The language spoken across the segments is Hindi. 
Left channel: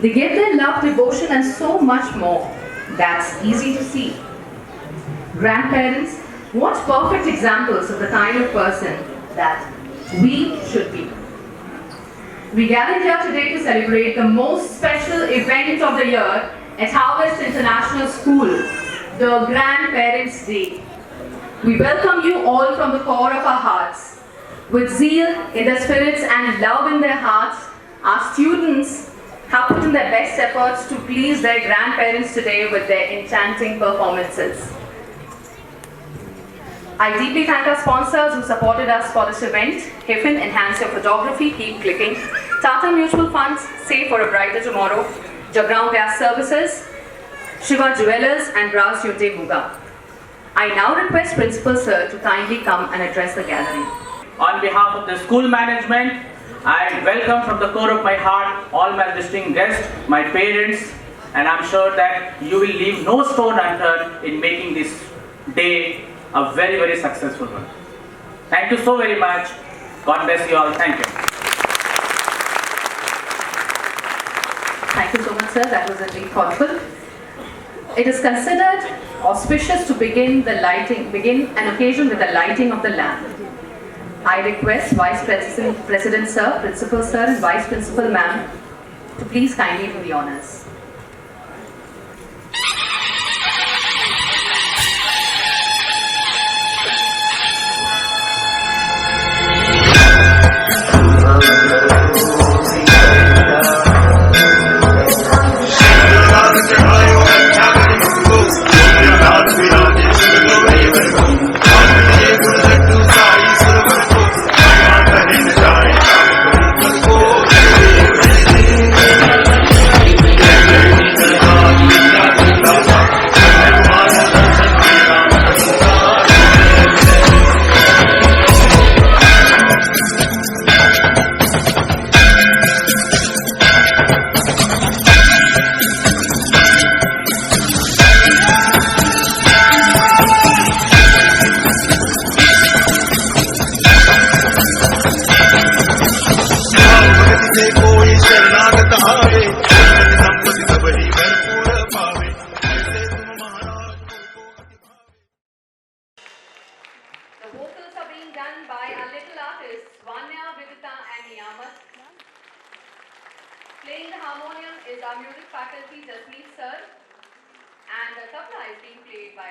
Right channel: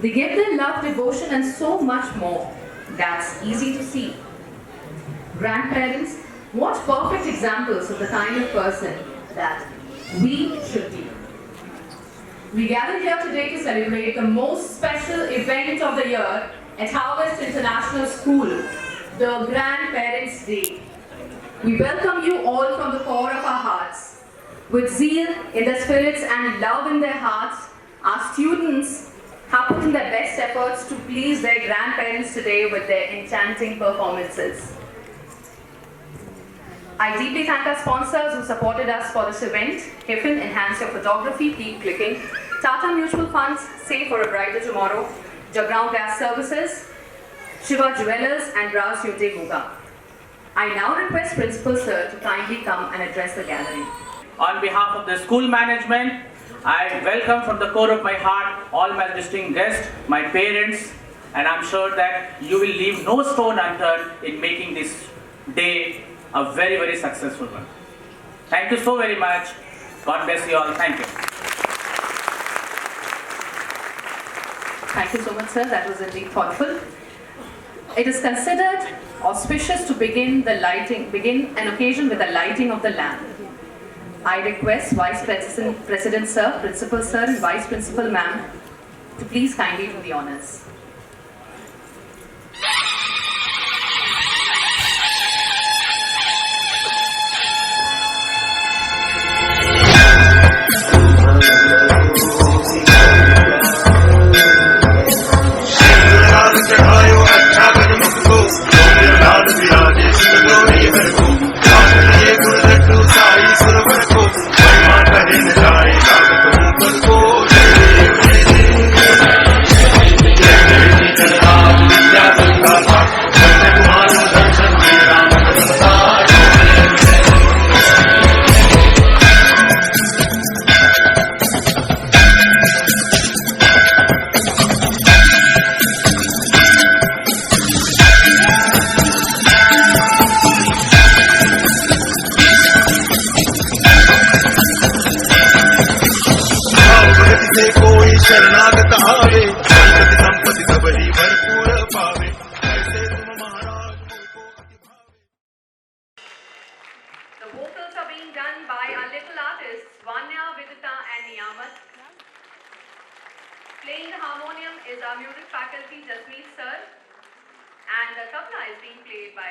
They give their love, devotion, and so much more. That's easy to see. Grandparents, what perfect examples of the kind of person that we should be. We gather here today to celebrate the most special event of the year at Harvest International School, the Grandparents' Day. We welcome you all from the core of our hearts. With zeal in their spirits and love in their hearts, our students have put in their best efforts to please their grandparents today with their enchanting performances. I deeply thank our sponsors who supported us for this event. Hiffen, Enhance Your Photography, Keep Clicking. Tata Mutual Funds, Save for a Brighter Tomorrow. Jagrao Gas Services, Shiva Jewelers, and Browse Yunte Muga. I now request Principal Sir to kindly come and address the gathering. On behalf of the school management, I welcome from the core of my heart all my distinguished guests, my parents, and I'm sure that you will leave no stone unturned in making this day a very, very successful one. Thank you so very much. God bless you all. Thank you. Thank you so much, sir. That was indeed thoughtful. It is considered auspicious to begin an occasion with the lighting of the lamp. I request Vice President Sir, Principal Sir, and Vice Principal Ma'am to please kindly do the honors. Playing the harmonium is our music faculty, Jasmeet Sir, and the tabla is being played by...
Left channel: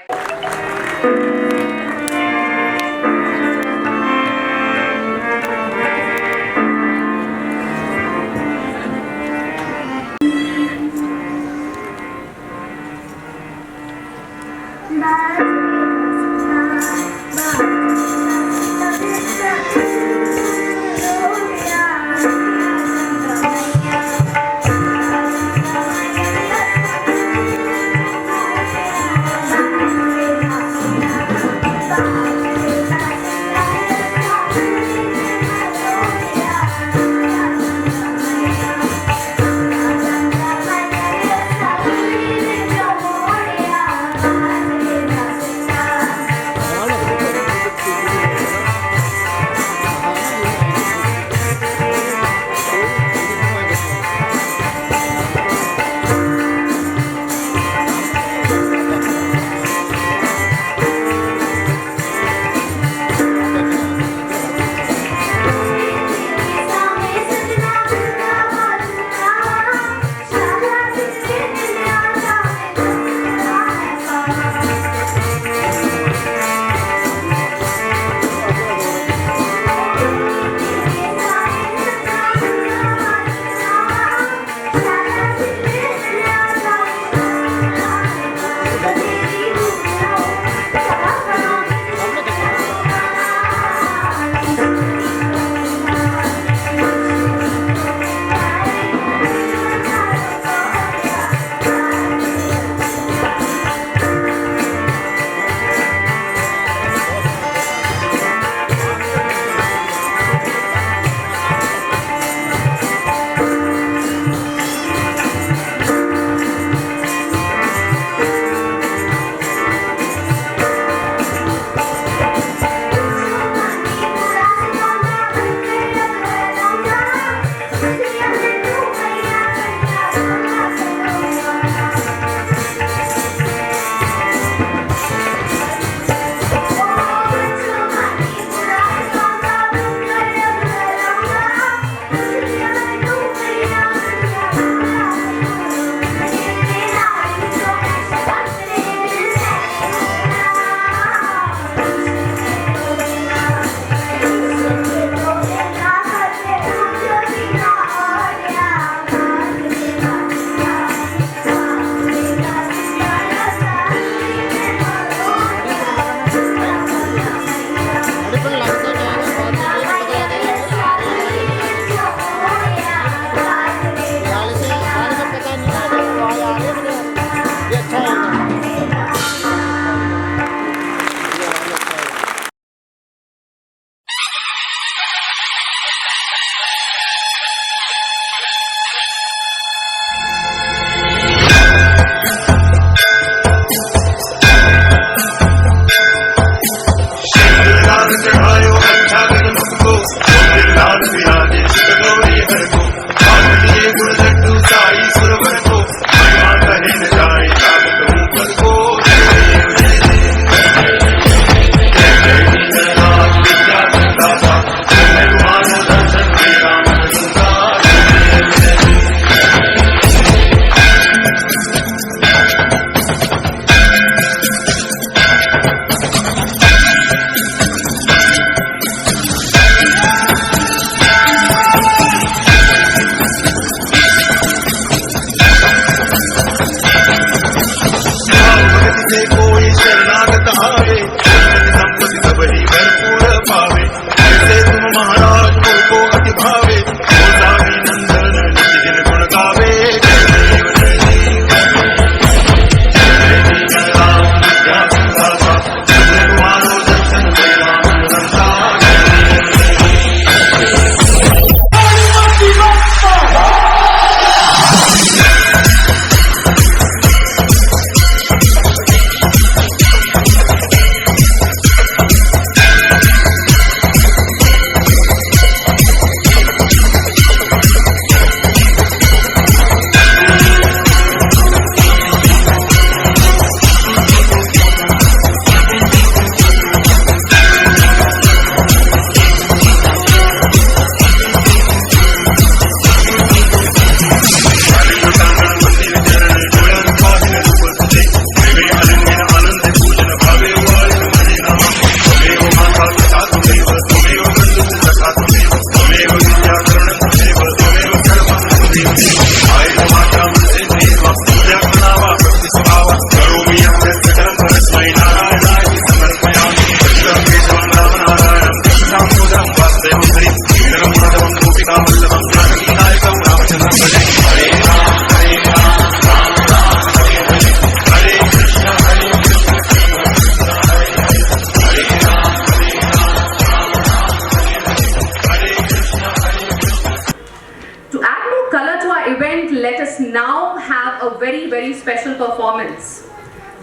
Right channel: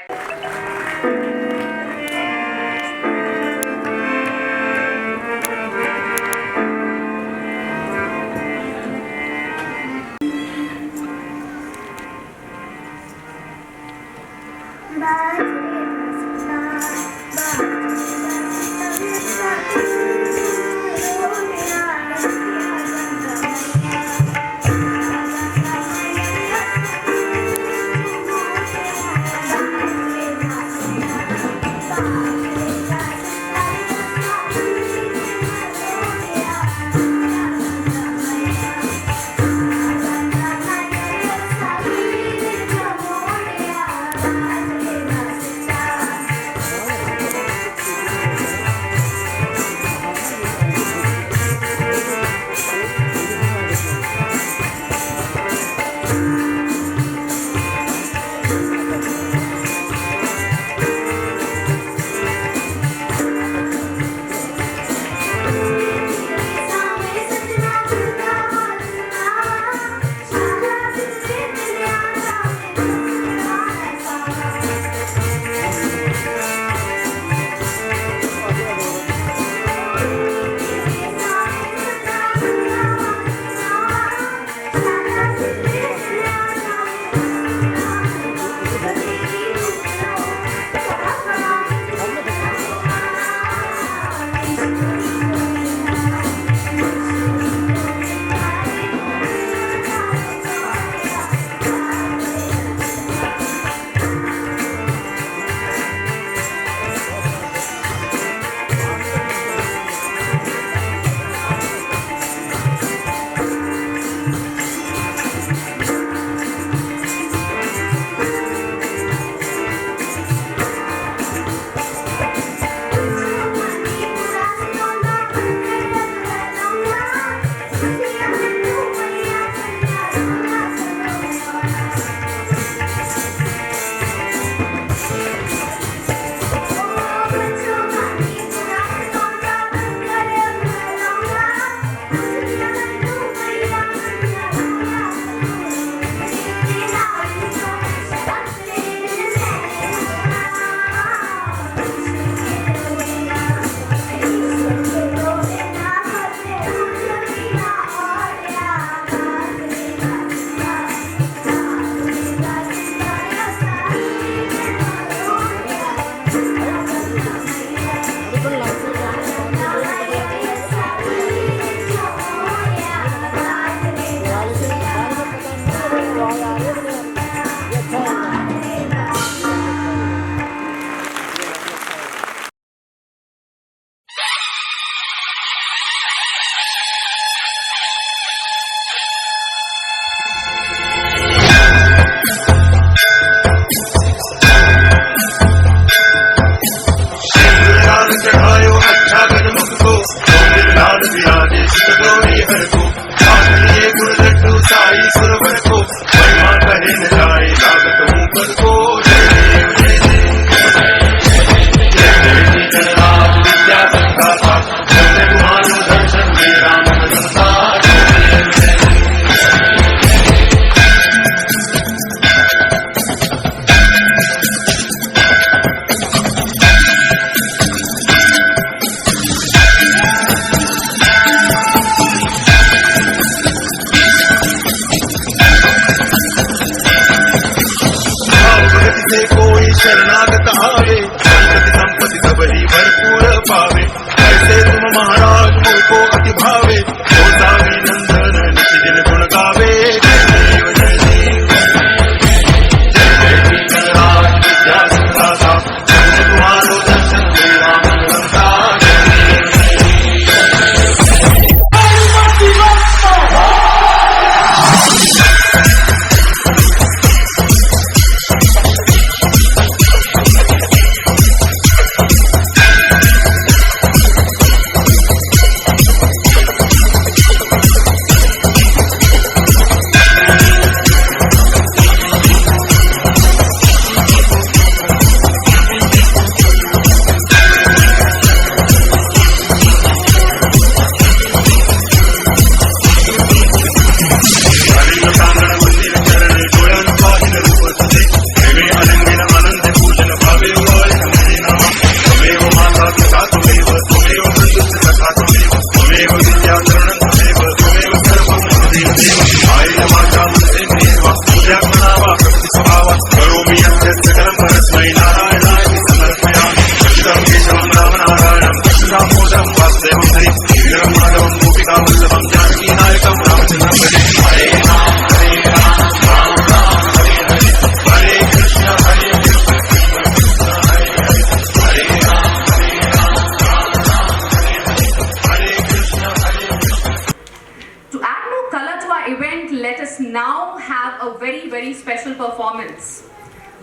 a very, very special performance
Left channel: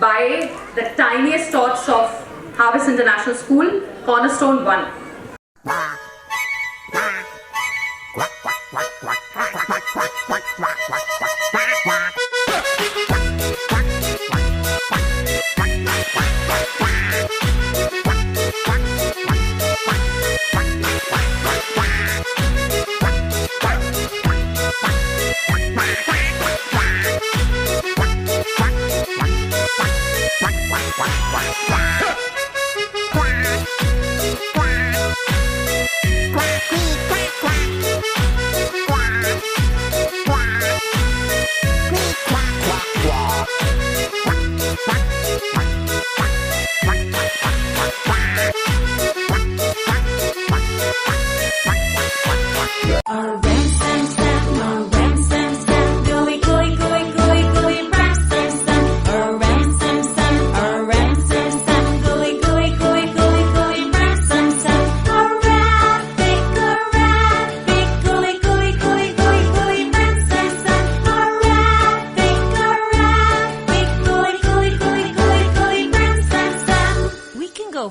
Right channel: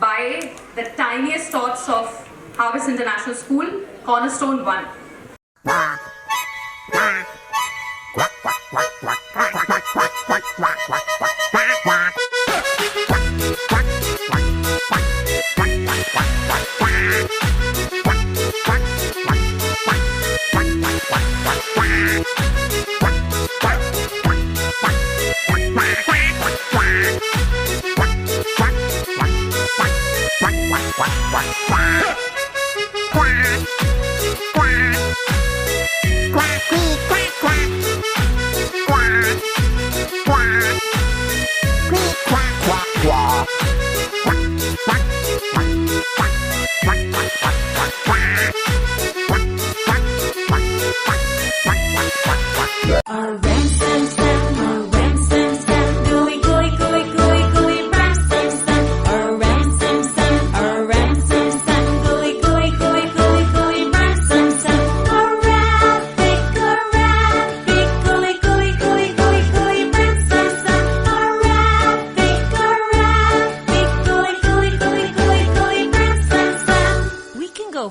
by the tiniest tots of Harvest International School, Cornerstone 1.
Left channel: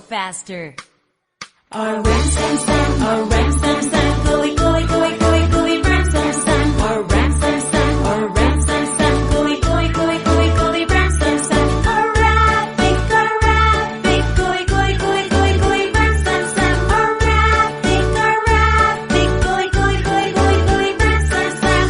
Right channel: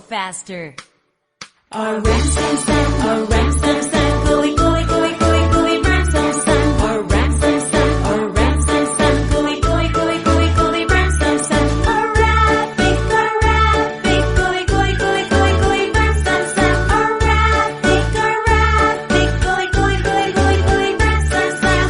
Faster. A ram sam sam, a ram sam sam, gooey gooey gooey gooey gooey ram sam sam. A ram sam sam, a ram sam sam, gooey gooey gooey gooey gooey ram sam sam. A rabbit, gooey gooey gooey gooey gooey ram sam sam. A rabbit, gooey gooey gooey gooey gooey ram sam sam.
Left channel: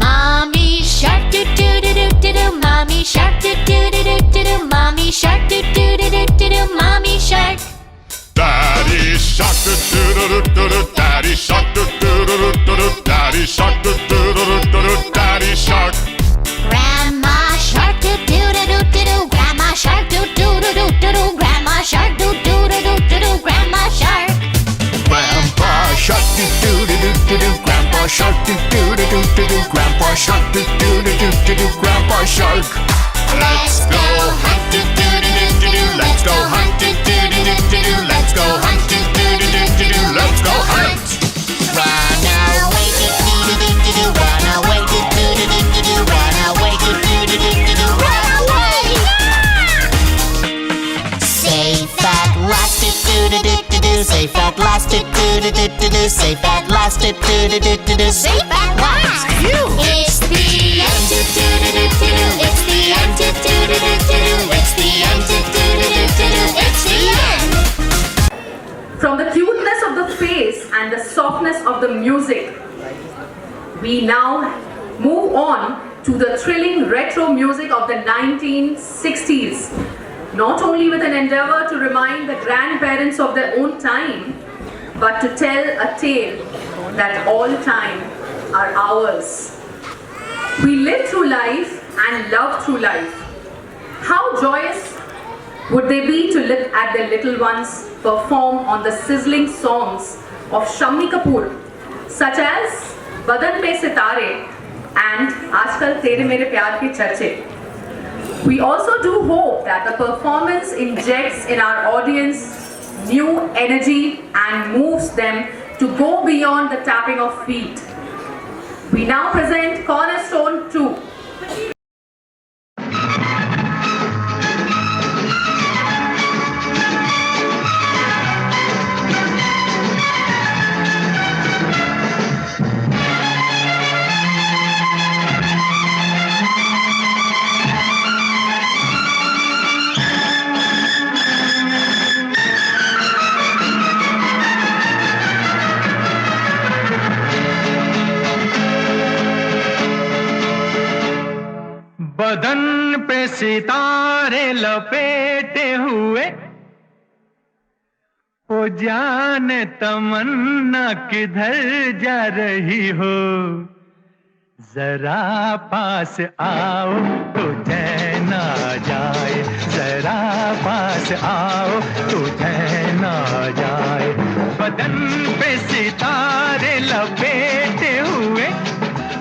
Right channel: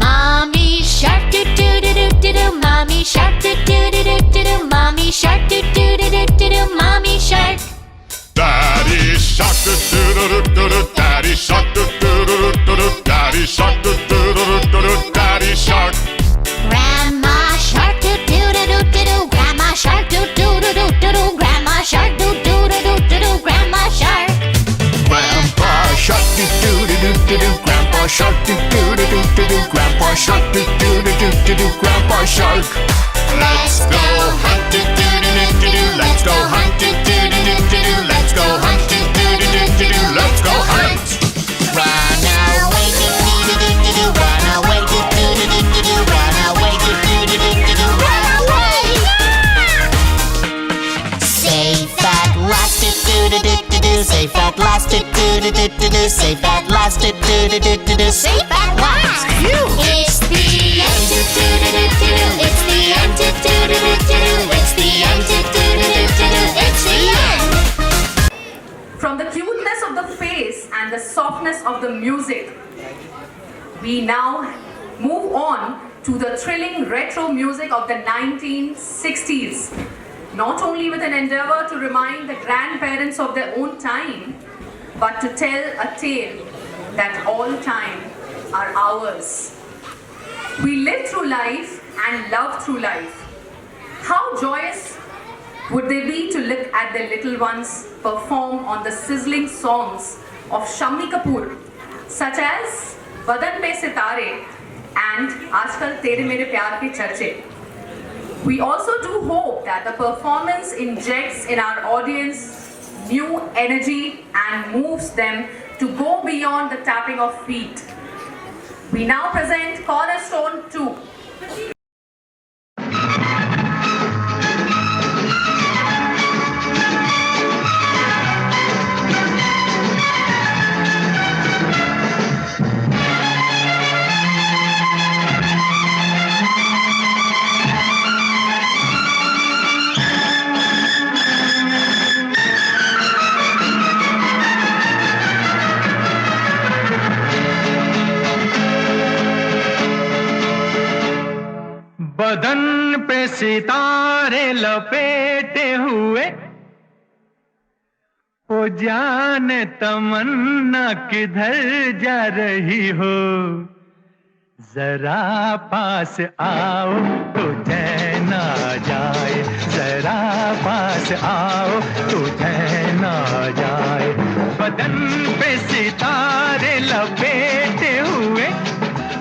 Mommy shark do do do do do do. Mommy shark do do do do do do. Mommy shark. Daddy shark do do do do do. Daddy shark do do do do do. Daddy shark do do do do do. Daddy shark. Grandma shark do do do do do do. Grandma shark do do do do do do. Grandma shark do do do do do do. Grandma shark. Grandpa shark do do do do do do. Grandpa shark do do do do do do. Grandpa shark do do do do do do. Grandpa shark. Let's go hunt do do do do do do. Let's go hunt do do do do do do. Let's go hunt do do do do do do. Let's go hunt. Run away do do do do do do. Run away do do do do do do. Run away do do do do do do. Run away. Safe at last do do do do do do. Safe at last do do do do do do. Safe at last do do do do do do. Safe at last. It's the end do do do do do do. It's the end do do do do do do. It's the end do do do do do do. It's the end. From the cuteness of the face and the softness of the music, we now move on to the thrilling retro music of the 1960s. Not only with an endeavor to remind the grandparents of their own time, but to tell a tale that all time are ours. We live through life and love through life. How joyous would they be to look at their little ones perform on the sizzling songs of Shammi Kapoor, such as Badan Pe Sitare and Aajkal Tere Mere Pyar Ke Charche. We also do hope that the performance injects in our audience new energy and moves them to go beyond the tapping of feet. We now present Cornerstone 2. बदन पे सितारे लपेटे हुए, ओ जाने तमन्ना किधर जा रही हो। जरा पास आओ तो चैन आ जाए, जरा पास आओ तो चैन ना जाए। बदन पे सितारे लपेटे हुए,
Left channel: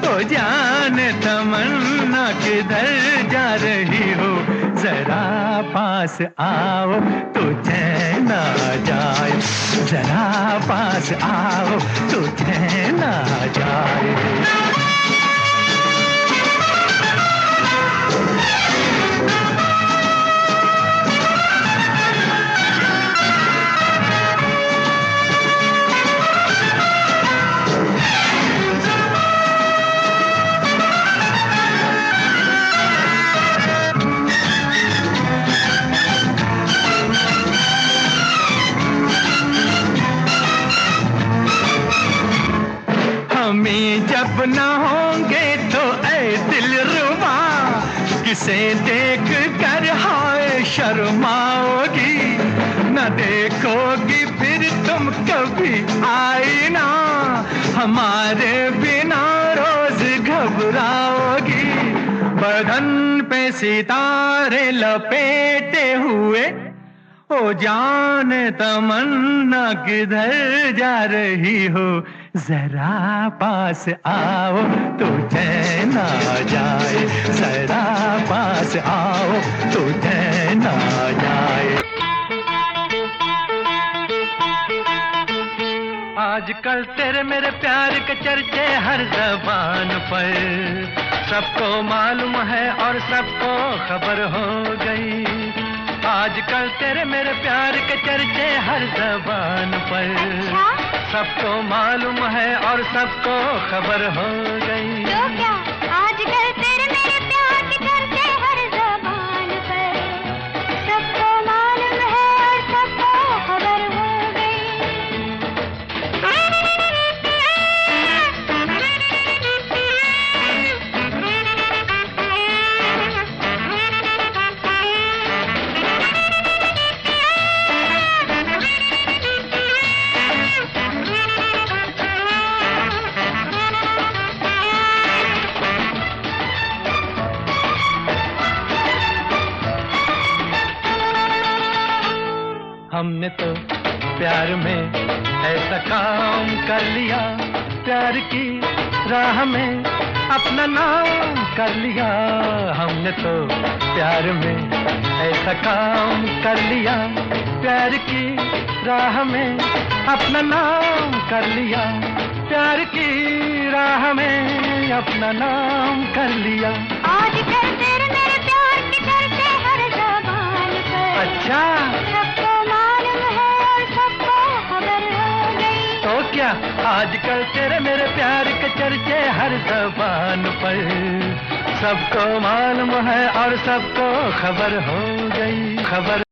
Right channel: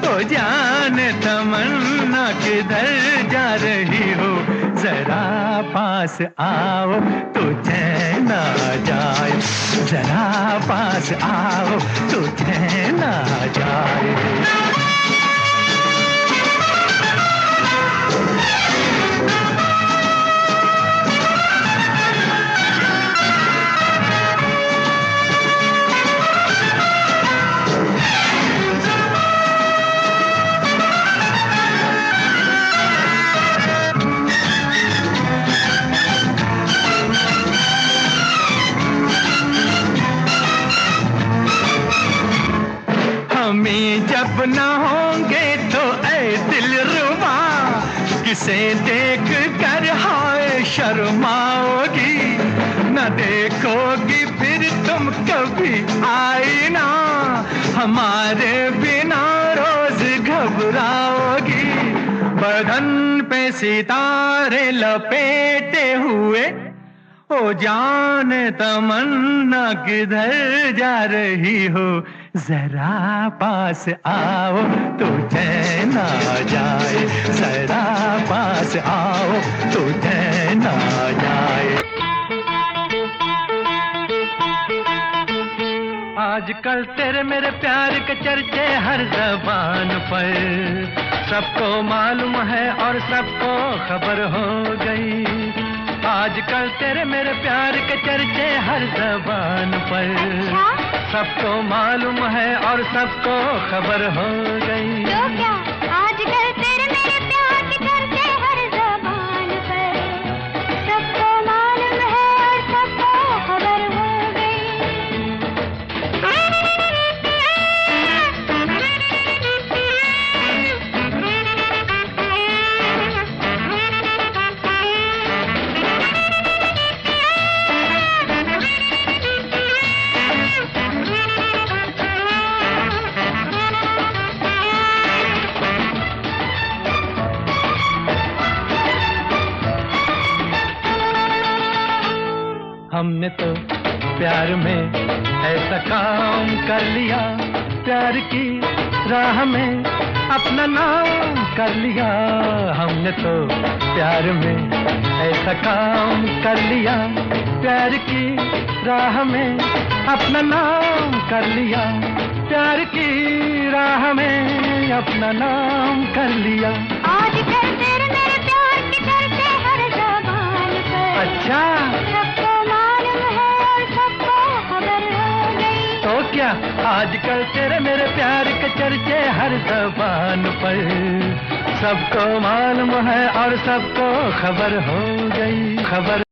ओ जान तमन्ना किधर जा रही हो, जरा पास आओ तो चैन आ जाए, जरा पास आओ तो चैन आ जाए। हमें जब न होंगे तो ऐ दिलरुबा, किसे देख कर हाय शर्माओगी, न देखोगी फिर तुम कभी आईना, हमारे बिना रोज घबराओगी। बदन पे सितारे लपेटे हुए, ओ जान तमन्ना किधर जा रही हो, जरा पास आओ तो चैन आ जाए, जरा पास आओ तो चैन आ जाए। आजकल तेरे मेरे प्यार के चर्चे हर ज़बान पर, सबको मालूम है और सबको खबर हो गई। आजकल तेरे मेरे प्यार के चर्चे हर ज़बान पर, सबको मालूम है और सबको खबर हो गई। तो क्या आजकल तेरे मेरे प्यार के चर्चे हर ज़बान पर, सबको मालूम है और सबको खबर हो हमने तो प्यार में ऐसा काम कर लिया, प्यार की राह में अपना नाम कर लिया। हमने तो प्यार में ऐसा काम कर लिया, प्यार की राह में अपना नाम कर लिया, प्यार की राह में अपना नाम कर लिया। आजकल तेरे मेरे प्यार के चर्चे हर ज़बान पर, अच्छा सबको मालूम है और सबको खबर हो गई। तो क्या आजकल तेरे मेरे प्यार के चर्चे हर ज़बान पर, सबको मालूम है और सबको खबर हो गई, खबर।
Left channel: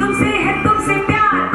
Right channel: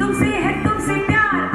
तुमसे है तुमसे प्यार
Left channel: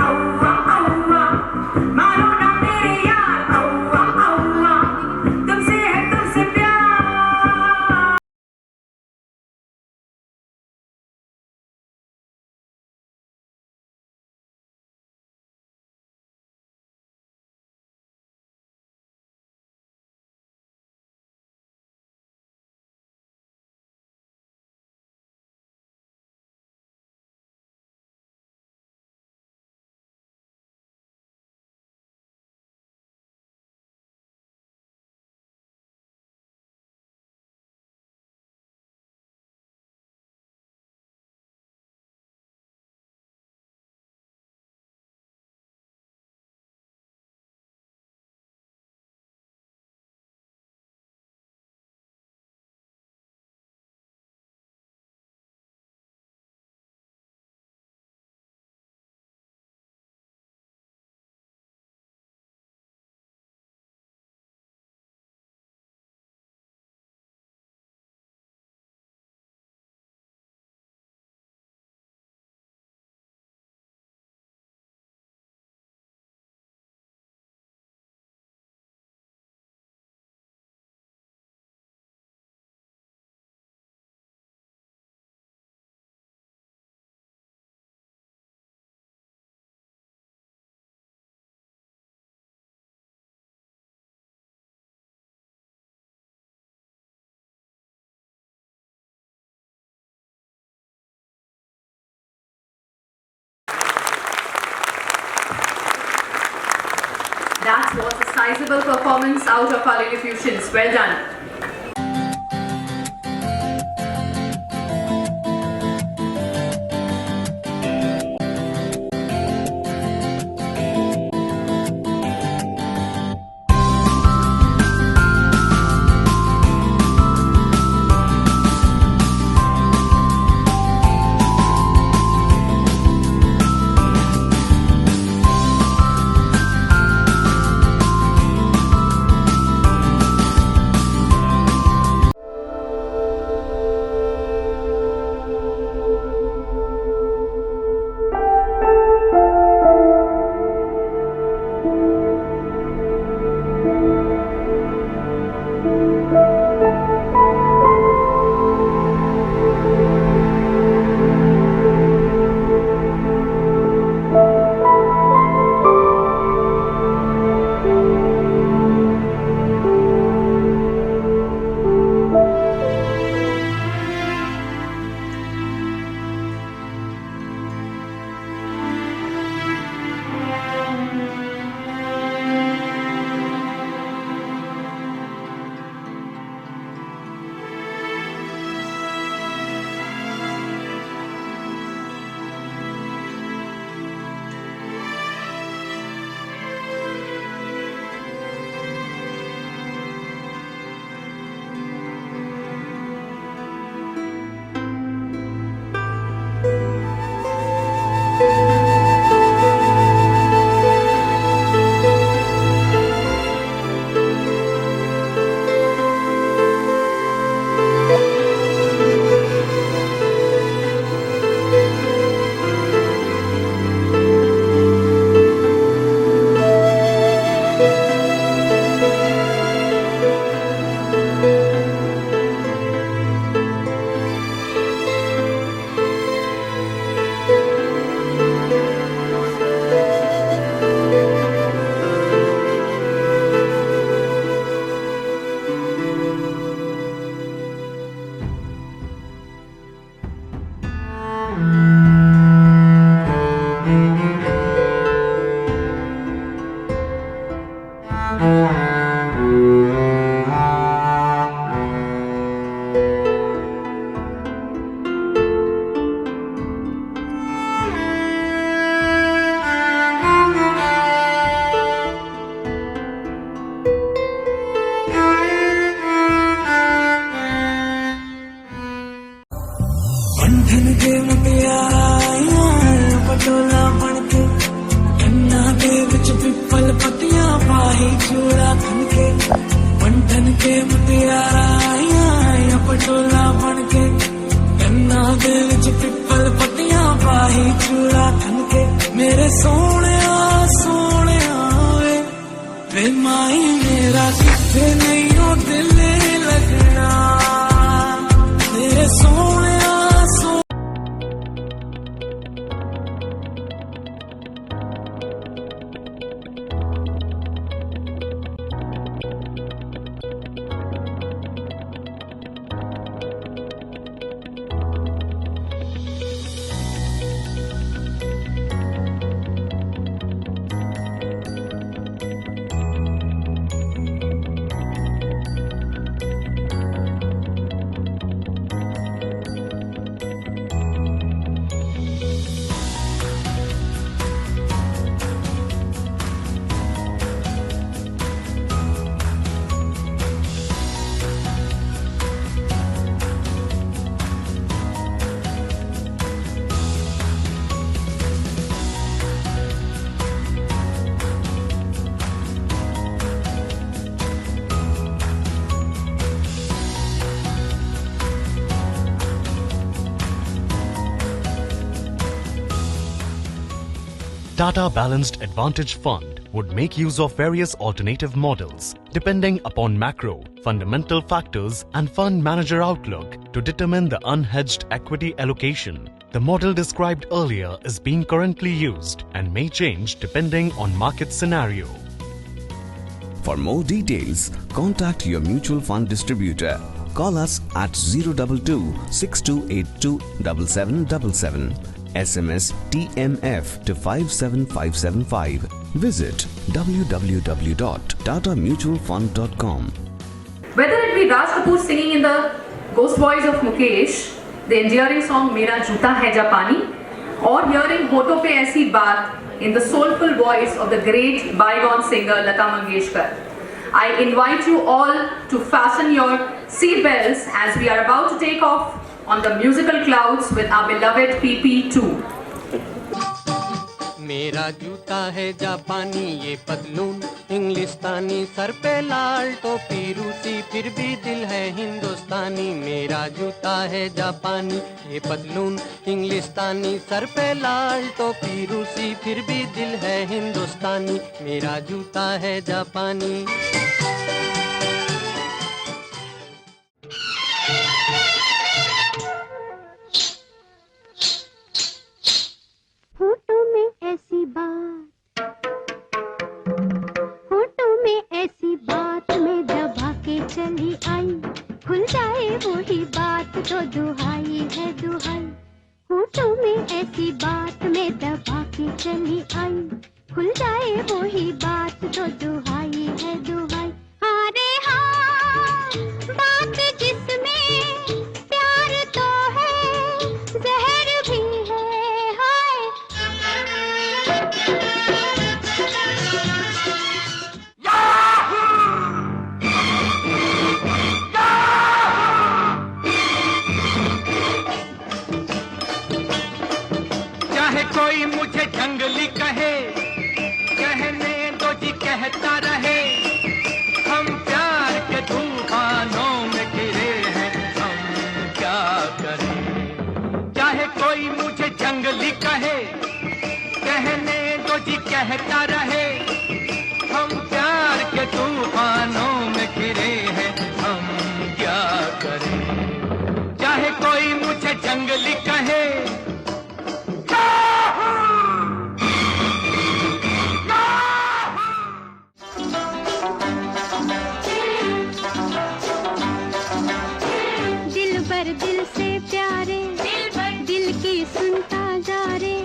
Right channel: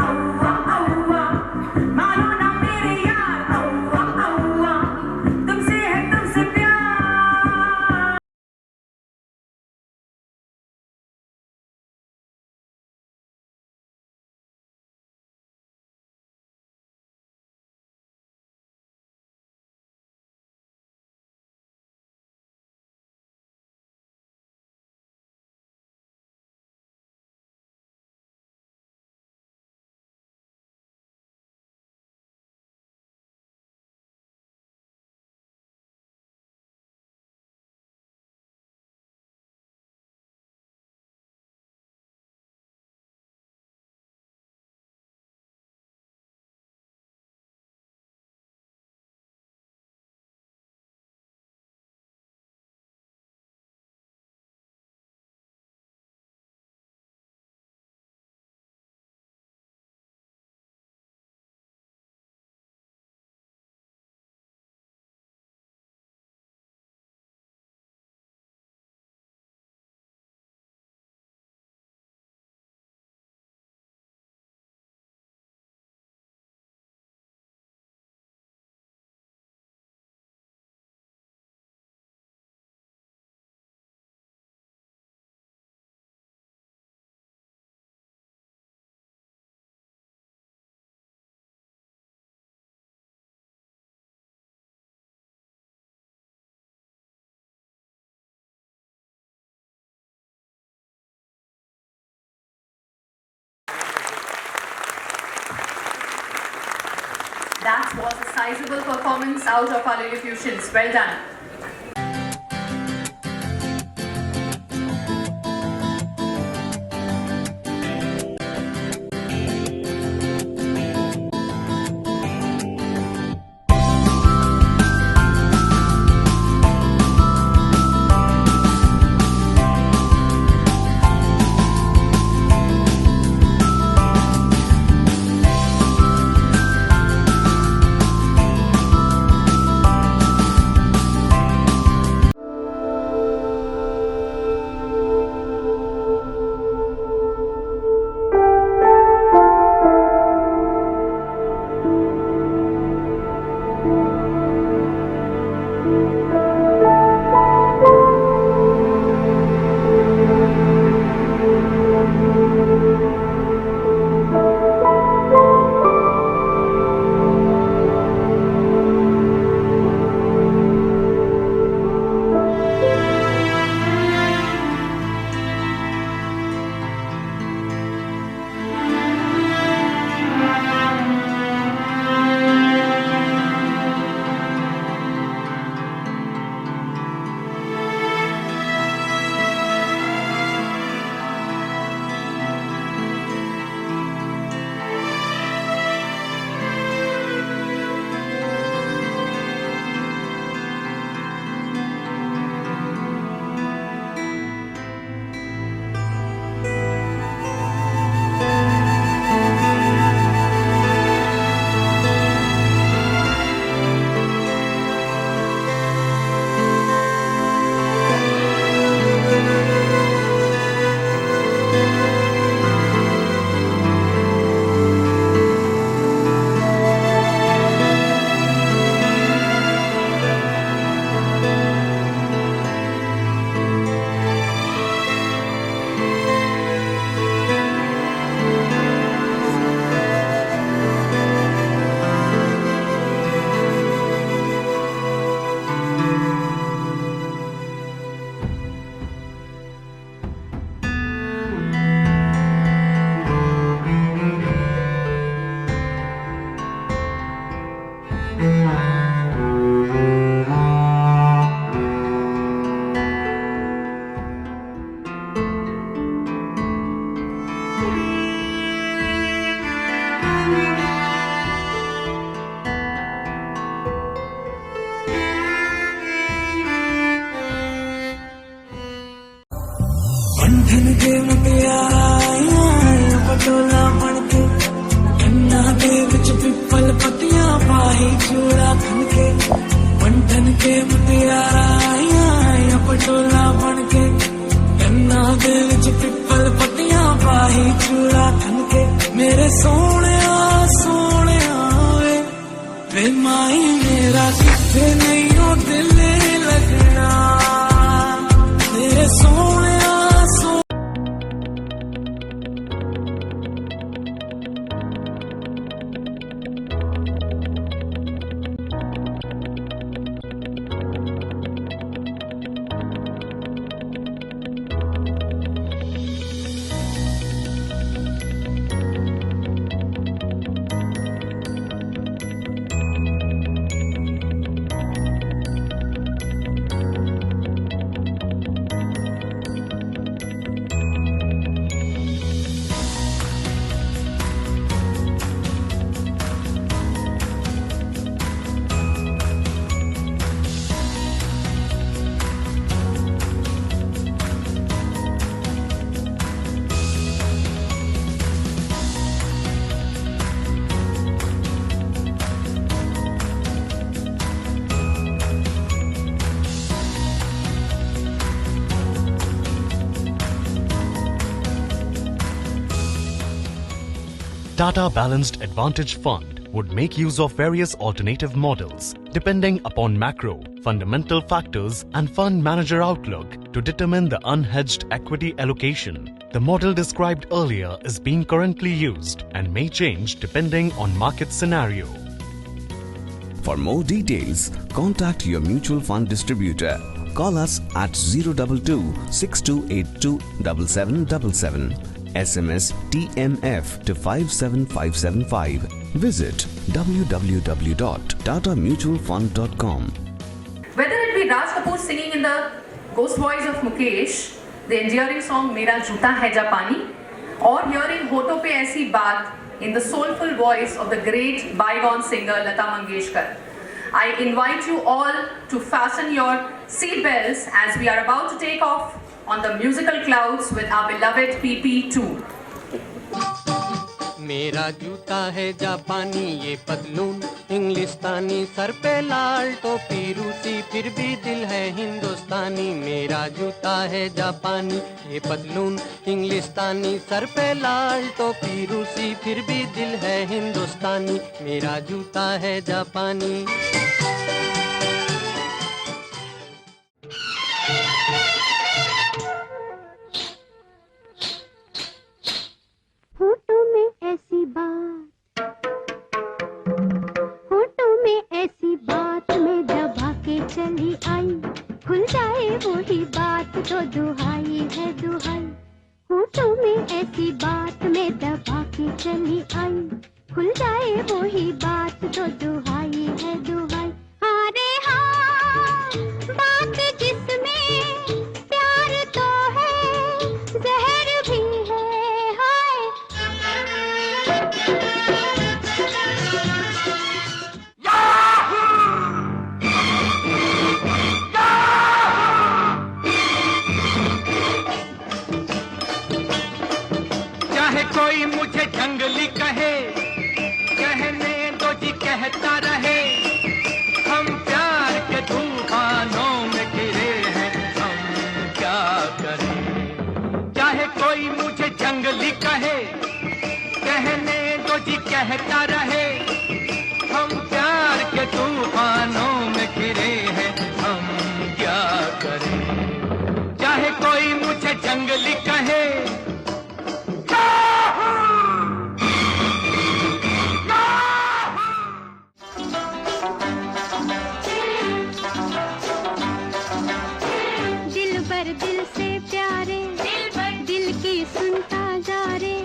That was a sizable performance out of our Lilliputians. Well done. बंधन के मुटियारा पटोला बनके गन्ना के विच पिपल पतियां पाही चूड़ा खनके बंधन के मुटियारा पटोला बनके गन्ना के विच पिपल पतियां पाही चूड़ा खनके मेरे सोने वे माई मेरा किथे नहीं हो दिल लगना मेरे सोने Tata Balanced Advantage Fund would make use of various alternative models depending upon macro, fundamental factors and fund manager outlook to determine the unhedged equity allocation. The model described earlier is being currently used and may change depending on market scenario. For more details, contact your mutual fund distributor. Call us at 022 6282 7777. SMS TMF to 57575. Visit www.tatamutualfund.com. Whether it be Raj Kapoor singing in the ghost voice of Mukesh, the endearing song Mera Joota Hai Japani, or hearing Hoto Pe Aisi Baat in the soulful voice of the great bygone singer Lata Mangeshkar, I invite you all to fasten your seat belts as we are about to take off on the musical clouds with our beloved PP2. मेरा जूता है जापानी, ये पतलून इंग्लिस्तानी, सर पे लाल टोपी रूसी, फिर भी दिल है हिंदुस्तानी। मेरा जूता है जापानी, ये पतलून इंग्लिस्तानी, सर पे लाल टोपी रूसी, फिर भी दिल है हिंदुस्तानी। मेरा जूता है जापानी। होठों में ऐसी बात, होठों में ऐसी बात में दबा के चली आई, खुल जाए वही बात तो दुहाई है दुहाई। होठों में ऐसी बात में दबा के चली आई, खुल जाए वही बात तो दुहाई है दुहाई। अरे हाँ, बात जिसमें प्यार तो है, जहर भी है। चाहे कोई मुझे जंगली कहे, कहने दो जी कहता रहे, हम प्यार के तूफानों में घिरे हैं, हम क्या करें। चाहे कोई मुझे जंगली कहे, कहने दो जी कहता रहे, हम प्यार के तूफानों में घिरे हैं, हम क्या करें। चाहे कोई मुझे जंगली कहे, दिल से प्यारे, दिल की सुनता जा रे,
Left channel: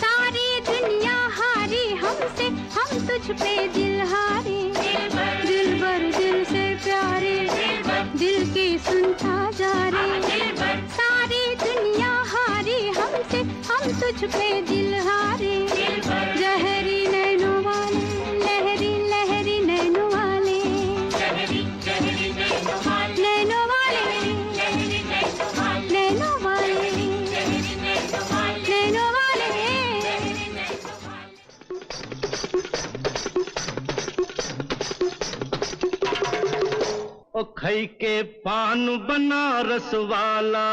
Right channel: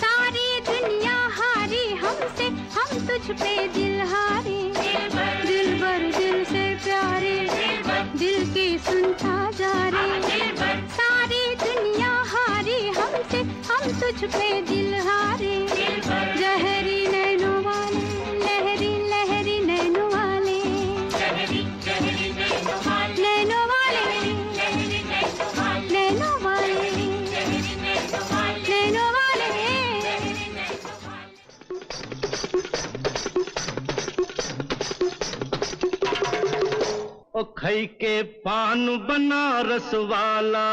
सारी दुनिया हारी हमसे, हम तुझ पे दिल हारे। दिल भर दिल से प्यारे, दिल की सुनता जा रे, सारी दुनिया हारी हमसे, हम तुझ पे दिल हारे। जहरी नैनों वाले, लहरी लहरी नैनों वाले, नैनों वाले, नैनों वाले, नैनों वाले। ओ खई के पान बनारस वाला,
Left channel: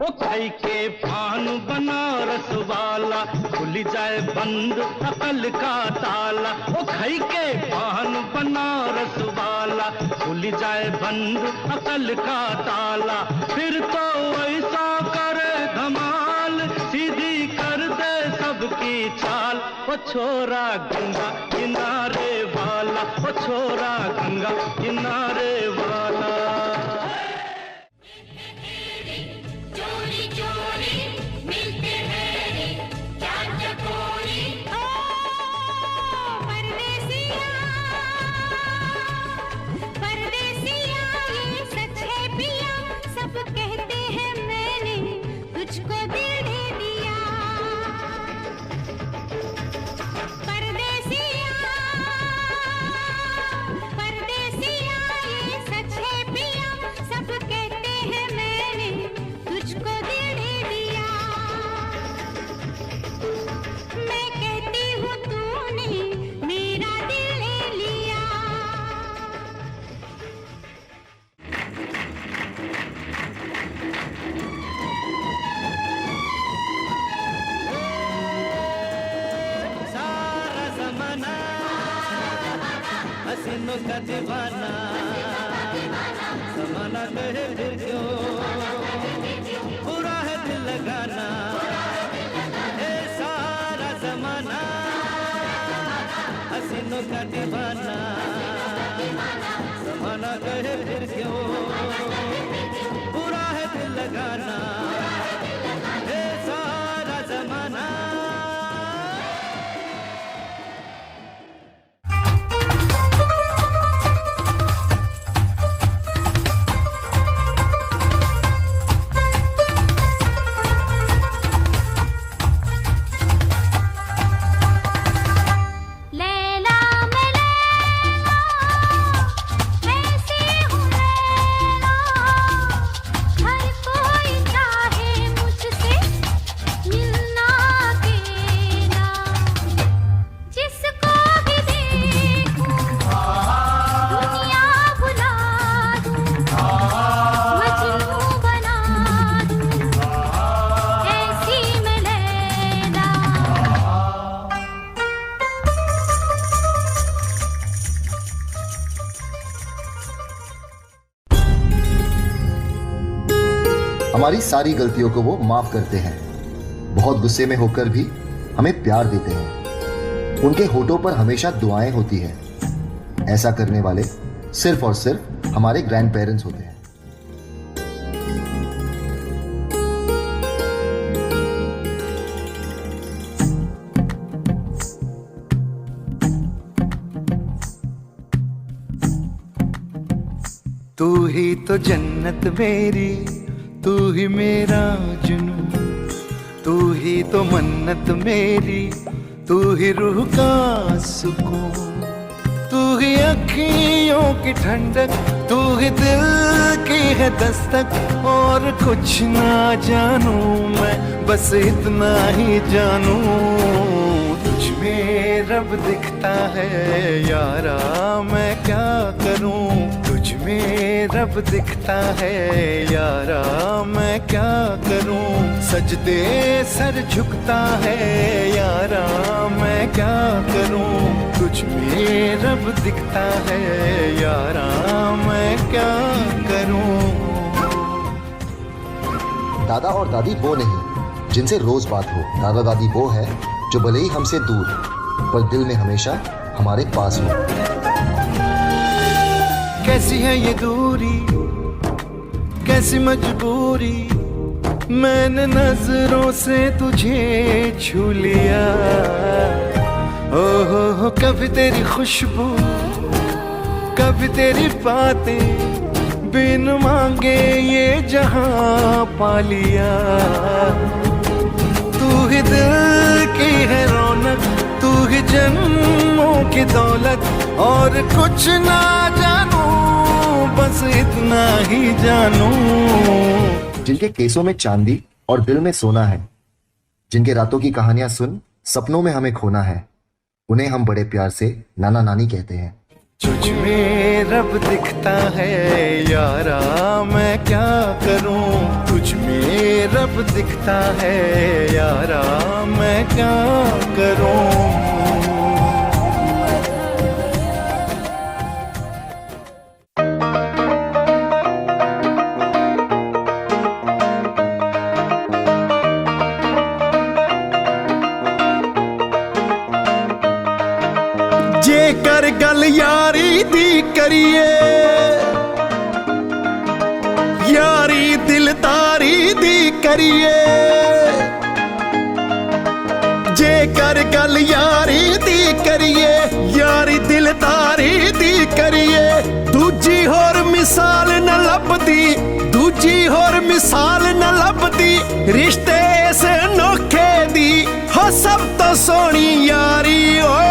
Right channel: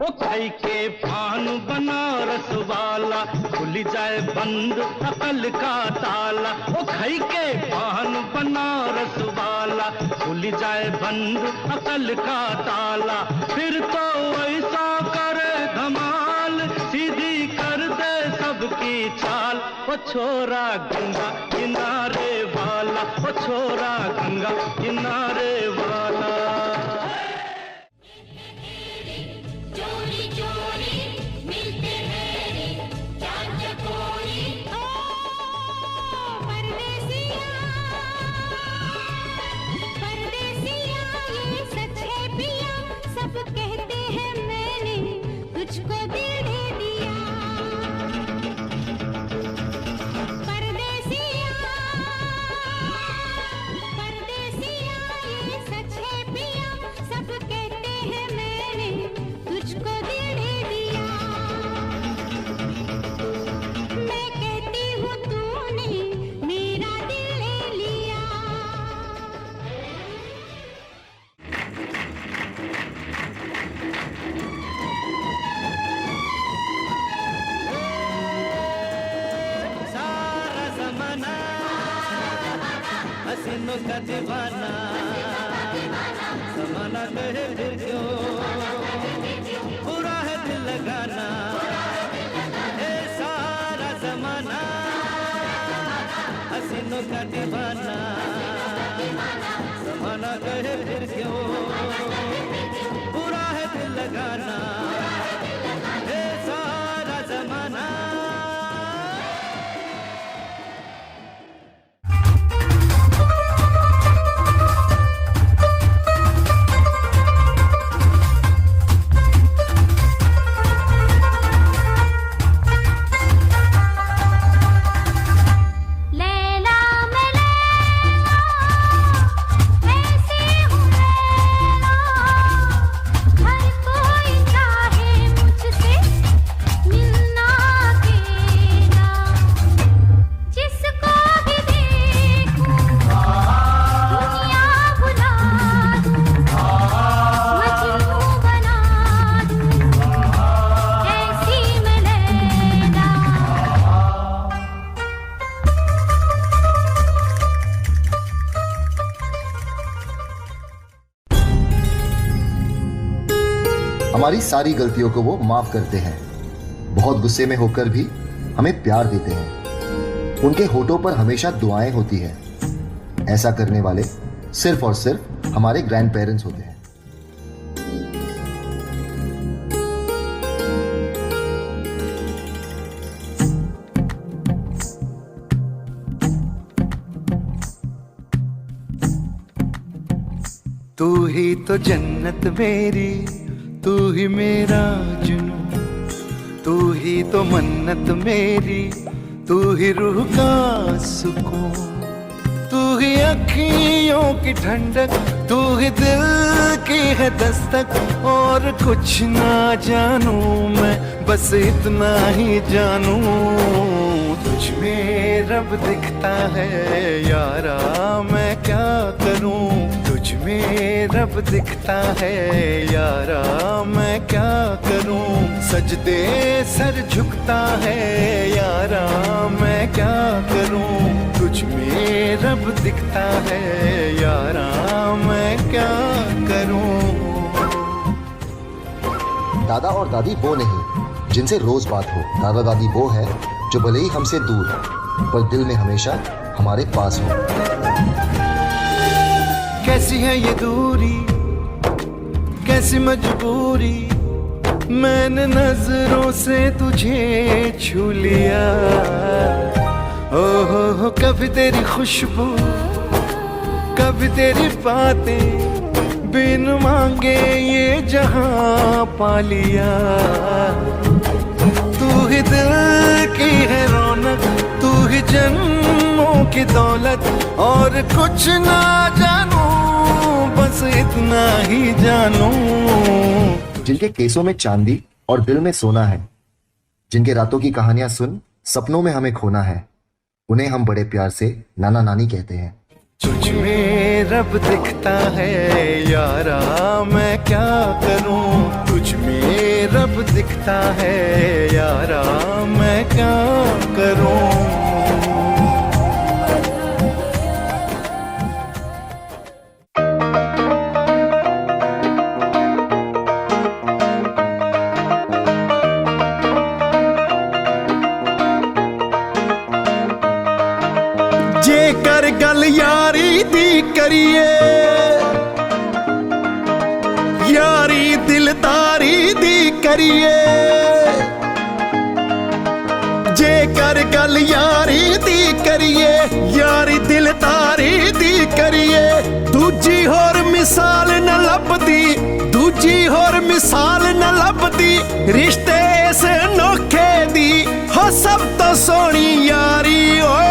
ओ खई के पान बनारस वाला, खुल जाए बंद अकल का ताला। ओ खई के पान बनारस वाला, खुल जाए बंद अकल का ताला। फिर तो ऐसा करे धमाल, सीधी कर दे सबकी चाल। ओ छोरा गंगा किनारे वाला, ओ छोरा गंगा किनारे वाला। चोरी चोरी मिलते हैं रे चार चकोरी, ओ परदेसिया, परदेसिया ये सच है पिया, सब कहते हैं मैंने तुझको दिल दे दिया। परदेसिया, परदेसिया ये सच है पिया, सब कहते हैं मैंने तुझको दिल दे दिया। मैं कहती हूँ तूने मेरा दिल ले लिया। सारा ज़माना हसीनों का दीवाना, ज़माना कहे फिर क्यों बुरा है दिल लगाना। ए सारा ज़माना हसीनों का दीवाना, ज़माना कहे फिर क्यों बुरा है दिल लगाना। ए सारा ज़माना हमारी सारी गलतियों को वो माफ करते हैं। बहुत गुस्से में होकर भी हमें प्यार देते हैं। उनके होठों पर हमेशा दुआएं होती है। ऐसा करने वाले सिर्फ और सिर्फ हमारे ग्रैंड पेरेंट्स होते हैं। तू ही तो जन्नत मेरी, तू ही मेरा जुनून, तू ही तो मन्नत मेरी, तू ही रूह का सुकून, तू ही अखियों की ठंडक, तू ही दिल की है दस्तक। और कुछ ना जानू मैं, बस इतना ही जानू, तुझ में रब दिखता है यारा, मैं क्या करूं। तुझ में रब दिखता है यारा, मैं क्या करूं। सजदे सर झुकता है यारा, मैं क्या करूं। तुझ में रब दिखता है यारा, मैं क्या करूं। दादा और दादी वो नहीं जिनसे रोज बात हो। दादा दादी वो है जो भले ही हमसे दूर पर दिल में हमेशा हमारे पास हो। कैसी है ये दूरी, कैसी मजबूरी, मैंने नजरों से तुझे छू लिया। ओहो कभी तेरी खुशबू, कभी तेरी बातें, बिन मांगे ये जहां पा लिया। तू ही दिल की है रौनक, तू ही जन्मों की दौलत। और कुछ ना जानू, बस इतना ही जानू। जिनके केसों में चांदी और दिल में सोना है, जिनके रातों की कहानियां सुन सपनों में हमें खोना है, उन्हें हम बड़े प्यार से नाना नानी कहते हैं। तुझ में रब दिखता है यारा, मैं क्या करूं। तुझ में रब दिखता है यारा, मैं क्या करूं। जेकर गल यारी दी करिए, यारी दिलदारी दी करिए। जेकर गल यारी दी करिए, यारी दिलदारी दी करिए। दूजी होर मिसाल न लभदी, दूजी होर मिसाल न लभदी। रिश्ते इस नोखे दी हो सब तो सोनी यारी ओए।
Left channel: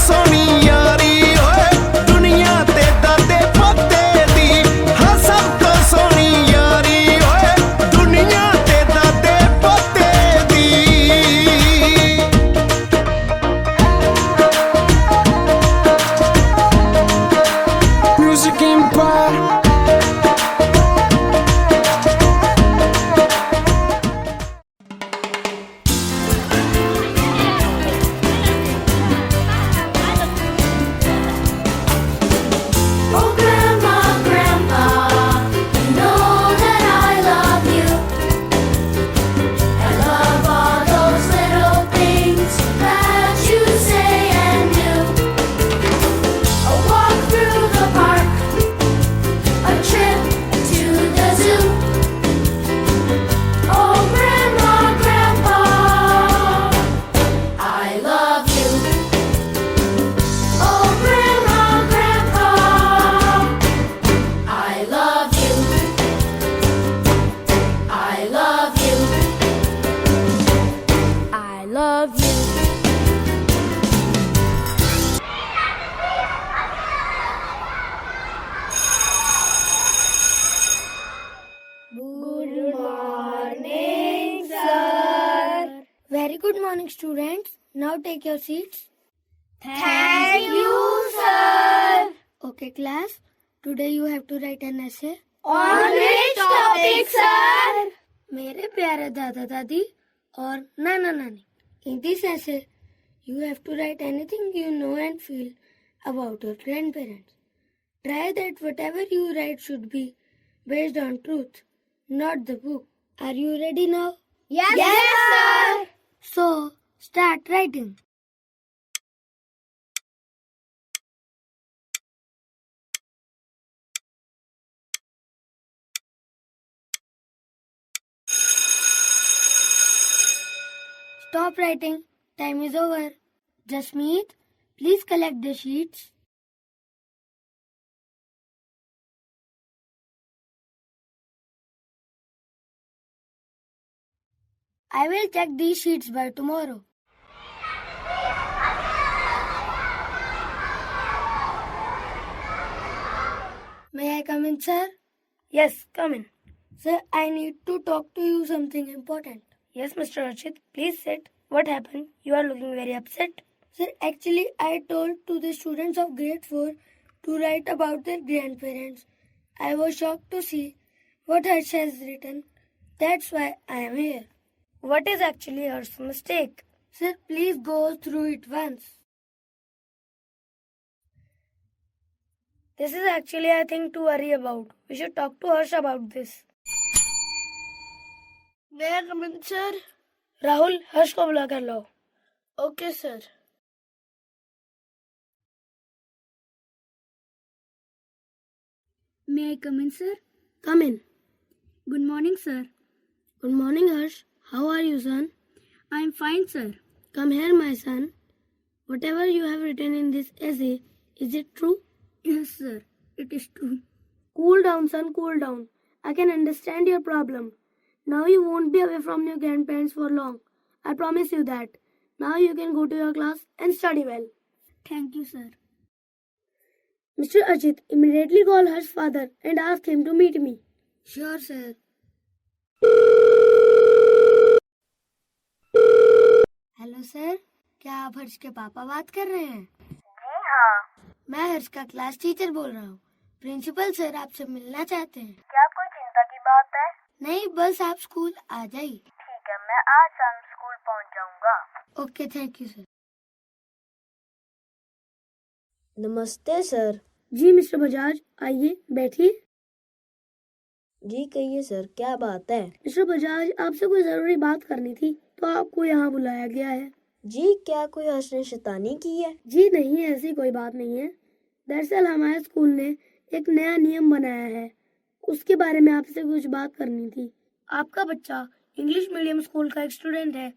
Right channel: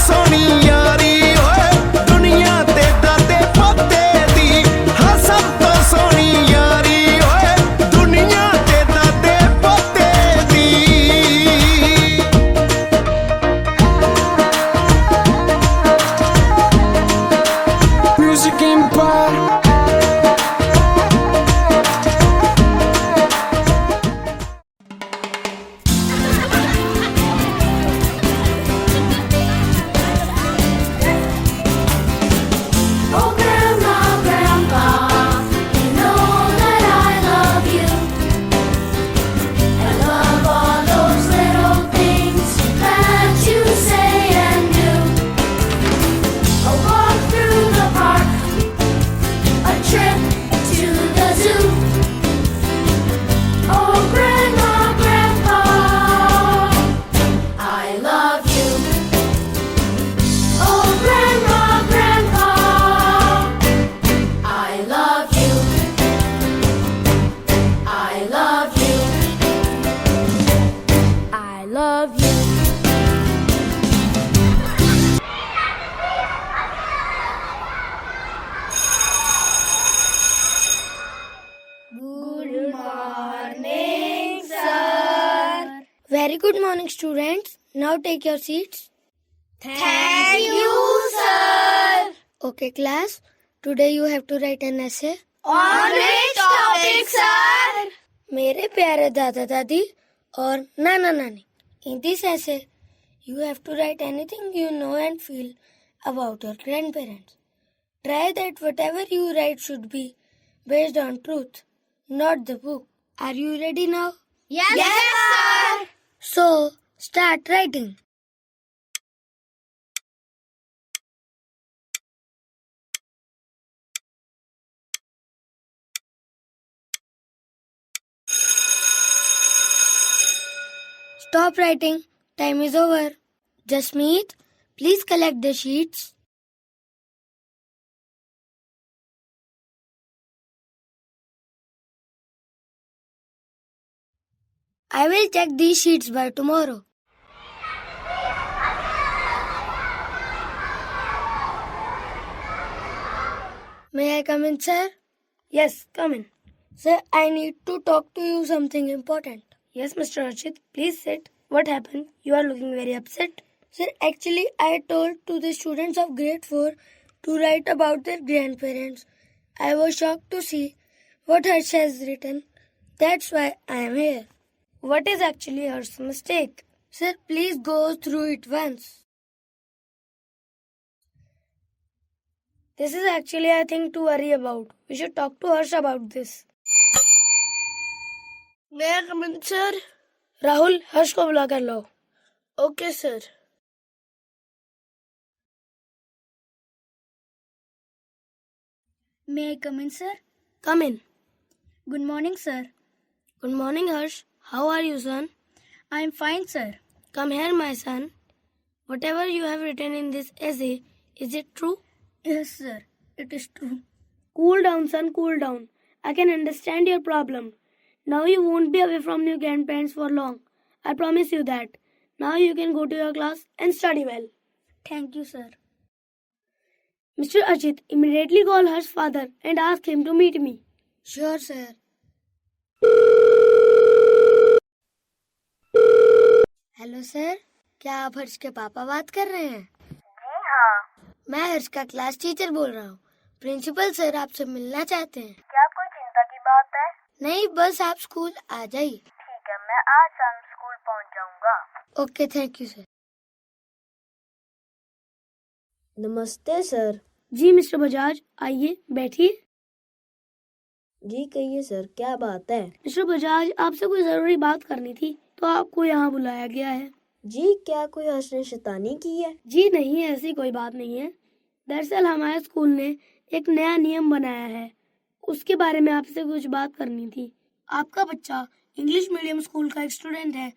सोनी यारी ओए, दुनिया ते दादे पोते दी। हाँ सब तो सोनी यारी ओए, दुनिया ते दादे पोते दी। Music Empire. Very good morning, students. Now take your seats. Thank you, sir. Okay, class. Today you have to write an essay. On which topic, sir? मेरे प्यारे दादा दादी और नाना नानी. In this essay, you have to write anything you know and feel about your grandparents. Try that whatever you write should be based on truth, not the book. Are you ready now? Yes, sir. So, start writing. Stop writing. Time is over. Jasmeet, please collect the sheets. I will check these sheets by tomorrow. May I come in, sir? Yes, come in. Sir, I need to talk to you something important. Yes, Mr. Archit, please sit. What happened? You are looking very upset. Sir, actually, I told to the students of grade 4 to write about their grandparents. I was shocked to see what Harsh has written. That's why I am here. What is actually Harsh's mistake? Sir, please go through it once. This is actually a thing to worry about. We should talk to Harsh about this. May I come in, sir? Rahul, Harsh को बुला कर लो. Okay, sir. May I come in, sir? Come in. Good morning, sir. Good morning, Harsh. How are you, son? I am fine, sir. Come here, my son. Whatever you have written in this essay, is it true? Yes, sir. It is true. Cool down, son. Cool down. I can understand your problem. Now you won't be away from your grandparents for long. I promise you that. Now you can go to your class and study well. Thank you, sir. Mr. Ajit, immediately call Harsh's father and ask him to meet me. Sure, sir. Hello sir, क्या आप हर्ष के पापा बात कर रहे हैं? जी हाँ। मैं हर्ष का क्लास टीचर बोल रहा हूँ। प्रिंसिपल सर आपसे मिलना चाहते हैं। क्या कोई चिंता की बात है? नहीं, बस आप स्कूल आ जाइए। ठीक है, मैं आज शाम स्कूल पहुँच जाऊँगा। Okay, thank you sir. नमस्ते सर। जी मिस्टर बजाज, आइए बैठिए। जी कहिए सर, क्या बात है? मिस्टर बजाज, आपसे कोई जरूरी बात करनी थी तो आपको यहाँ बुलाया गया है। जी क्या कोई हर्ष ने शैतानी की है? जी नहीं, ऐसी कोई बात नहीं है। दरअसल हमारे स्कूल ने एक नया नियम बनाया है, उसके बारे में आपसे कुछ बात करनी थी। आपका बच्चा इंग्लिश मीडियम स्कूल का एक स्टूडेंट है,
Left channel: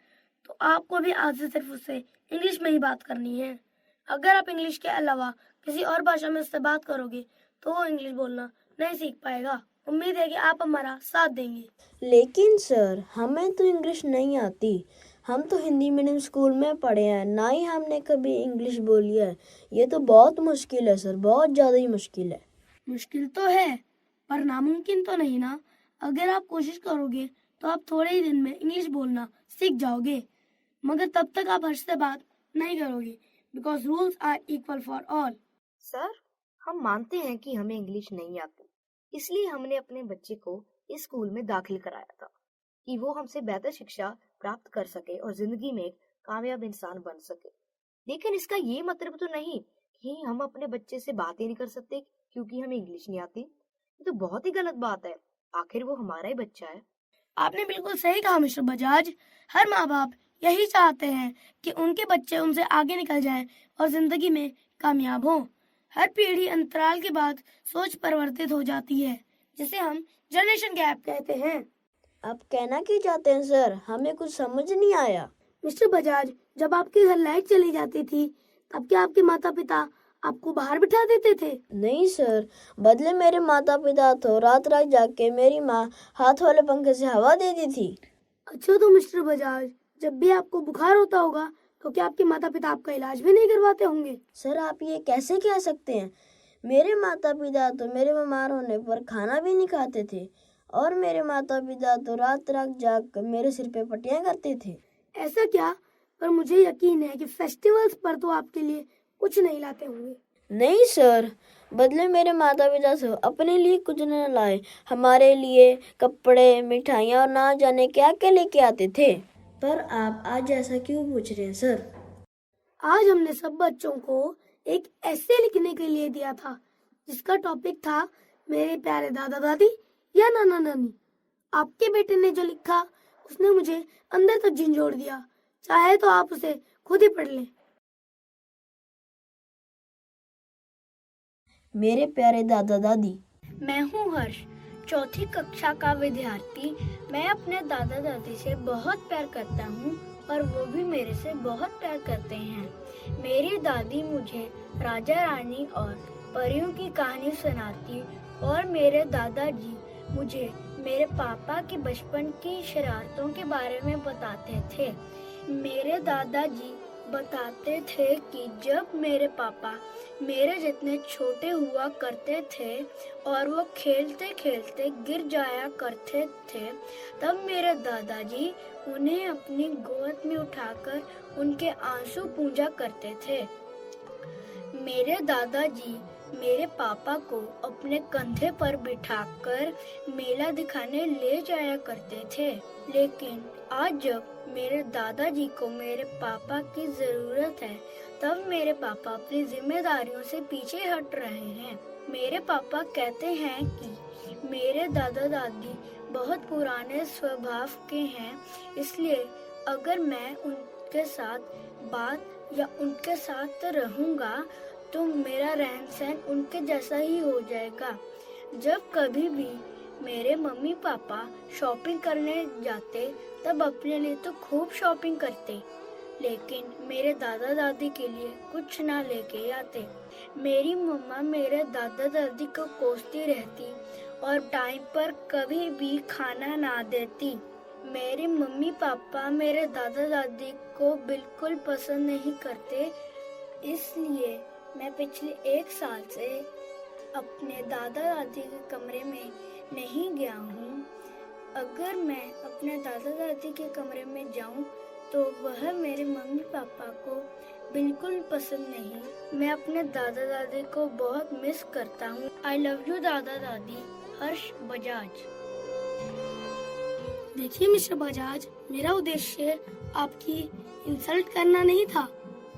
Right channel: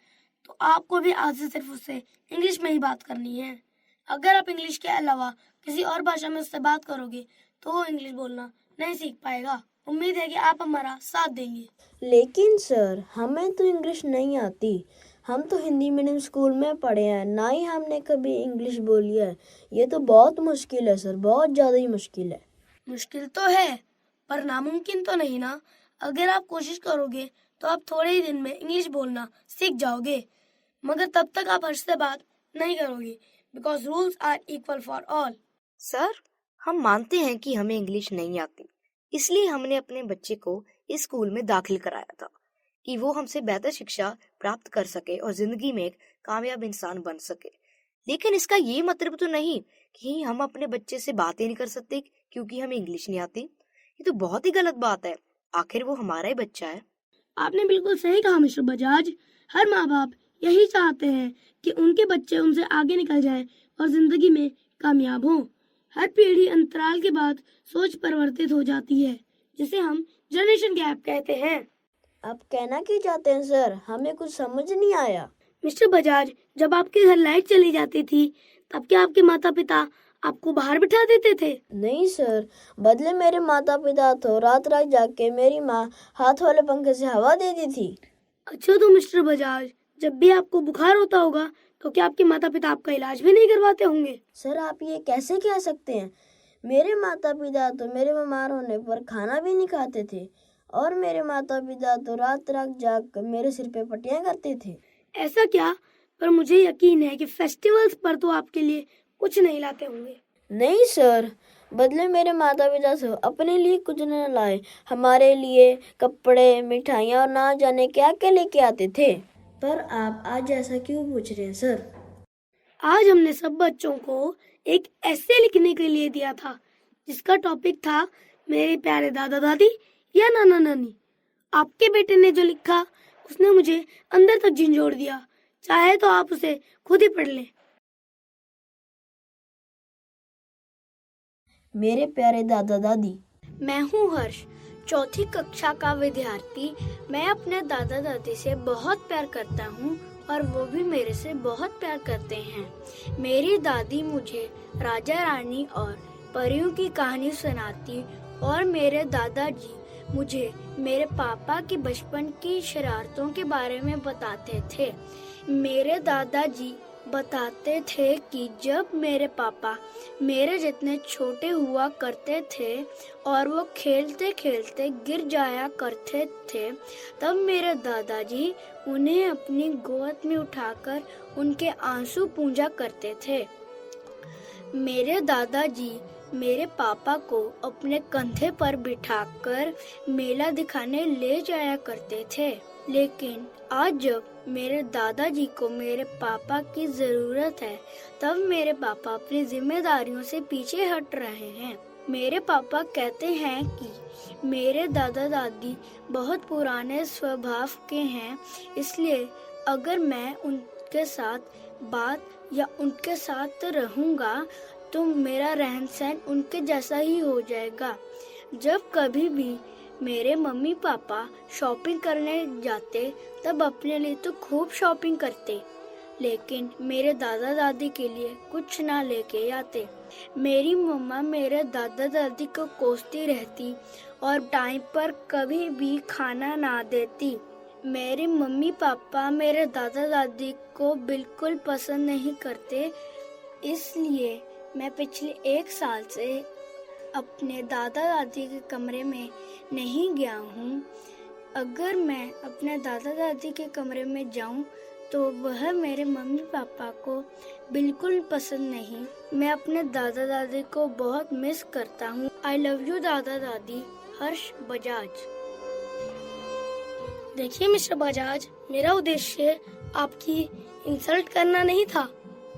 तो आपको भी आज से सिर्फ उससे इंग्लिश में ही बात करनी है। अगर आप इंग्लिश के अलावा किसी और भाषा में उससे बात करोगे तो वो इंग्लिश बोलना नहीं सीख पाएगा। उम्मीद है कि आप हमारा साथ देंगे। लेकिन सर, हमें तो इंग्लिश नहीं आती। हम तो हिंदी मीडियम स्कूल में पढ़े हैं, ना ही हमने कभी इंग्लिश बोली है। ये तो बहुत मुश्किल है सर, बहुत ज़्यादा ही मुश्किल है। मुश्किल तो है, पर नामुमकिन तो नहीं ना। अगर आप कोशिश करोगे तो आप थोड़े ही दिन में इंग्लिश बोलना सीख जाओगे, मगर तब तक आप हर्ष से बात नहीं करोगे, because rules are equal for all. Sir, हम मानते हैं कि हमें इंग्लिश नहीं आती, इसलिए हमने अपने बच्चे को इस स्कूल में दाखिल कराया था कि वो हमसे बेहतर शिक्षा प्राप्त कर सके और जिंदगी में एक कामयाब इंसान बन सके। लेकिन इसका ये मतलब तो नहीं कि हम अपने बच्चे से बातें नहीं कर सकते क्योंकि हमें इंग्लिश नहीं आती। ये तो बहुत ही गलत बात है। आखिर वो हमारा ही बच्चा है। आपने बिल्कुल सही कहा मिस्टर बजाज। हर माँ बाप यही चाहते हैं कि उनके बच्चे उनसे आगे निकल जाएं और जिंदगी में कामयाब हों। हर पीढ़ी अंतराल के बाद सोच परिवर्तित हो जाती है, जिसे हम जनरेशन गैप कहते हैं। आप कहना क्या चाहते हैं सर? हमें कुछ समझ नहीं आया। मिस्टर बजाज, जब आपके घर लाइट चली जाती थी तब क्या आपके माता पिता आपको बाहर बिठा देते थे? नहीं सर, बदले मेरे माता पिता तो रात रात जाग के मेरी माँ हाथ वाले पंखे से हवा देती थी। अच्छा, तो मिस्टर बजाज, जब भी आपको बुखार होता होगा तो क्या आपके माता पिता आपका इलाज भी नहीं करवाते होंगे? सर, आप ये कैसे कह सकते हैं? मेरे माता पिता तो मेरे बीमार होने पर खाना भी नहीं खाते थे, और मेरे माता पिता तो रात रात जाग कर मेरे सिर पे पट्टियां करते थे। ऐसा क्या? पर मुझे यकीन है कि फेस्टिवल्स पर तो आपके लिए कुछ नहीं लाते होंगे। नहीं सर, बदले मेरे माता पिता से अपने लिए कुछ न लाए, हमारे लिए कपड़े, मिठाइयाँ और ना जाने क्या क्या लेके आते थे। पर आप आज ऐसा क्यों पूछ रहे हैं सर? आज हमने सब बच्चों को एक ऐसे लिखने के लिए दिया था जिसका टॉपिक था मेरे प्यारे दादा दादी या नाना नानी। आपके बेटे ने जो लिखा उसने मुझे अंदर तक झंझोड़ दिया। चाहे तो आप उसे खुद ही पढ़ लें। मेरे प्यारे दादा दादी। मैं हूँ हर्ष, चौथी कक्षा का विद्यार्थी। मैं अपने दादा दादी से बहुत प्यार करता हूँ और वो भी मेरे से बहुत प्यार करते हैं। मेरी दादी मुझे राजा रानी और परियों की कहानी सुनाती और मेरे दादाजी मुझे मेरे पापा के बचपन की शरारतों के बारे में बताते थे। मेरे दादाजी बताते थे कि जब मेरे पापा मेरे जितने छोटे हुआ करते थे और वो खेलते खेलते गिर जाया करते थे, तब मेरे दादाजी उन्हें अपनी गोद में उठाकर उनके आंसू पूंजा करते थे। मेरे दादाजी मेरे पापा को अपने कंधे पर बिठाकर मेला दिखाने ले जाया करते थे। लेकिन आज जब मेरे दादाजी को मेरे पापा की जरूरत है, तब मेरे पापा अपनी जिम्मेदारियों से पीछे हट रहे हैं। मेरे पापा कहते हैं कि मेरे दादा दादी बहुत पुराने स्वभाव के हैं, इसलिए अगर मैं उनके साथ बात या उनके साथ रहूंगा तो मेरा रहन सहन उनके जैसा ही हो जाएगा। जब कभी भी मेरे मम्मी पापा शॉपिंग करने जाते तब अपने लिए तो खूब शॉपिंग करते, लेकिन मेरे दादा दादी के लिए कुछ ना लेके आते। मेरी मम्मा मेरे दादा दादी को कोसती रहती और टाइम पर कभी भी खाना ना देती। मेरे मम्मी पापा मेरे दादा दादी को बिल्कुल पसंद नहीं करते, इसलिए मैं पिछले 1 साल से अपने दादा दादी के कमरे में नहीं गया हूँ। अगर मैं अपने दादा दादी के कमरे में जाऊँ तो वह मेरे मम्मी पापा को बिल्कुल पसंद नहीं। मैं अपने दादा दादी को बहुत मिस करता हूँ। आई लव यू दादा दादी। हर्ष बजाज। देखिए मिस्टर बजाज, मेरा उद्देश्य आपकी इंसल्ट करना नहीं था,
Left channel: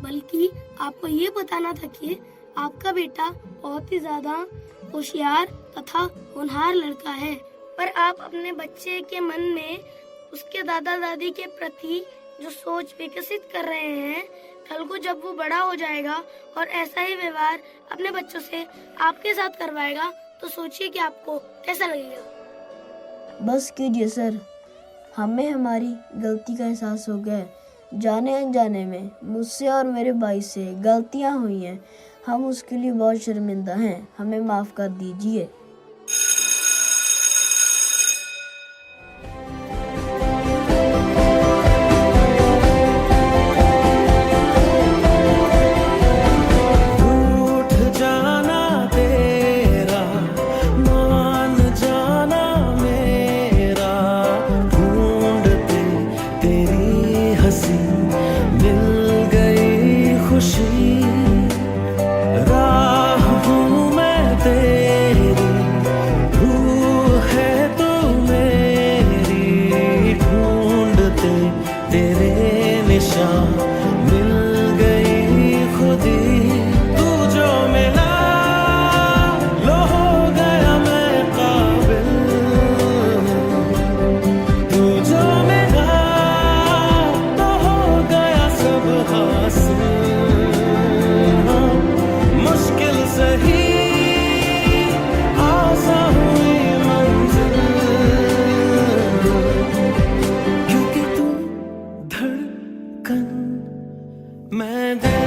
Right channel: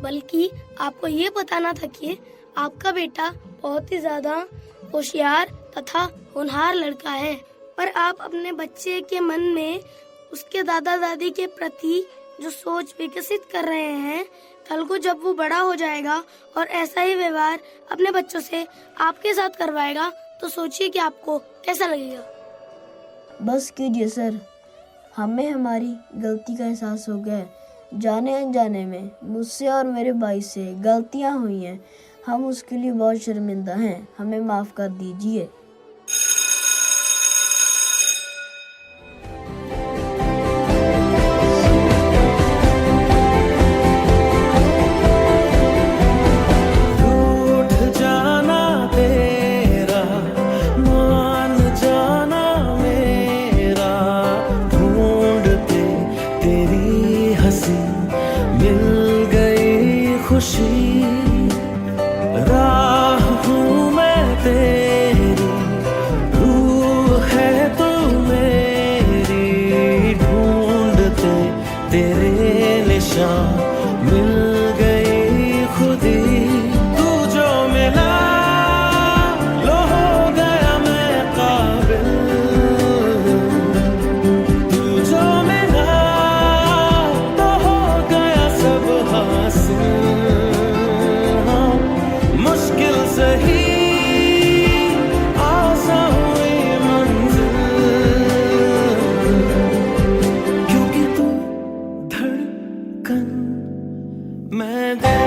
बल्कि आपको ये बताना था कि आपका बेटा बहुत ही ज्यादा होशियार तथा होनहार लड़का है, पर आप अपने बच्चे के मन में उसके दादा दादी के प्रति जो सोच विकसित कर रहे हैं, कल को जब वो बड़ा हो जाएगा और ऐसा ही व्यवहार अपने बच्चों से आपके साथ करवाएगा तो सोचिए कि आपको कैसा लगेगा। बस कीजिए सर, हमें हमारी गलती का एहसास हो गया है। जाने अनजाने में मुझसे और मेरे भाई से गलतियां हुई हैं। हम उसके लिए बहुत शर्मिंदा हैं। हमें माफ कर दीजिए। रूठ जाना तेरा, मान जाना मेरा, ढूंढते तेरी हंसी मिल गई खुशी। राह हूँ मैं तेरी, रूह है तू मेरी, ढूंढते तेरे निशान मिल गई खुदी। तू जो मिला लो हो गया मैं काबिल, तू जो मिला तो हो गया सब हासिल। मुश्किल सही आसान हुई मंजिल, क्योंकि तू धड़कन मैं दिल।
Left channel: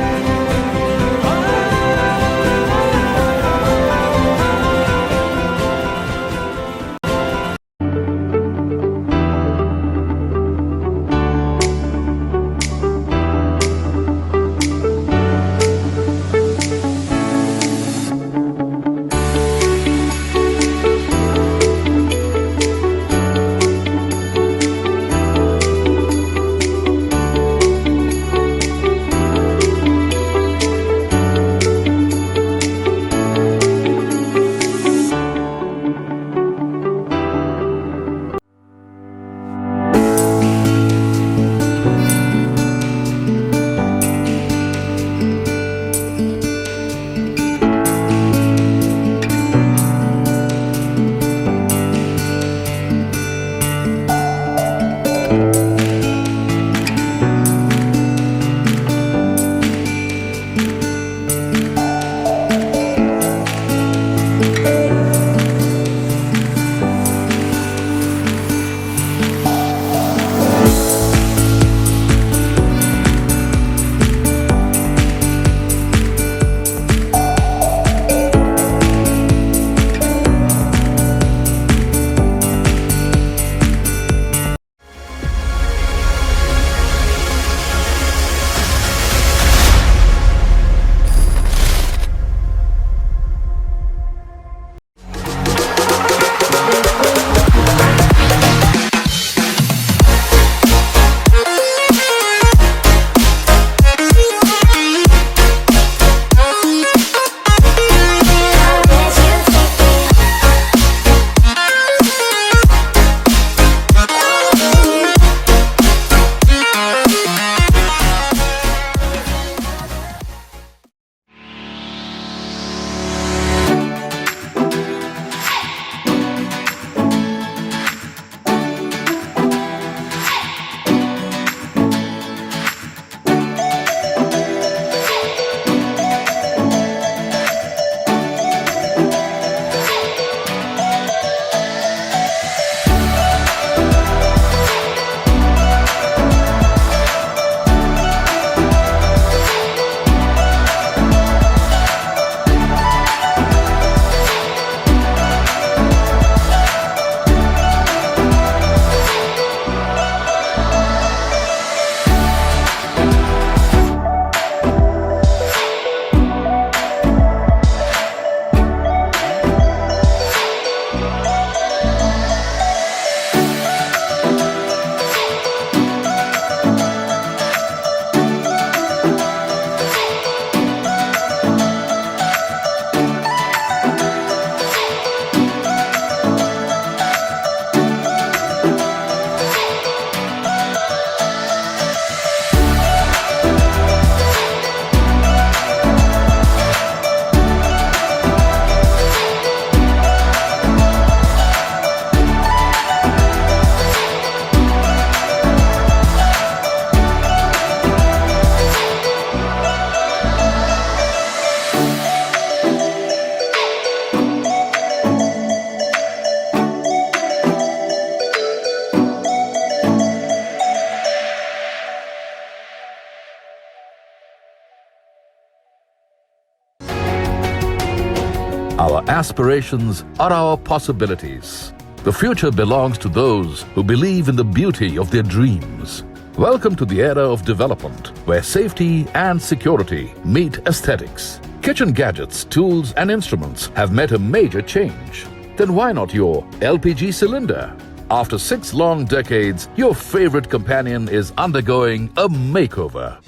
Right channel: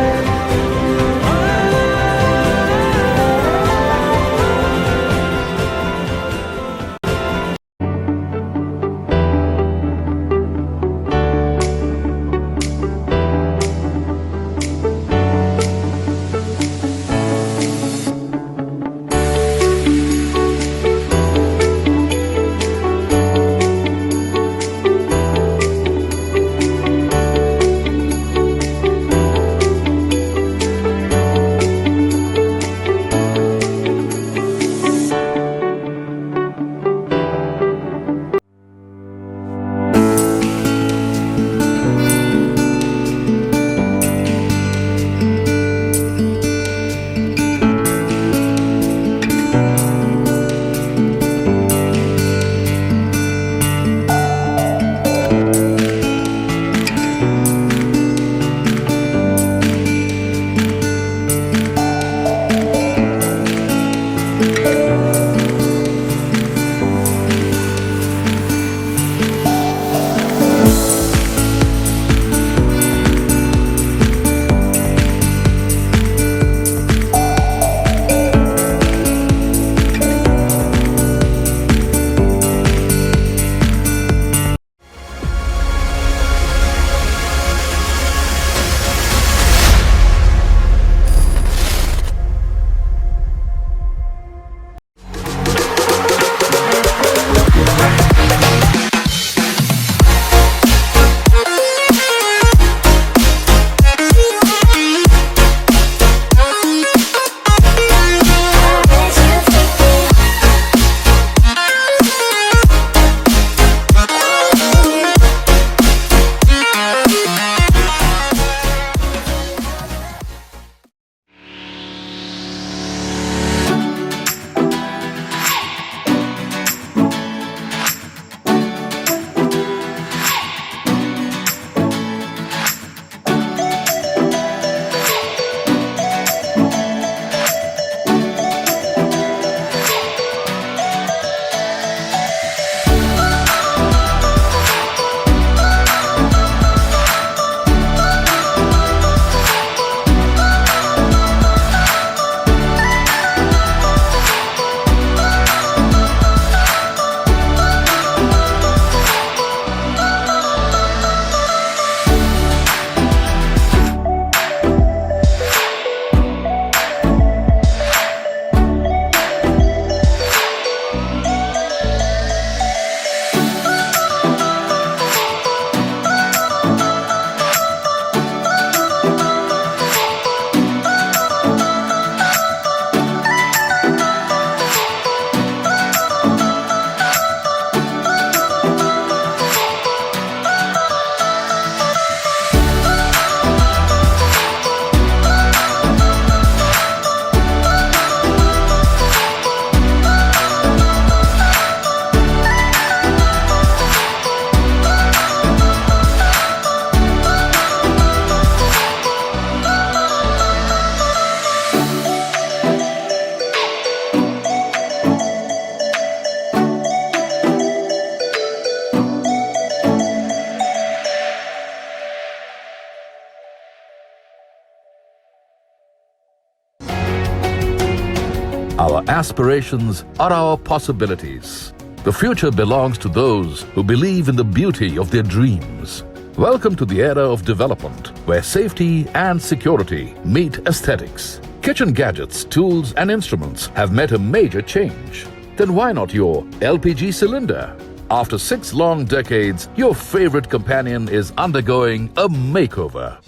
Our aspirations are our possibilities. The future belongs to those who believe in the beauty of their dreams. Welcome to the era of development, where safety and security meet aesthetics. Kitchen gadgets, tools, and instruments have met a major change. Then why not your LPG cylinder? After 6 long decades, your favorite companion is undergoing a makeover.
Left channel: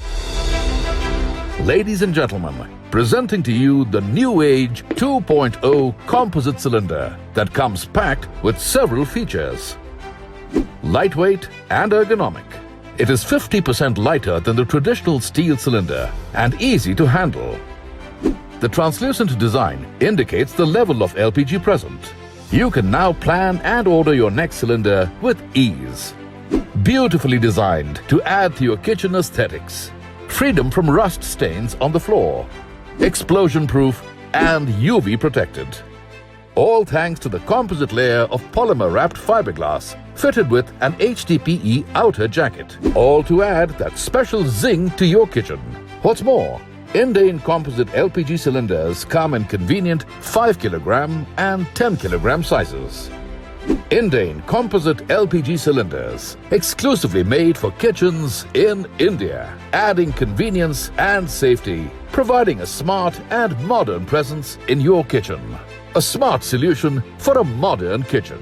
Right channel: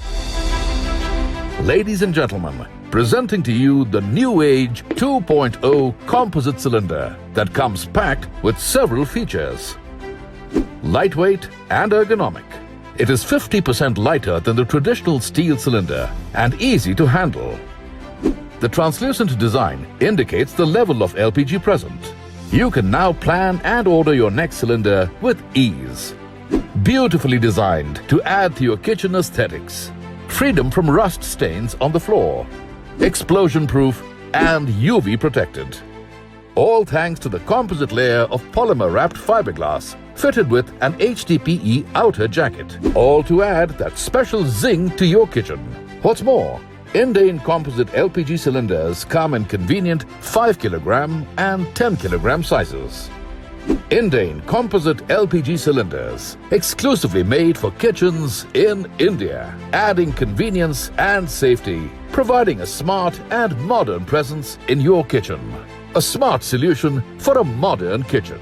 Ladies and gentlemen, presenting to you the new age 2.0 composite cylinder that comes packed with several features. Lightweight and ergonomic. It is 50% lighter than the traditional steel cylinder and easy to handle. The translucent design indicates the level of LPG present. You can now plan and order your next cylinder with ease. Beautifully designed to add to your kitchen aesthetics. Freedom from rust stains on the floor. Explosion-proof and UV protected. All thanks to the composite layer of polymer-wrapped fiberglass fitted with an HDPE outer jacket. All to add that special zing to your kitchen. What's more, Indane composite LPG cylinders come in convenient 5 kg and 10 kg sizes. Indane composite LPG cylinders, exclusively made for kitchens in India, adding convenience and safety, providing a smart and modern presence in your kitchen. A smart solution for a modern kitchen.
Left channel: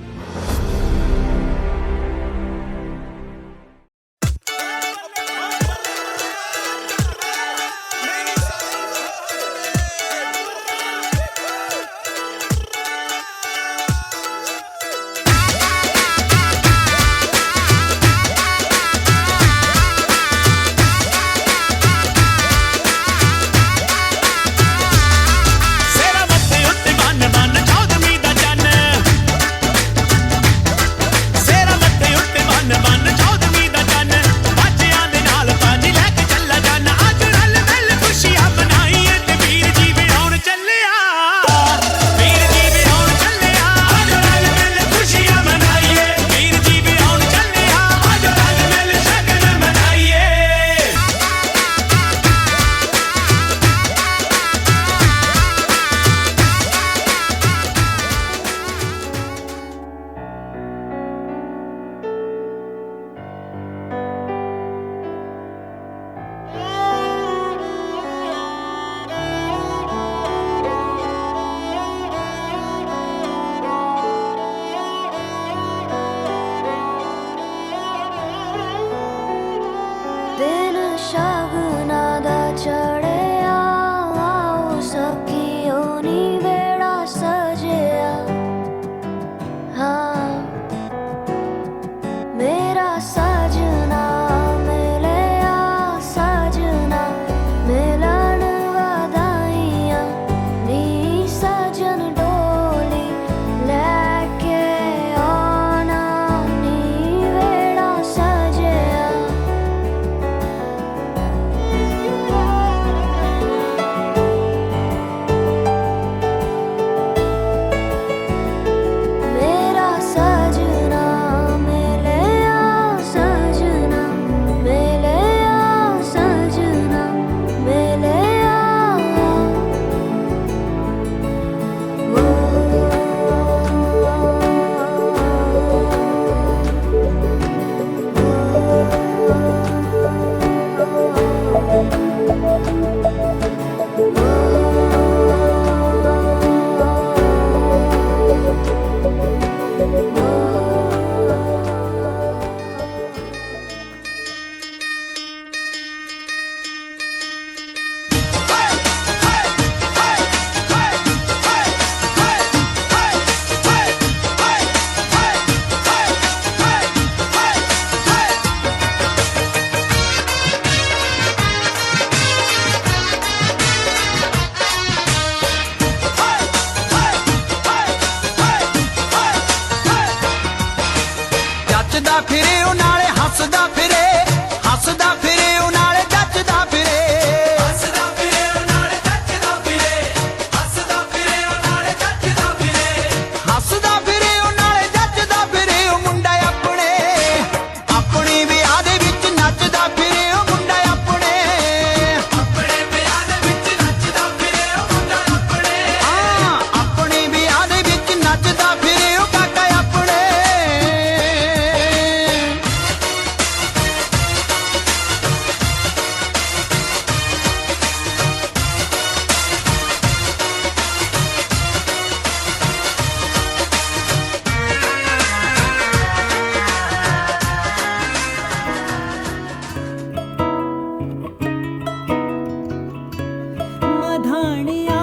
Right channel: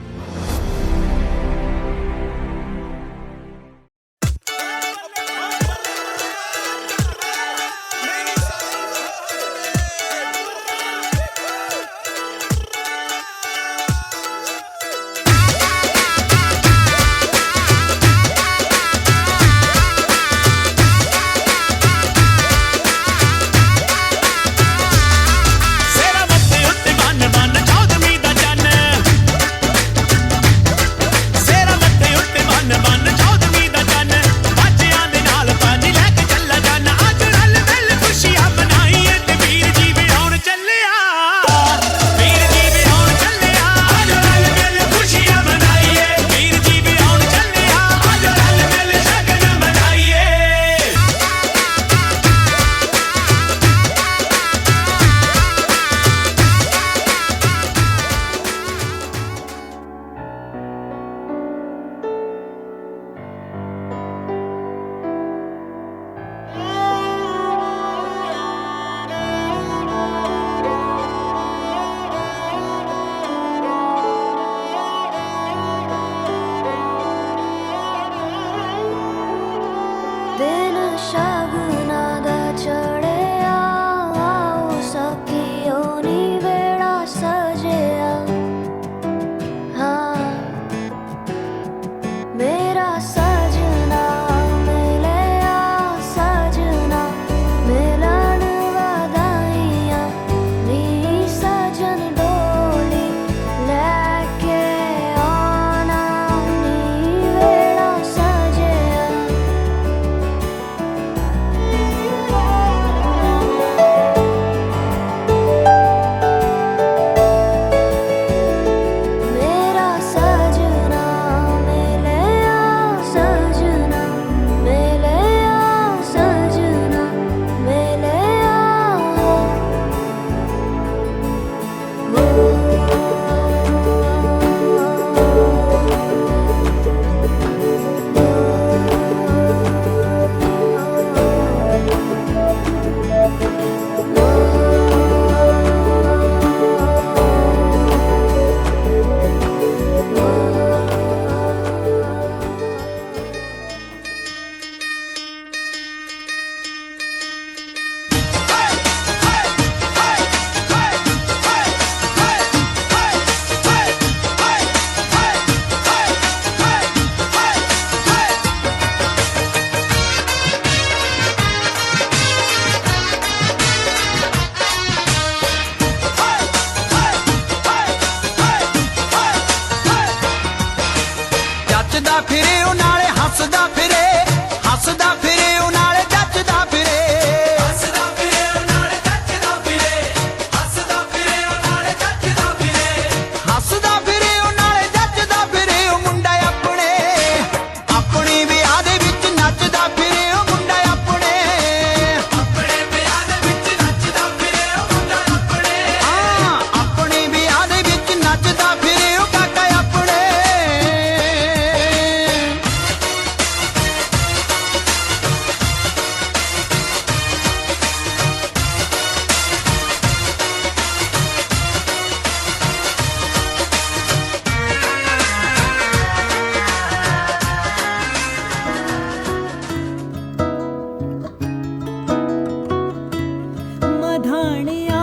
धाणिया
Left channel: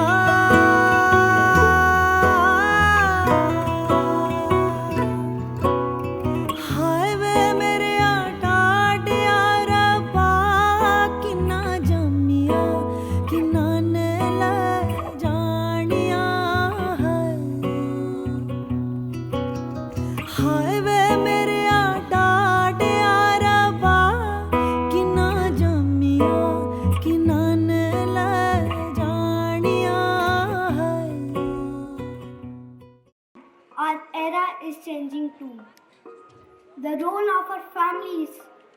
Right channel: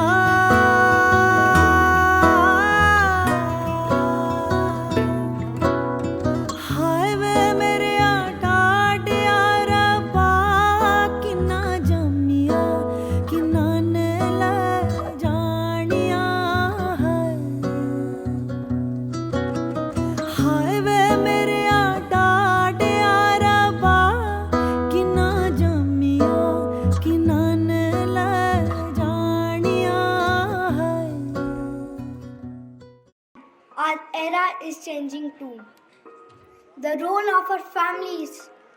हाय वे मेरे टाटिया रब्बा किन्ना जम्मिया किन्ना ने ले जानिया हाय वे मेरे टाटिया रब्बा किन्ना जम्मिया किन्ना ने ले जानिया Our era is changing too. The role of our families,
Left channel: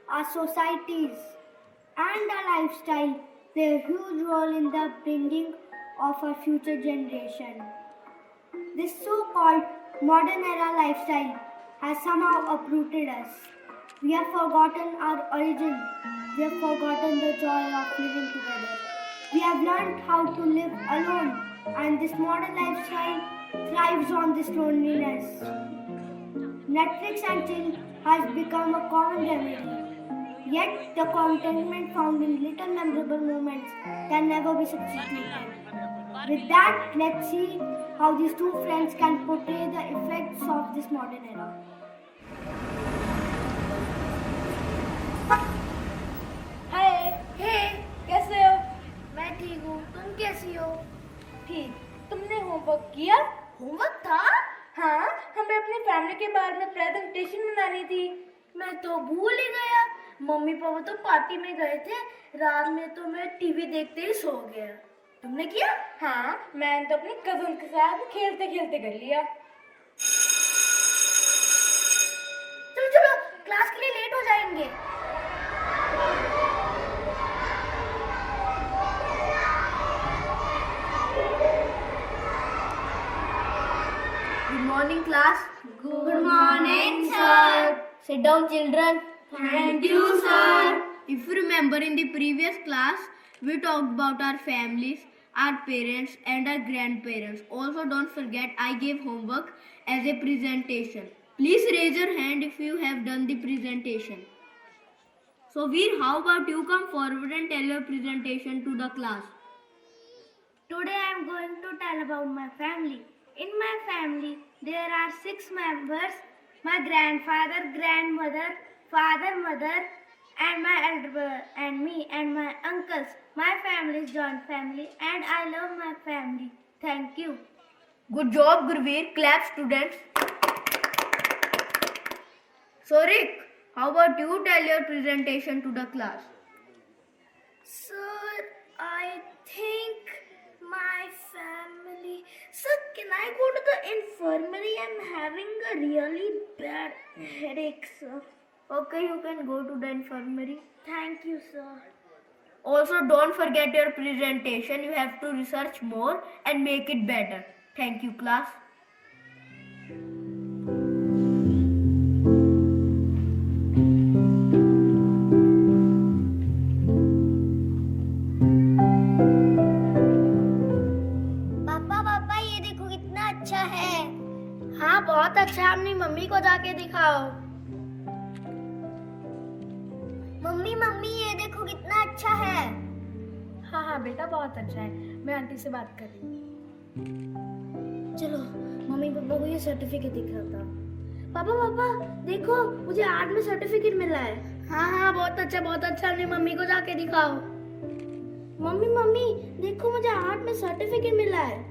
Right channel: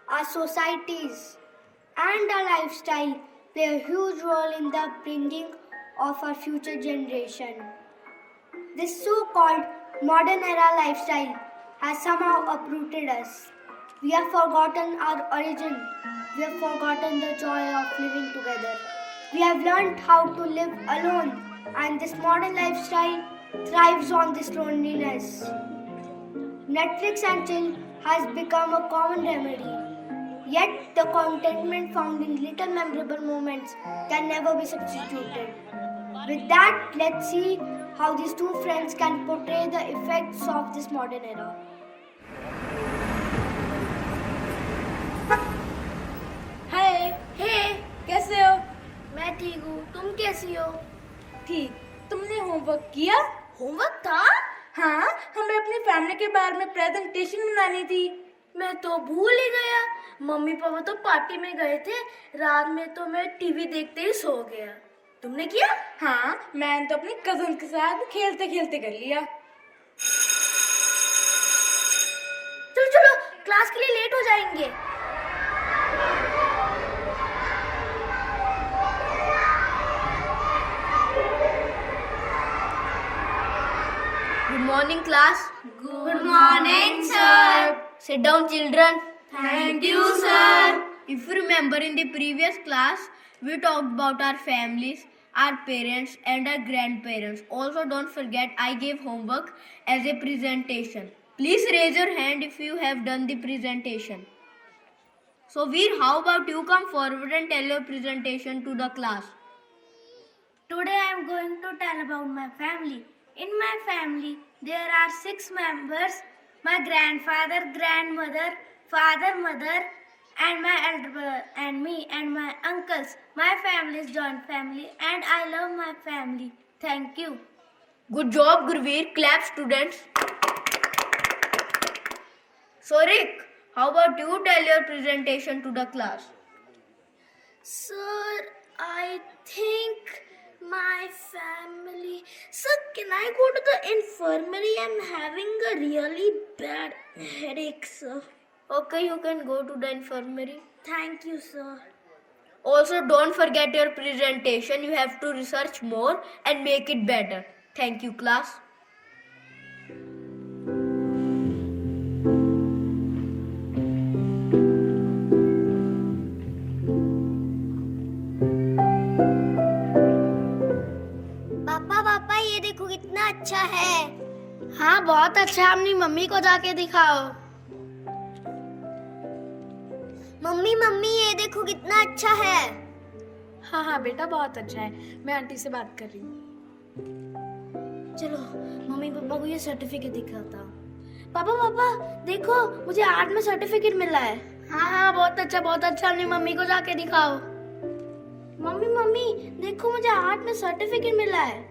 our societies, and our lifestyle play a huge role in the upbringing of our future generation. This so-called modern era lifestyle has somehow uprooted us. We have forgotten our origin. We have forgotten the joy of living together. We have learned how to live alone, and this modern lifestyle thrives on this loneliness. Netflix and chill has become a common remedy. Yet the contentment found in little memorable moments can never be substituted. With that, let's see how these two friends can portray the effects of this modern era. Hey, कैसे हो? मैं ठीक हूँ, तुम कैसी हो? ठीक। तुमने होमवर्क किया? होमवर्क था? हाँ, हमें अपनी फैमिली के बारे में प्रेजेंटेशन बनानी थी। मैं तो भूल ही गया। मम्मी पापा तो पार्टी में गए थे, रात में तो मैं टीवी देखते ही सो गया। तुमने किया? हाँ, मैंने तो अपनी कजन के साथ खेलते खेलते कर लिया। चलो चलो, क्लास के लिए लेट हो जाएंगे। Good morning, class. Good morning, sir. Sit down, children. Thank you, sir. If you remember, in the previous class, we talked about our families, our parents, and our grandparents. Also, don't forget, I gave homework as a presentation. Please raise your hand if you have done the presentation. So, Veer, how about you come forward and tell your presentation to the class? Today I am going to tell about my family. In my family, there are 6 members: my grandfather, grandmother, father, mother, and my elder brother, and me and my uncles. My family is joint family, and I love my family. Thank you. Good job, Gurveer. Clap, students. So, Rick, how about you tell your presentation to the class? Sir, I think my family. Sir, can I go to the infirmary? I'm having a really bad headache, sir. Okay, you can go to the infirmary. Thank you, sir. Also, don't forget your presentation. You have to research more and make it better. Thank you, class. हाँ, बहुत अच्छा है। अपनी मम्मी को जाके दिखाओ। मम्मी मम्मी, ये देखो कितना अच्छा है। हाँ हाँ बेटा, बहुत अच्छा है। मैं आंटी से बात कर रही हूँ। चलो मम्मी पापा को ये सर्टिफिकेट दिखाता। पापा पापा देखो, मुझे आर्ट में सर्टिफिकेट मिला है। हाँ हाँ, बहुत अच्छा बहुत अच्छा। अपनी मम्मी को जाके दिखाओ। मम्मी मम्मी देखो, मुझे आर्ट में सर्टिफिकेट मिला है।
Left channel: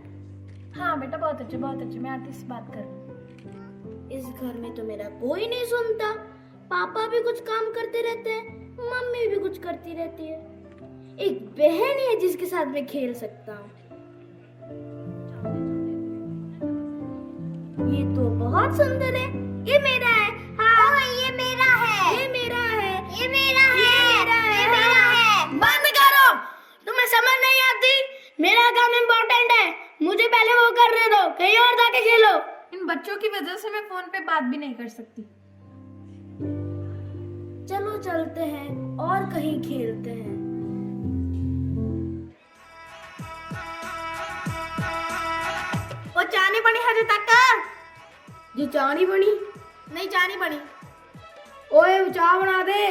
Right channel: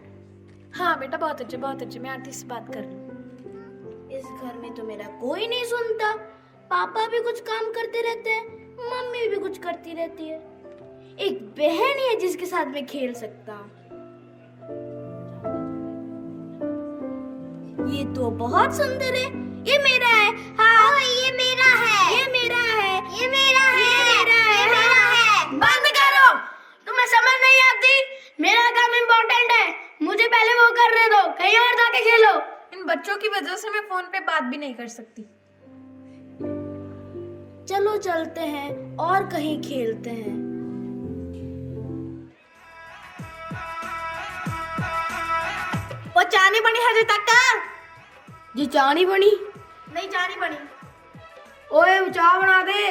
हाँ बेटा, बहुत अच्छे बहुत अच्छे। मैं आंटी से बात कर रही हूँ। इस घर में तो मेरा कोई नहीं सुनता। पापा भी कुछ काम करते रहते हैं, मम्मी भी कुछ करती रहती है। एक बहन है जिसके साथ मैं खेल सकता हूँ। ये तो बहुत सुंदर है। ये मेरा है। हाँ, ये मेरा है। ये मेरा है। ये मेरा है। ये मेरा है। ये मेरा है। बंद करो, तुम्हें समझ नहीं आती। मेरा काम इम्पोर्टेंट है, मुझे पहले वो करने दो। कहीं और जाके खेलो। इन बच्चों की वजह से मैं फोन पे बात भी नहीं कर सकती। चलो चलते हैं और कहीं खेलते हैं। वो चानी बनी हजे तक जी चानी बनी? नहीं चानी बनी। ओए चाय बना दे।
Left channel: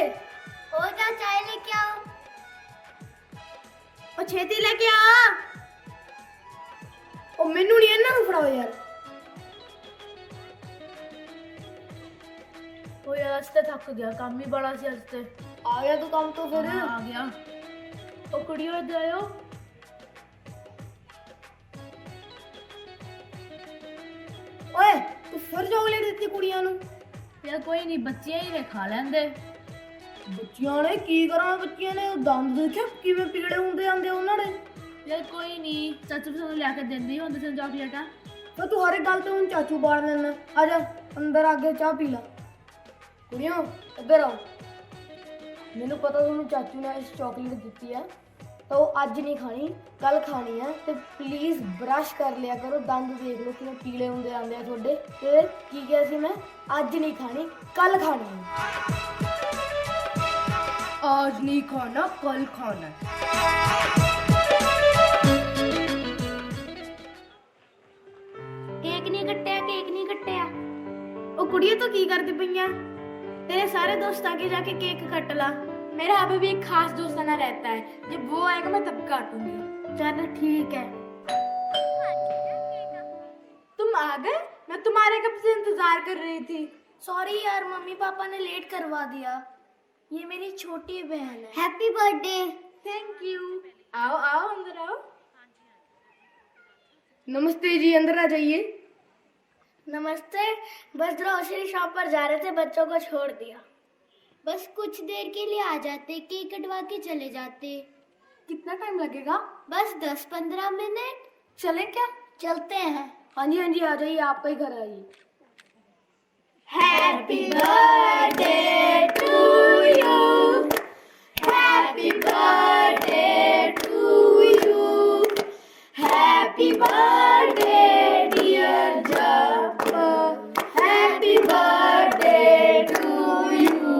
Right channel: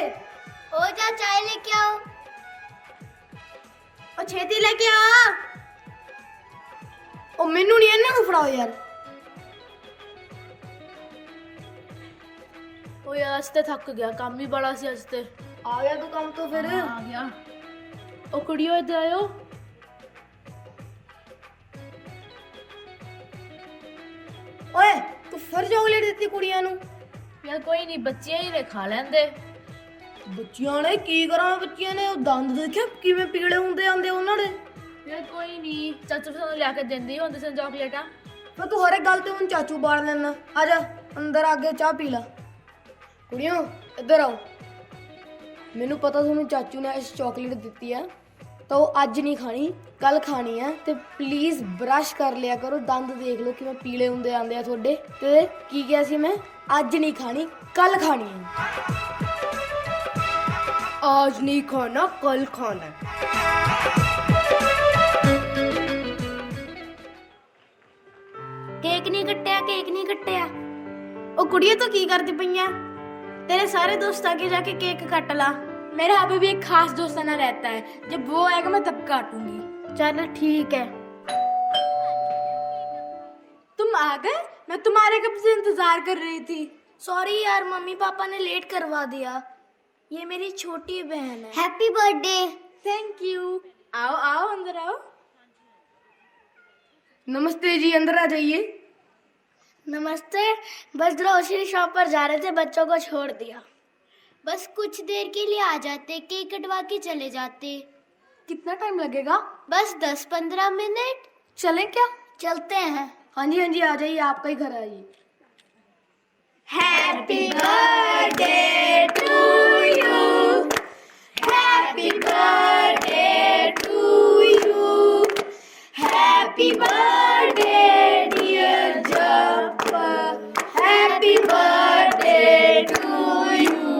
ओ जा चाय लेके आओ। और छेती लेके आ। ਮੈਨੂੰ ਨਹੀਂ ਇਹਨਾਂ ਨੂੰ ਫੜਾਓ ਯਾਰ। ਉਹ ਯਾਰ ਅੱਜ ਤੇ ਥੱਕ ਗਿਆ, ਕੰਮ ਹੀ ਬੜਾ ਸੀ ਅੱਜ ਤੇ। ਆ ਗਿਆ ਤੂੰ ਕੰਮ ਤੋਂ ਫਿਰ? ਆ ਗਿਆ। ਉਹ ਕੁੜੀਓ ਇੱਧਰ ਆਇਓ। ਓਏ ਤੂੰ ਫਿਰ ਚੋਕਲੇਟ ਦਿੱਤੀ ਕੁੜੀਆਂ ਨੂੰ? ਯਾਰ ਕੋਈ ਨਹੀਂ, ਬੱਚੀਆਂ ਹੀ ਨੇ ਖਾ ਲੈਂਦੇ। ਬੱਚਿਆਂ ਨੇ ਕੀ ਕਰਾਂ? ਬੱਚਿਆਂ ਨੇ ਉਹ ਦੰਦ ਦੇਖਿਆ ਕਿਵੇਂ ਪੀਲੇ ਹੁੰਦੇ ਆਂਦੇ ਉਹਨਾਂ ਦੇ। ਯਾਰ ਕੋਈ ਨਹੀਂ, ਚਾਚੂ ਸਾਨੂੰ ਲਿਆ ਕੇ ਦਿੰਦੀ ਹੁੰਦੇ ਸਨ ਚਾਕਲੇਟਾਂ। ਮੈਂ ਤੂੰ ਹਰ ਇੱਕ ਗੱਲ ਤੇ ਹੁਣ ਚਾਚੂ ਬਾੜ ਲੈਣਾ। ਆ ਜਾ ਅੰਦਰ ਆ ਕੇ ਚਾਹ ਪੀ ਲੈ। ਕੁੜੀਓ ਇੱਧਰ ਆਓ। ਮੈਨੂੰ ਪਤਾ ਤੁਹਾਨੂੰ ਚਾਚੂ ਨੇ ਇਸ ਚਾਕਲੇਟ ਦਿੱਤੀ ਹੈ ਤਾਂ ਉਹ ਅੱਜ ਨਹੀਂ ਖਾਣੀ, ਕੱਲ ਖਾਣੀ ਹੈ। ਤੇ ਪਲੀਜ਼ ਬ੍ਰਸ਼ ਕਰ ਲਿਆ ਕਰੋ, ਦੰਦ ਦੇਖ ਲਓ ਕਿਵੇਂ ਪੀਲੇ ਹੁੰਦੇ ਆਂਦੇ ਆ ਤੁਹਾਡੇ। ਤੇ ਕੀ ਕਿਹਾ ਸੀ ਮੈਂ? ਅੱਜ ਨਹੀਂ ਖਾਣੀ, ਕੱਲ ਖਾਣੀ ਹੈ। आज नहीं खाना, कल खाना। केक नहीं कट्टिया, केक नहीं कट्टिया। ओ कुड़िया तो की करती पई है? तेरे सारे दोस्त आगे जाके केक काट ला। मेरा अभी भी एक खास दोस्त ना रहता है, जब वो आएगा मैं तब काटूंगी। चल ठीक है। तुम आ गए? मैं तुम्हारे कब से इंतजार कर रही थी। सॉरी यार, मम्मी पापा ने लेट करवा दिया। ये मेरी छोटी बहन है। Happy birthday. Thank you. आओ आओ अंदर आओ। नमस्ते जी, अंदर आ जाइए। नमस्ते। बस ग्रोसरी शॉप पर जा रहे थे, बच्चों को छोड़ दिया। बस कुछ देर के लिए आ जाते, केक कटवा के चले जाते। कितना टाइम लगेगा? बस 10-15 मिनट। चले क्या? चलते हैं। हाँ जी हाँ जी, आ जाइए, आपका ही घर आइए। Happy birthday to you, happy birthday to you, happy birthday dear जब, हैप्पी बर्थडे टू यू।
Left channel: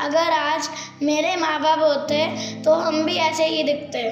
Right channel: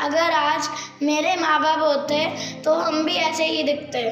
अगर आज मेरे माँ बाप होते तो हम भी ऐसे ही दिखते।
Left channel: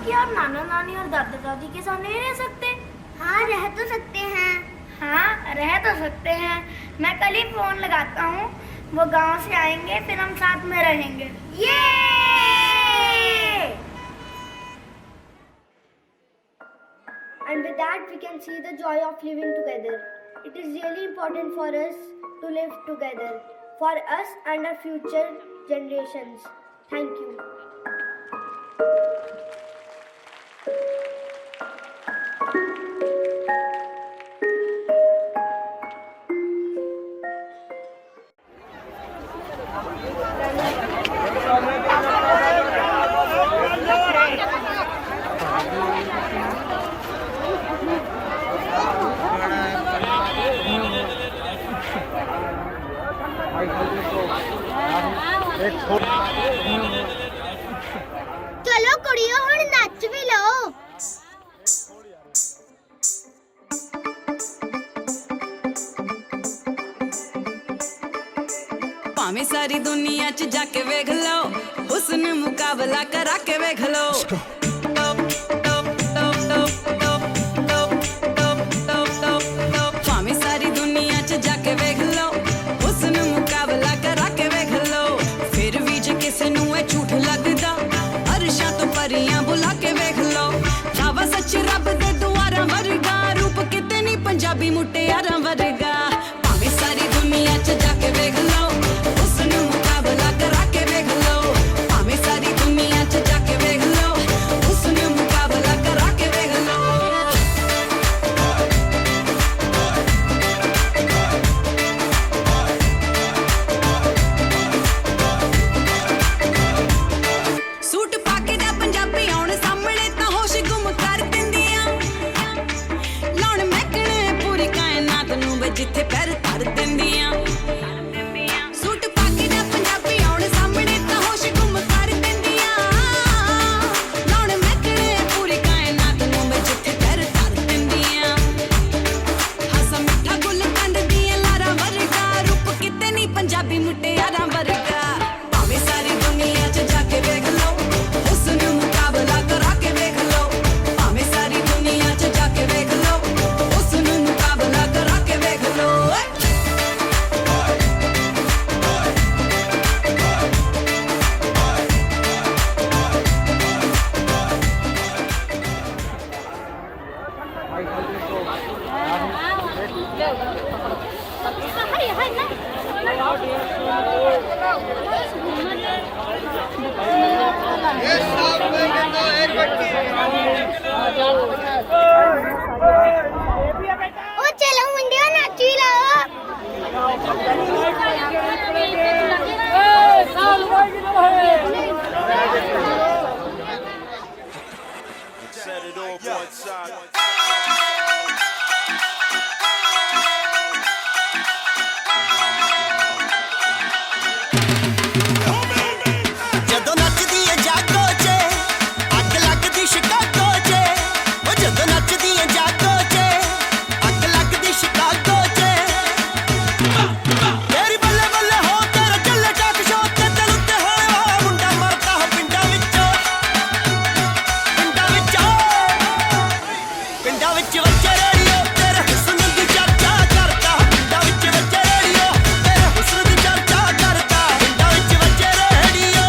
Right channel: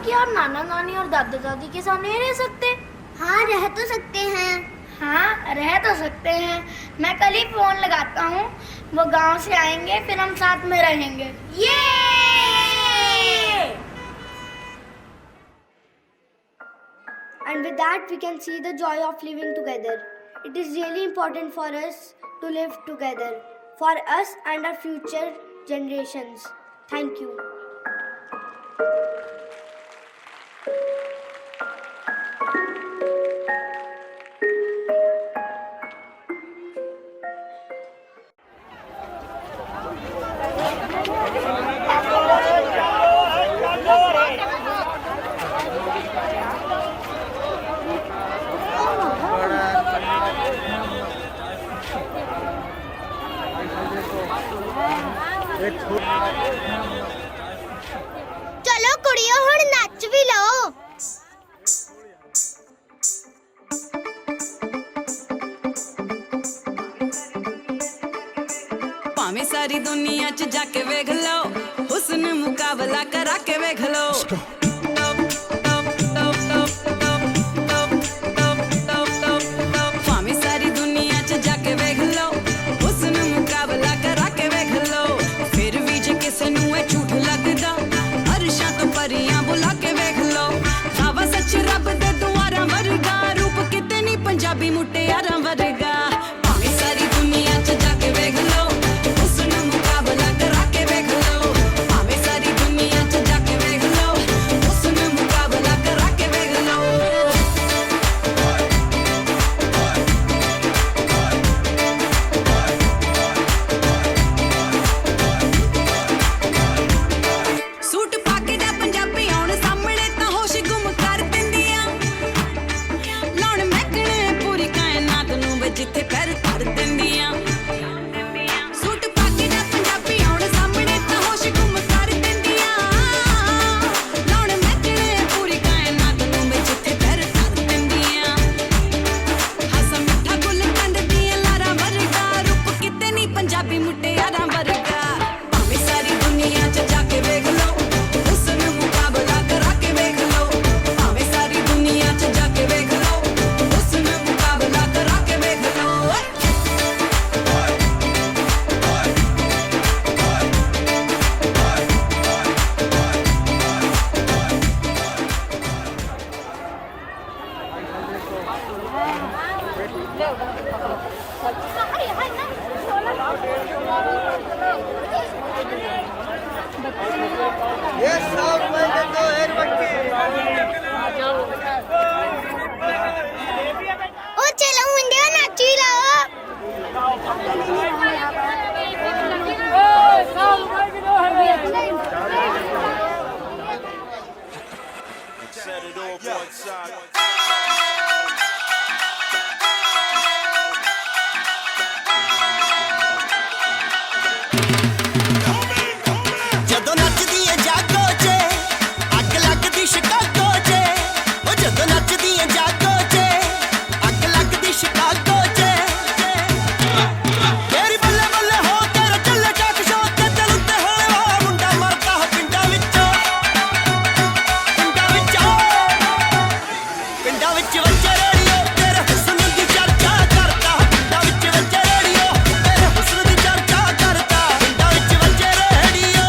क्या आप नाना नानी और दादा दादी के साथ नहीं रह सकते? हाँ, रह तो सकते हैं। हाँ रह तो सकते हैं। मैं कल ही फोन लगाता हूँ, वो गांव से आएंगे, फिर हम साथ में रहेंगे। ये And with that we can see the joy of living together. It is really important for us to live together, for us and our future generations. Thank you. चलो कुड़ियों हुण नच भी लो। भावें सारी दुनिया च जाके वेख लो, हुस्न मुकाबला करा के वेख लो। भावें सारी दुनिया च जाके वेख लो, हुस्न मुकाबला करा के वेख लो। फिर भी जे किसे नू ए झूठ लगदा, अरशां तो परियां बुला के वेख लो। खावा सच रब दे दुआरां वर्गा, रूप किते नी पंजाबी मुटियारां वर्गा। भावें सारी दुनिया च जाके वेख लो, हुस्न मुकाबला करा के वेख लो। भावें सारी दुनिया च जाके वेख लो, पंजाबी मुटियारा वर्गा भावें सारी दुनिया च जाके वेख लो हुस्न मुकाबला करा के वेख लो भावें सारी दुनिया च जाके वेख लो हुस्न मुकाबला करा के वेख लो ओ चलो मुंडिया नाची ला Set it off one side. ਜਦੋਂ ਨੱਚਦੀ ਏ ਜਾਗੋ 'ਚ ਅੱਗ ਲੱਗਦੀ ਸ਼ਿਕਾਗੋ 'ਚ ਉਹ ਜਦੋਂ ਨੱਚਦੀ ਏ ਜਾਗੋ 'ਚ ਅੱਗ ਲੱਗਦੀ ਸ਼ਿਕਾਗੋ 'ਚ ਤੇਰੀ ਬੱਲੇ ਬੱਲੇ ਹੋ ਤੇਰੇ ਚੱਲੇ ਟਾਕ ਸ਼ੋ ਤੇ ਦਿਲ ਉੱਤੇ ਹੋਣੇ ਵਾਲਾ ਮੁੰਡਾ ਮਰਦਾ ਹੋ ਪਿੰਡਾਂ ਵਿੱਚੋਂ ਪਿੰਡਾਂ ਵਿੱਚ ਵੱਜੇ ਰੇਡੀਓ ਤੇਰੇ ਹੁਸਨ ਦੀ ਚਰਚਾ ਕਰਦਾ ਪਿੰਡਾਂ ਵਿੱਚ ਵੱਜੇ ਰੇਡੀਓ ਤੇਰੇ ਹੁਸਨ ਦੀ ਚਰਚਾ ਕਰਦਾ ਪਿੰਡਾਂ ਵਿੱਚ ਵੱਜੇ ਰੇਡੀਓ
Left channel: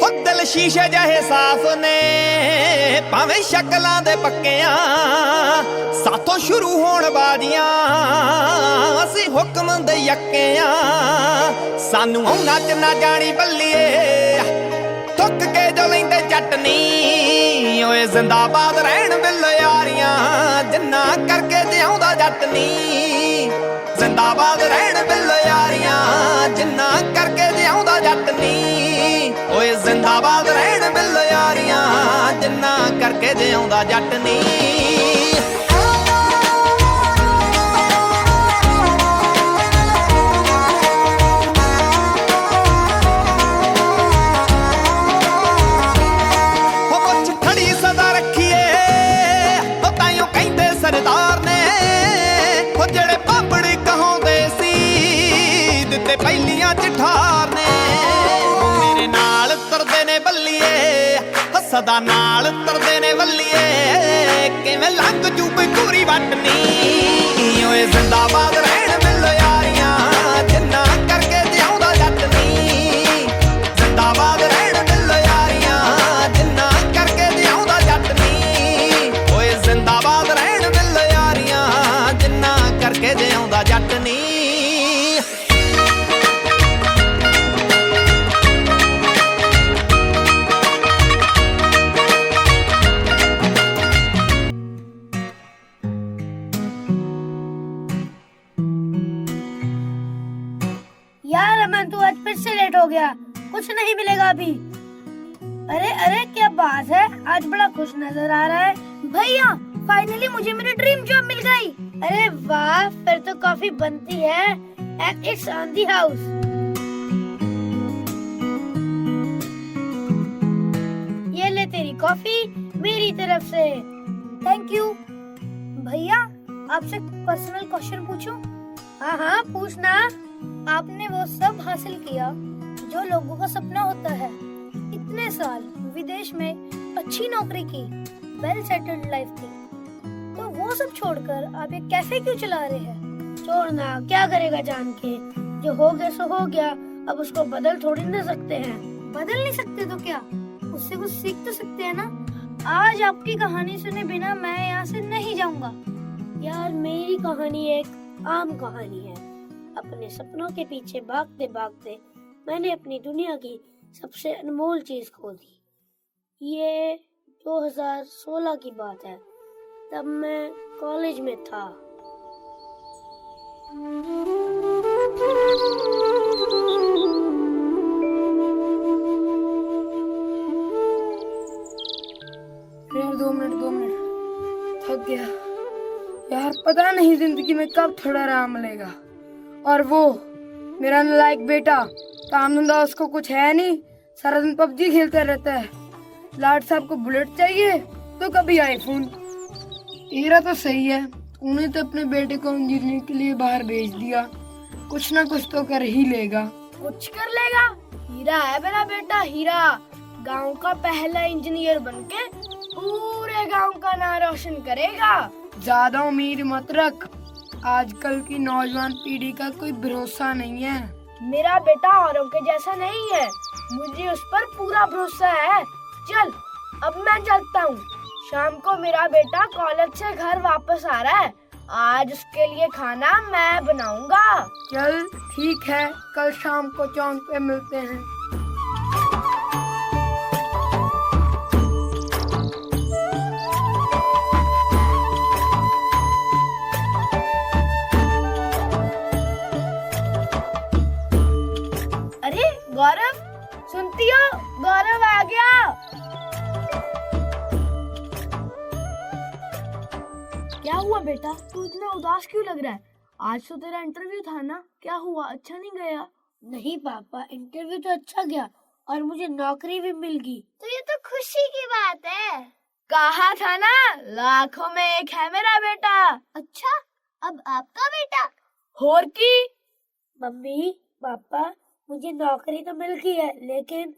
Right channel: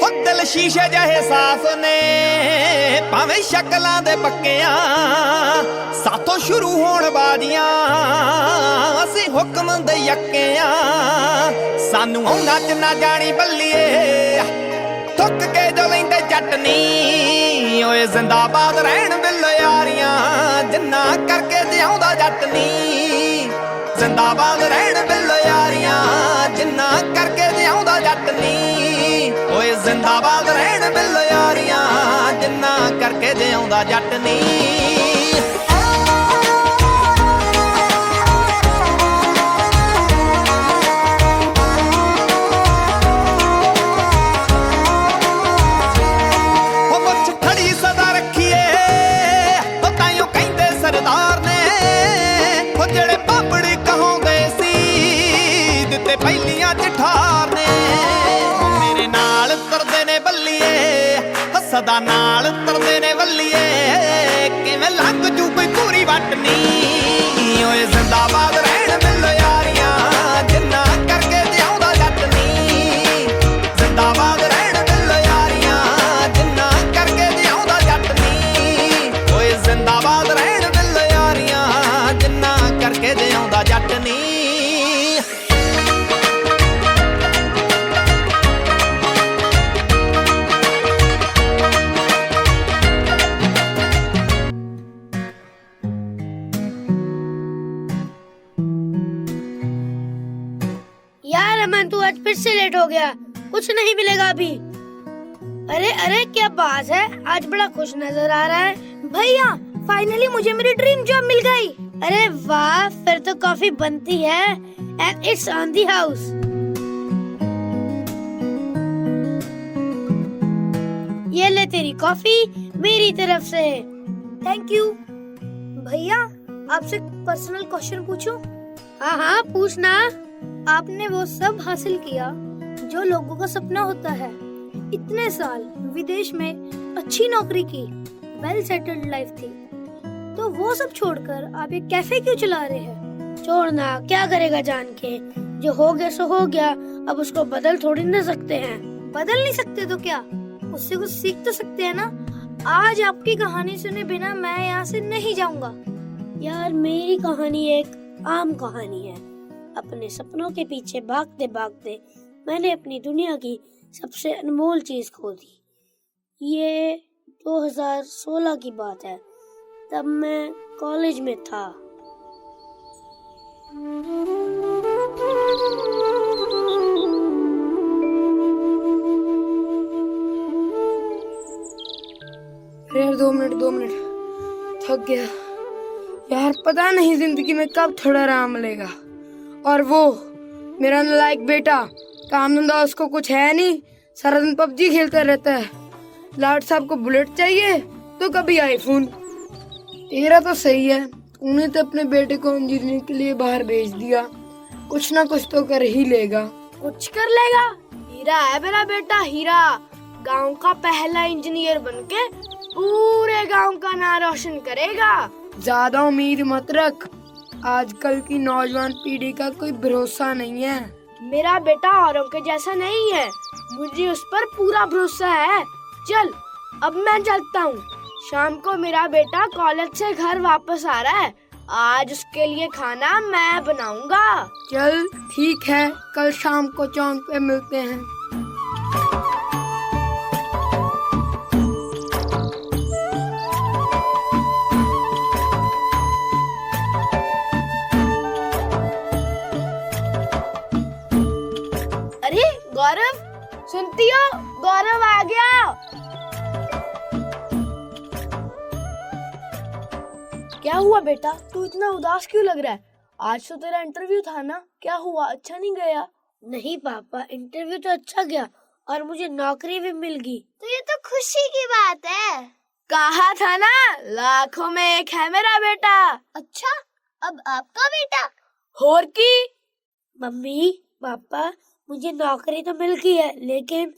ਹੋ ਦਿਲ ਸ਼ੀਸ਼ੇ ਜਿਹੇ ਸਾਫ਼ ਨੇ ਭਾਵੇਂ ਸ਼ਕਲਾਂ ਦੇ ਪੱਕਿਆਂ ਸਾਥੋਂ ਸ਼ੁਰੂ ਹੋਣ ਬਾਜ਼ੀਆਂ ਅਸੀਂ ਹੁਕਮ ਦੇ ਯੱਕਿਆਂ ਸਾਨੂੰ ਆਉ ਨੱਚ ਨਾ ਜਾਣੀ ਬੱਲੀਏ ਥੁੱਕ ਕੇ ਜੋ ਲੈਂਦੇ ਜੱਟ ਨੀ ਓਏ ਜ਼ਿੰਦਾਬਾਦ ਰਹਿਣ ਬਿੱਲ ਯਾਰੀਆਂ ਜਿੰਨਾ ਕਰਕੇ ਜਿਉਂਦਾ ਜੱਟ ਨੀ ਜ਼ਿੰਦਾਬਾਦ ਰਹਿਣ ਬਿੱਲ ਯਾਰੀਆਂ ਜਿੰਨਾ ਕਰਕੇ ਜਿਉਂਦਾ ਜੱਟ ਨੀ ਓਏ ਜ਼ਿੰਦਾਬਾਦ ਰਹਿਣ ਬਿੱਲ ਯਾਰੀਆਂ ਜਿੰਨਾ ਕਰਕੇ ਜਿਉਂਦਾ ਜੱਟ ਨੀ ਹੋ ਮੁੱਛ ਖੜੀ ਸਦਾ ਰੱਖੀਏ ਉਹ ਤਾਈਓ ਕਹਿੰਦੇ ਸਰਦਾਰ ਨੇ ਉਹ ਜਿਹੜੇ ਬਾਬੜ ਕਹਾਉਂਦੇ ਸੀ ਦਿੱਤੇ ਪਹਿਲੀਆਂ ਚ ਠਾਰ ਨੇ ਉਹ ਮੇਰੇ ਨਾਲ ਤੁਰਦੇ ਨੇ ਬੱਲੀਏ ਸਦਾ ਨਾਲ ਤੁਰਦੇ ਨੇ ਬੱਲੀਏ ਕਿਵੇਂ ਲੰਘ ਜੂ ਕੋਈ ਪੂਰੀ ਵੱਟ ਨੀ ਓਏ ਜ਼ਿੰਦਾਬਾਦ ਰਹਿਣ ਬਿੱਲ ਯਾਰੀਆਂ ਜਿੰਨਾ ਕਰਕੇ ਜਿਉਂਦਾ ਜੱਟ ਨੀ ਜ਼ਿੰਦਾਬਾਦ ਰਹਿਣ ਬਿੱਲ ਯਾਰੀਆਂ ਜਿੰਨਾ ਕਰਕੇ ਜਿਉਂਦਾ ਜੱਟ ਨੀ ਓਏ ਜ਼ਿੰਦਾਬਾਦ ਰਹਿਣ ਬਿੱਲ ਯਾਰੀਆਂ ਜਿੰਨਾ ਕਰਕੇ ਜਿਉਂਦਾ ਜੱਟ ਨੀ यार अमन तू आज फिर से लेट हो गया कुछ नहीं मिलेगा अभी अरे अरे क्या बात है आज बड़ा खुश नजर आ रहा है भैया फाइनली मुझे मेरी ड्रीम जॉब मिल गई अरे वाह फिर तो कॉफी बनती है and it's on the house ये ले तेरी कॉफी मेरी तरफ से थैंक यू भैया आपसे पर्सनल क्वेश्चन पूछूं हाँ हाँ पूछना आपने वो सब हासिल किया जो लोगों का सपना होता है इतने साल विदेश में अच्छी नौकरी की वेल सेटल्ड लाइफ थी तो वो सब छोड़कर आप एक कैफे क्यों चला रहे हैं छोड़ना क्या करेगा जान के जो हो गया सो हो गया अब उसको बदल थोड़ी ना सकते हैं बदल नहीं सकते तो क्या उससे कुछ सीख तो सकते हैं ना आज आपकी कहानी सुने बिना मैं यहाँ से नहीं जाऊंगा यार मेरी कहानी एक आम कहानी है अपने सपनों के पीछे भागते भागते मैंने अपनी दुनिया की सबसे अनमोल चीज खो दी ये 2016 की बात है तब मैं कॉलेज में था अरे 2 मिनट थक गया यार पता नहीं जिंदगी में कब थोड़ा आराम मिलेगा। और वो मेरा नालायक बेटा, काम धंधा उसको कुछ है नहीं, सारा दिन पबजी खेलता रहता है। लाट साहब को बुलेट चाहिए तो कभी आईफोन। तेरा तो सही है, तूने तो अपने बेटे को इंजीनियरिंग के लिए बाहर भेज दिया, कुछ ना कुछ तो कर ही लेगा। कुछ कर लेगा? हीरा है मेरा बेटा, हीरा। गांव का पहला इंजीनियर बनके पूरे गांव का नाम रोशन करेगा। ज्यादा उम्मीद मत रख, आजकल की नौजवान पीढ़ी का कोई भरोसा नहीं है। मेरा बेटा औरों के जैसा नहीं है, मुझे उस पर पूरा भरोसा है। चल अब मैं चलता हूँ, शाम को मेरा बेटा कॉलेज से घर वापस आ रहा है, आज उसके लिए खाना मैं बनाऊंगा। चल ठीक है, कल शाम को चौक पे मिलते हैं। अरे गौरव, सुनती हो? गौरव आ गया। क्या हुआ बेटा, तू इतना उदास क्यों लग रहा है? आज तो तेरा इंटरव्यू था ना, क्या हुआ, अच्छा नहीं गया? नहीं पापा, इंटरव्यू तो अच्छा गया और मुझे नौकरी भी मिल गई। तो ये तो खुशी की बात है। कहा था ना, लाखों में एक है मेरा बेटा। अच्छा, अब आपका बेटा? और की मम्मी पापा, मुझे नौकरी तो मिल गई है, लेकिन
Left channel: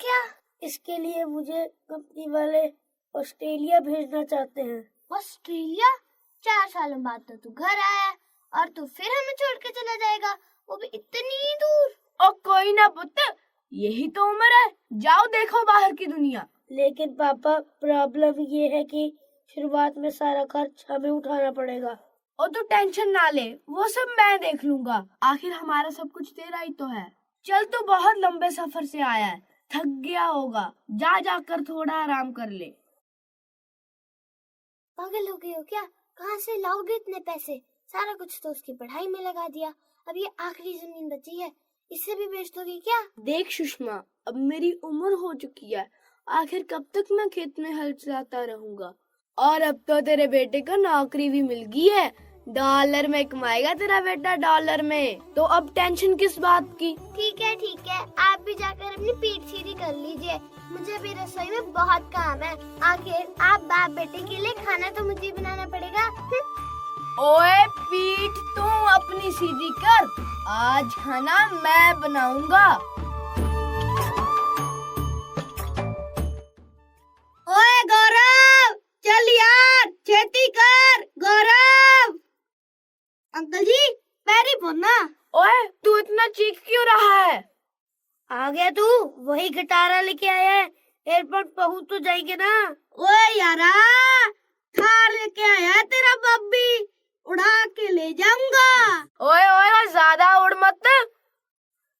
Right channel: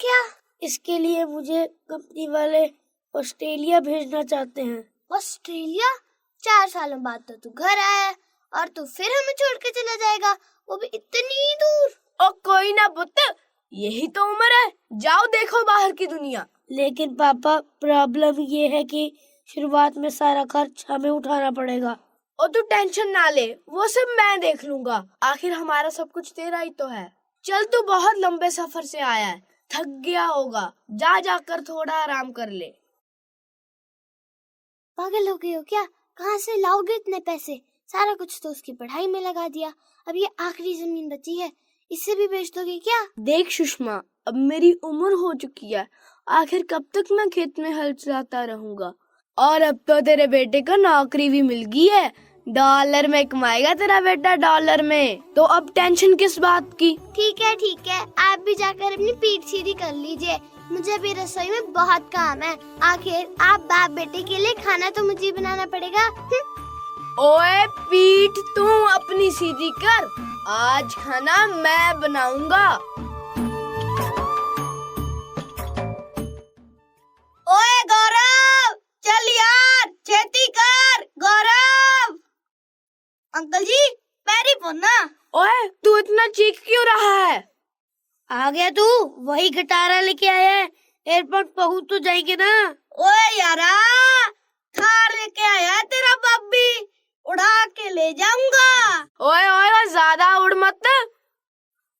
क्या? इसके लिए मुझे कंपनी वाले ऑस्ट्रेलिया भेजना चाहते हैं। ऑस्ट्रेलिया? 4 सालों बाद तो तू घर आया और तू फिर हमें छोड़ के चला जाएगा, वो भी इतनी दूर। ओ कोई ना पुत्र, यही तो उम्र है, जाओ देखो बाहर की दुनिया। लेकिन पापा प्रॉब्लम ये है कि शुरुआत में सारा खर्च हमें उठाना पड़ेगा। और तू टेंशन ना ले, वो सब मैं देख लूंगा, आखिर हमारा सब कुछ तेरा ही तो है। चल तू बहुत लंबे सफर से आया है, थक गया होगा, जा जाकर थोड़ा आराम कर ले। पागल हो गए हो क्या? कहाँ से लाओगे इतने पैसे? सारा कुछ तो उसकी पढ़ाई में लगा दिया, अब ये आखिरी जमीन बची है, इसे भी बेच दोगे क्या? देख सुषमा, अब मेरी उम्र हो चुकी है, आखिर कब तक मैं खेत में हल चलाता रहूंगा। और अब तो तेरे बेटे को नौकरी भी मिल गई है, डॉलर में कमाएगा तेरा बेटा, डॉलर में, तो अब टेंशन किस बात की? ठीक है, आप भी जाकर अपनी पीठ सीधी कर लीजिए, मुझे भी रसोई में बहुत काम है। आखिर आप बाप बेटे के लिए खाना तो मुझे बनाना पड़ेगा। ओए पीठ तू अपनी सीधी कर, आज खाना मैं बनाऊंगा। ओए गौरव, चल यार, छेती कर। गौरव अंकल जी, पैरी पोना। ओए तू इतना चीख क्यों रहा है? आ गया तू, वही गिटारा लेके आया है, एयरपोर्ट पहुंच तो जाएंगे ना। ओए यारा, थार लेके आया है तेरा बब्बी, उड़ा के ले जाऊंगा। ओए ज्यादा उड़ मत,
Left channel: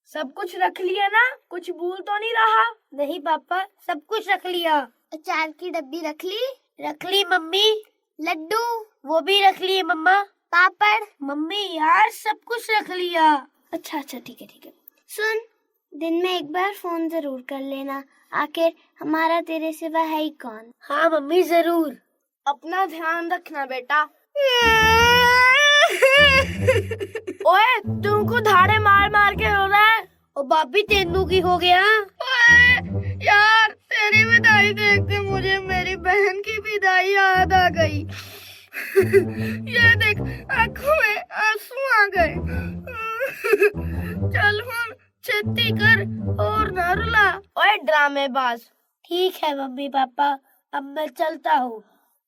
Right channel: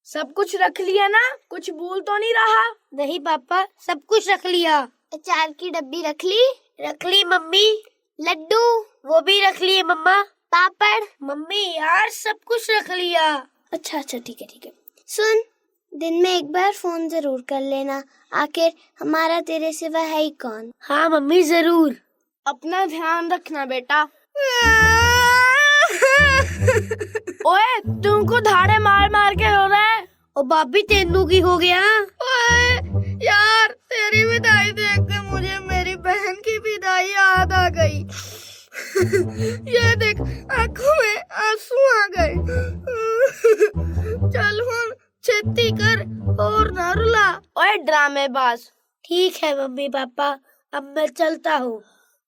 सब कुछ रख लिया ना, कुछ भूल तो नहीं रहा? नहीं पापा, सब कुछ रख लिया। अचार की डब्बी रख ली? रख ली मम्मी। लड्डू? वो भी रख लिए मम्मा। पापड़? मम्मी यार सब कुछ रख लिया। अच्छा ठीक है। सुन, दिन में एक बार फोन जरूर कर लेना, आखिर हमारा तेरे सिवा है ही कौन। हाँ मम्मी जरूर। अपना ध्यान रखना बेटा। ओए तुमको धाड़े मार मार के रो रहा है। ओ बाबी तेनू की हो गया? यार तेरी विदाई देख के मुझे मेरी बहन की विदाई याद आ गई। ये देख, आंखों में आंसू आ गए। चल हुन छेती कर और ना रुला। ओए ड्रामेबाज। ठीक है मम्मी पापा, अब मैं चलता हूँ,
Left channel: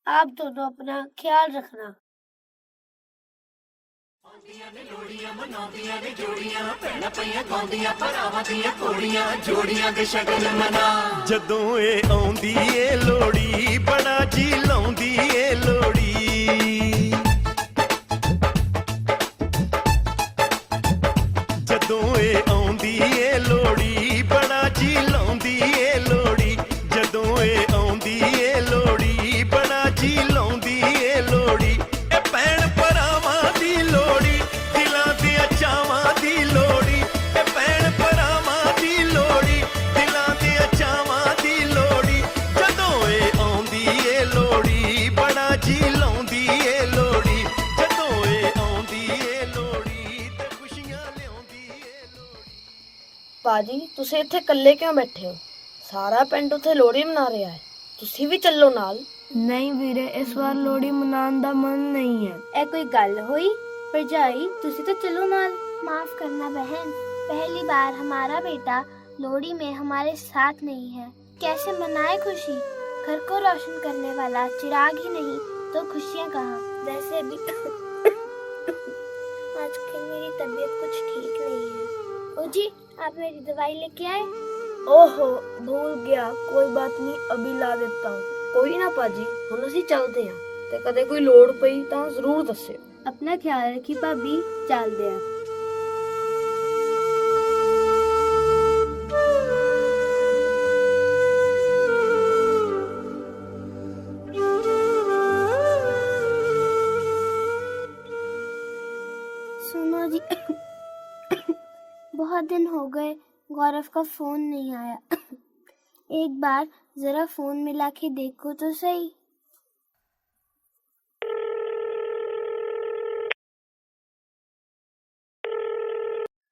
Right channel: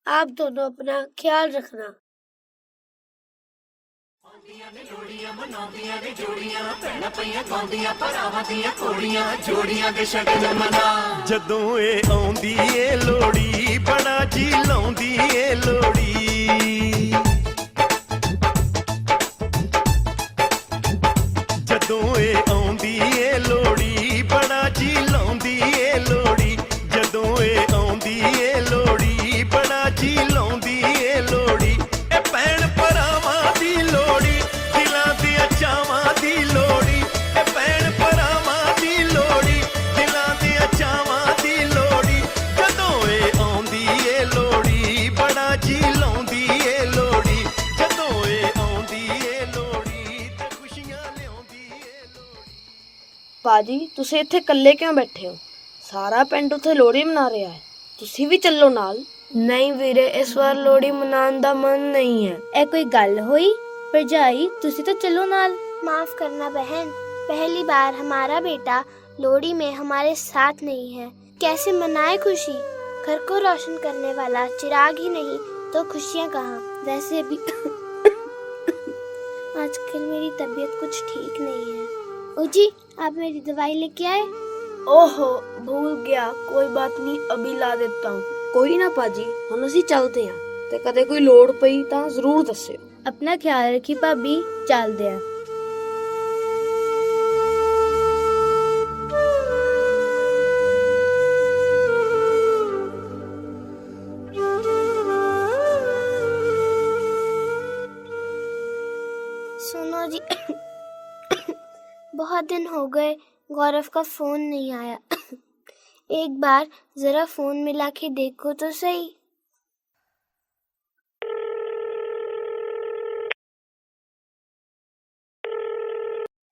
आप दोनों अपना ख्याल रखना। जोड़ियां मनाउंदियां ने जोड़ियां, भैणां पईयां गाउंदियां भरावां दियां घोड़ियां, जोड़ियां दे शगन मना। जदों ए आउंदी ए लोड़ी, बड़ा जी लाउंदी ए लोड़ी। जदों ए आउंदी ए लोड़ी, बड़ा जी लाउंदी ए लोड़ी। जदों ए आउंदी ए लोड़ी, बड़ा जी लाउंदी ए लोड़ी। ए भैण भरावां दी लोड़ी, दिलां दियां चावां दी लोड़ी। ए भैण भरावां दी लोड़ी, दिलां दियां चावां दी लोड़ी। जदों ए आउंदी ए लोड़ी, बड़ा जी पाजी तुसी इत्थे कल्ले क्यों बैठे हो? सारा पिंड उत्थे लोहड़ी मना रहा है, तुसी भी चलो नाल। नहीं वीरे, इस बार लोहड़ी मनाने दा मन नहीं है। ए कोई गल हुई? भरजाई तुसी तो चलो नाल। माफ करना बहन, पहली बार हमारा बेटा लोहड़ी में हमारे साथ नहीं है। कैसे मनाए खुशी? घर को रोशन करने वाला चिराग ही नहीं तो खुशियाँ कहाँ? वैसे भी आजकल मेरी तबीयत कुछ ठीक नहीं है। जी आप मेरी दवाई लेके आए? ओहो भूल गया, कोई बात नहीं, अभी ला देता हूँ। कोई ना पाजी, हम असी चलते हैं ते कदे कोई लोड़ पई तां जरूर दस्सियो। अपना ख्याल रखी भाभी, चलदे हैं। सुनो जी, बहुत दिन हो गए गौरव का फोन नहीं आया। एक बार जरा फोन मिला के देखो तो सही।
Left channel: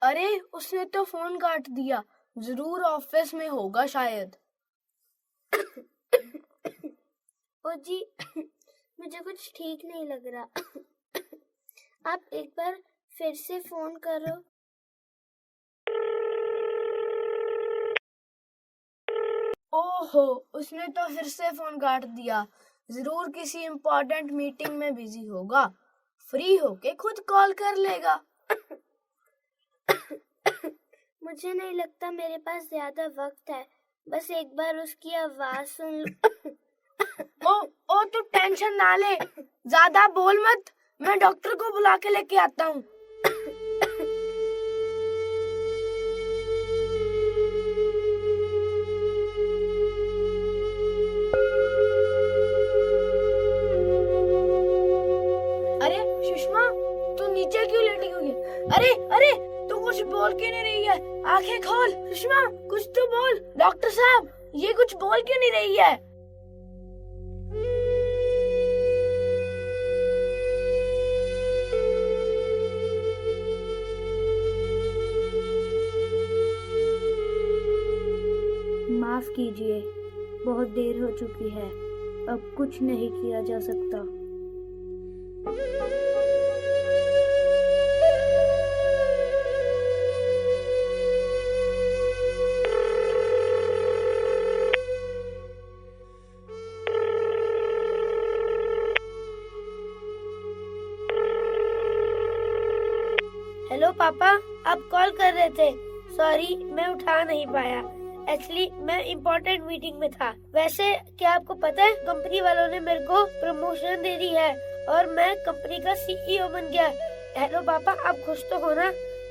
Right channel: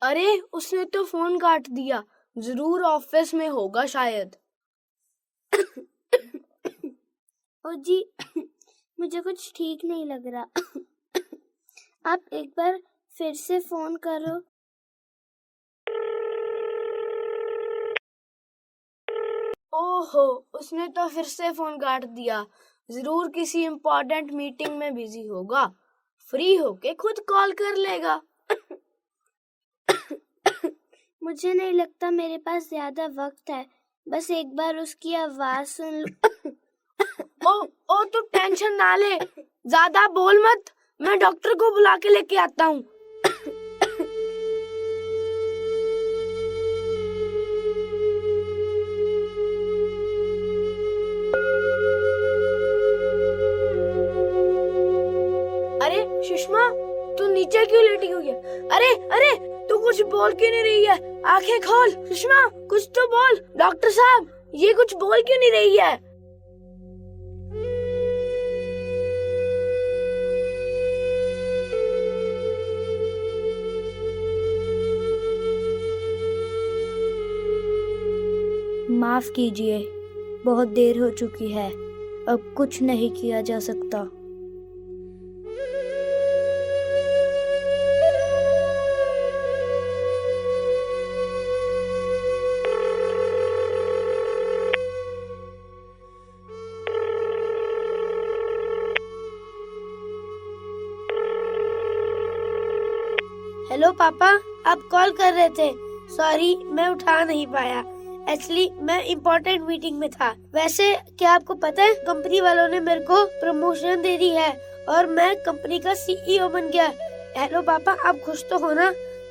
अरे उसने तो फोन काट दिया, जरूर ऑफिस में होगा शायद। ओ जी मुझे कुछ ठीक नहीं लग रहा। आप एक बार फिर से फोन करो। ओहो उसने तो फिर से फोन काट दिया, जरूर किसी इम्पोर्टेंट मीटिंग में बिजी होगा। फ्री होके खुद कॉल कर लेगा। मुझे नहीं लगता मेरे पास ज्यादा वक्त है, बस एक बार उसकी आवाज सुन लो। ओ तू टेंशन ना ले, ज्यादा बोल मत, मैं डॉक्टर को बुला के लेके आता हूँ। अरे सुषमा, तू नीचे क्यों लेटी हुई है? अरे अरे तू कुछ बोल क्यों नहीं रही है? आंखें खोल सुषमा, कुछ तो बोल। डॉक्टर साहब, ये कुछ बोल क्यों नहीं रही है? माफ कीजिए, बहुत देर हो चुकी है, अब कुछ नहीं किया जा सकता। हेलो पापा, आप कॉल कर रहे थे? सॉरी मैं उठा नहीं पाया, एक्चुअली मैं इम्पोर्टेंट मीटिंग में था। वैसे क्या आपको पता है, कंपनी वालों ने मेरे को प्रमोशन दे दी है और मैं कंपनी का सीईओ बन गया। हेलो पापा, आप खुश तो हो ना?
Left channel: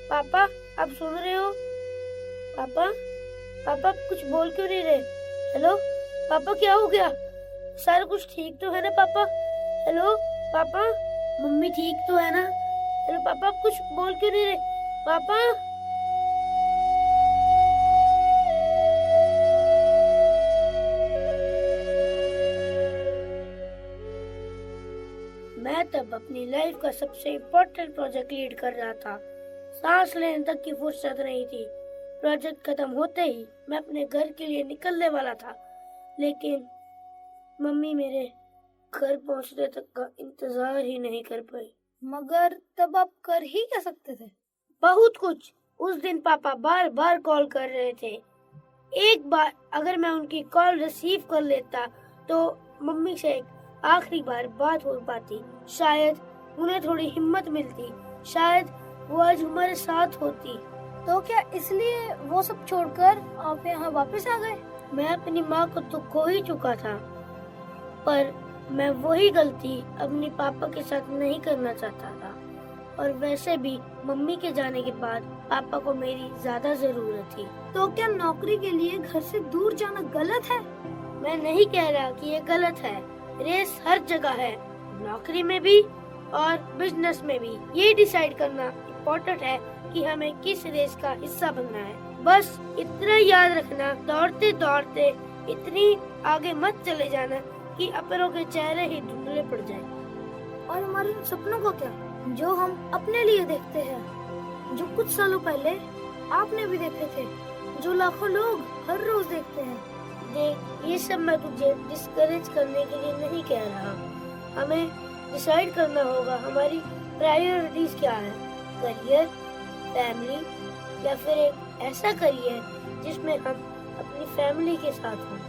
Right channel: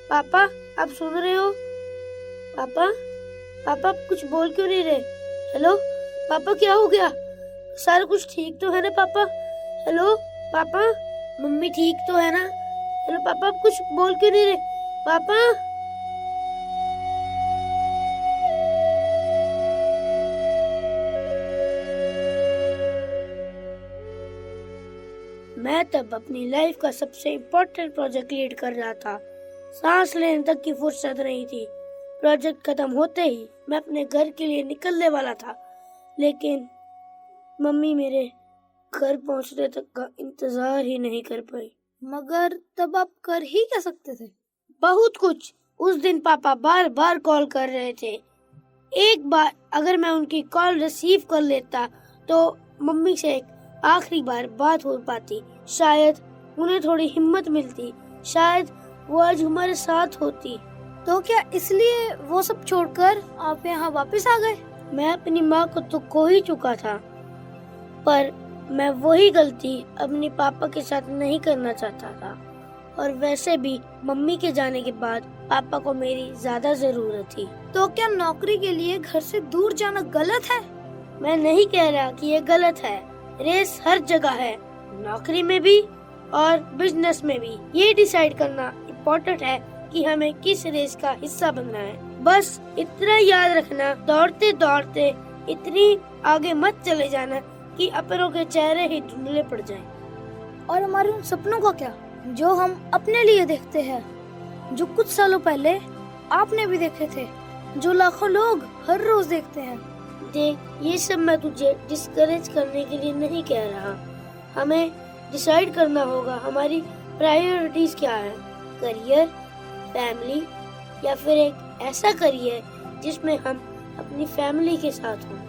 पापा आप सुन रहे हो? पापा पापा आप कुछ बोल क्यों नहीं रहे? हेलो पापा, क्या हो गया? सारा कुछ ठीक तो है ना पापा? हेलो पापा, मम्मी ठीक तो है ना? हेलो पापा, आप कुछ बोल क्यों नहीं रहे? पापा मैं तब अपनी लाइफ का सबसे इम्पोर्टेंट प्रोजेक्ट लीड कर रहा था। सांस लेने तक की फुर्सत नहीं थी। प्रोजेक्ट खत्म होते ही मैं अपने घर के लिए निकलने वाला था, लेकिन मम्मी मेरे घर पहुंचने तक का इंतजार ही नहीं कर पाई। मगर तब आप कर ही क्या सकते थे? बहुत कुछ। उस दिन पापा बार बार कॉल कर रहे थे। एक बार अगर मैं उनकी कॉल रिसीव कर लेता तो मम्मी से एक आखिरी बार बात हो पाती, शायद उन्हें थोड़ी हिम्मत मिलती, शायद वो आज हमारे साथ होती। तो क्या इसलिए वो सब छोड़कर आप यहाँ वापस आ गए? मैं अपनी माँ को तो खो ही चुका था, पर मैं वही गलती अपने पापा के साथ नहीं करना चाहता था। और वैसे भी मम्मी के जाने के बाद पापा को मेरी ज्यादा जरूरत थी। तो क्या नौकरी के लिए घर से दूर जाना गलत है? मैं नहीं कह रहा कि ये गलत है। रेस हर जगह है, नौकरी में भी और बिजनेस में भी। ये डिसाइड करना इम्पोर्टेंट है कि हमें किस रेस का हिस्सा बनना है। बस इतना याद रखना, दौड़ते दौड़ते इतनी आगे मत चले जाना कि अपनों के चेहरे ही धुंधले पड़ जाएं। और हमारे उन सपनों का क्या, जो हम अपने लिए देखते हैं, जो कुछ सालों पहले आपने भी देखे थे? जो लाखों लोग हर रोज देखते हैं। देख, ये सब मैं तुझे डिस्करेज करने के लिए नहीं कह रहा। हमें डिसाइड करना होगा हमारी प्रायोरिटीज क्या है, करियर, फैमिली या फिर एक ऐसा करियर जिसमें हम अपनी फैमिली के साथ हों।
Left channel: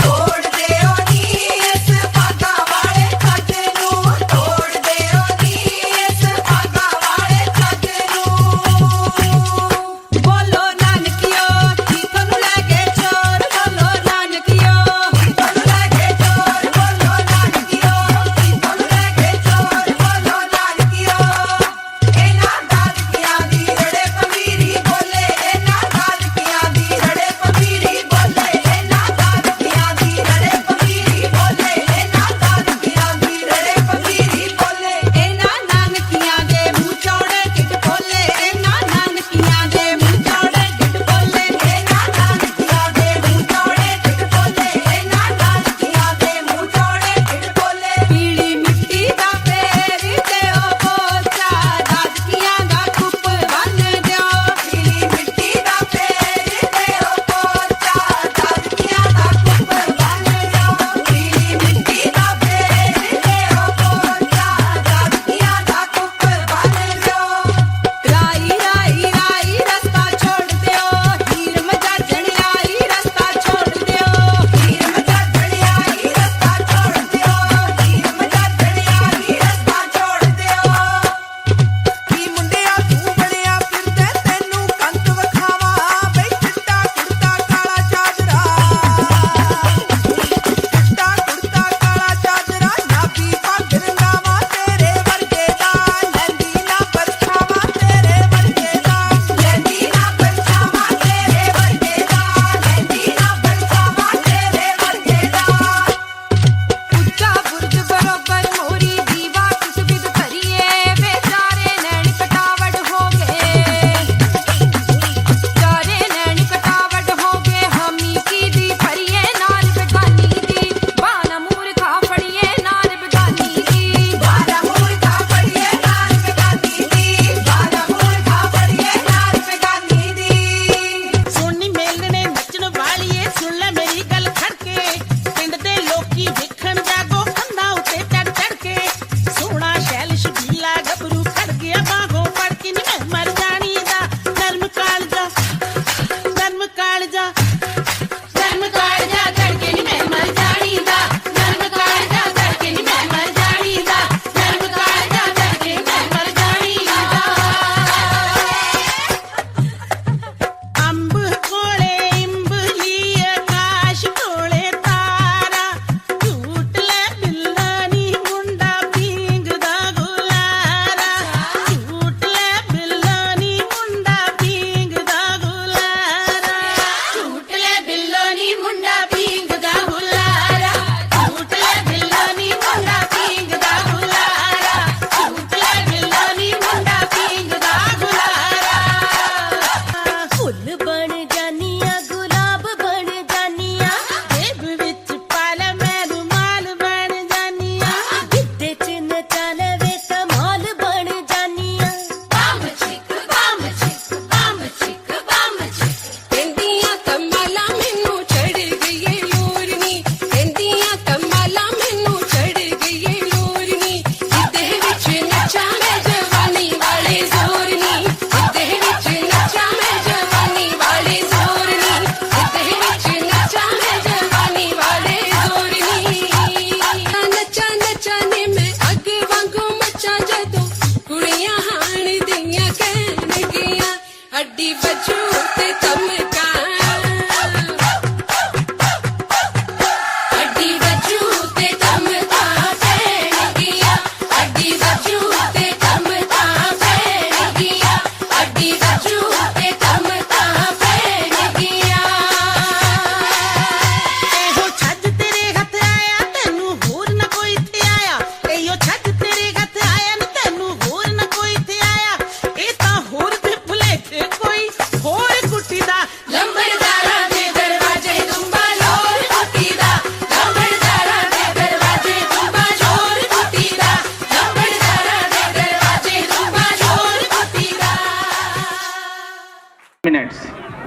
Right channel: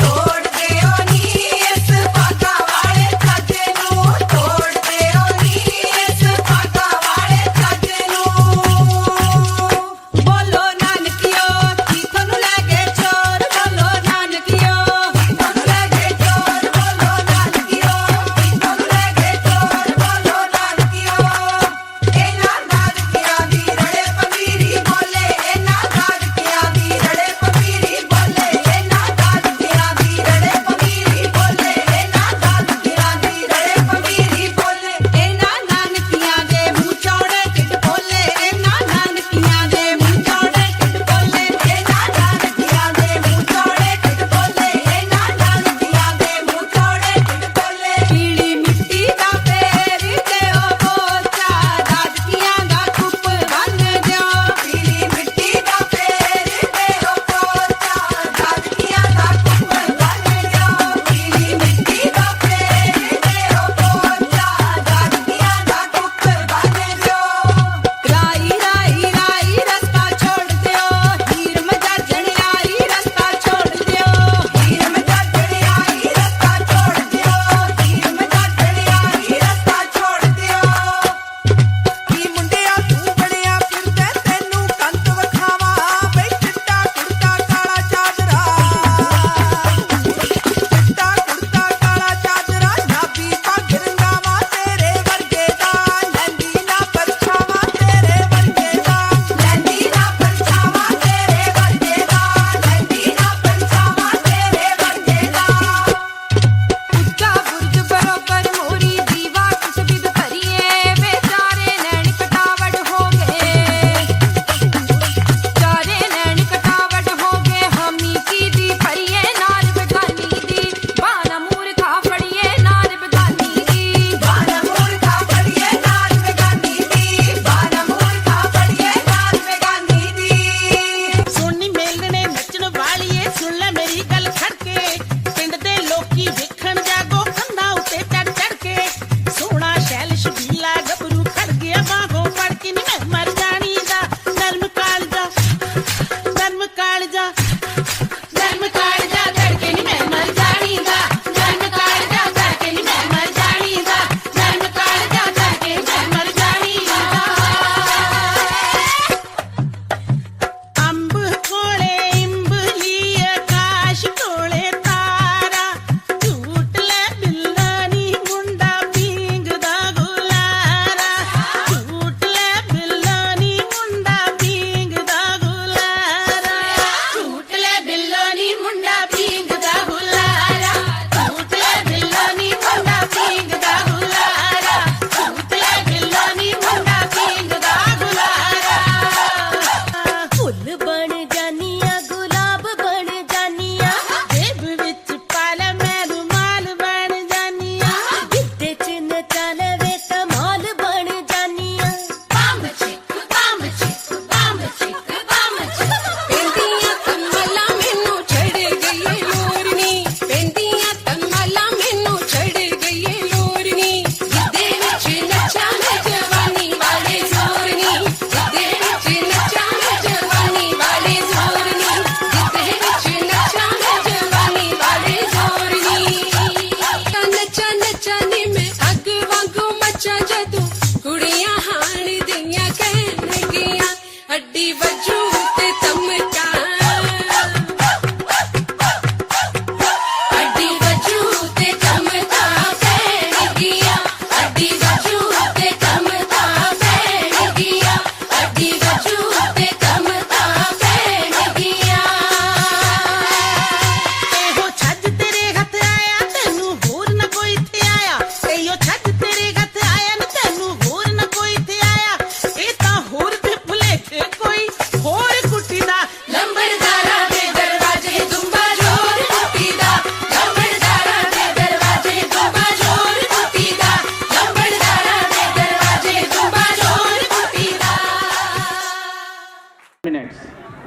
छोड़ दे ओ नी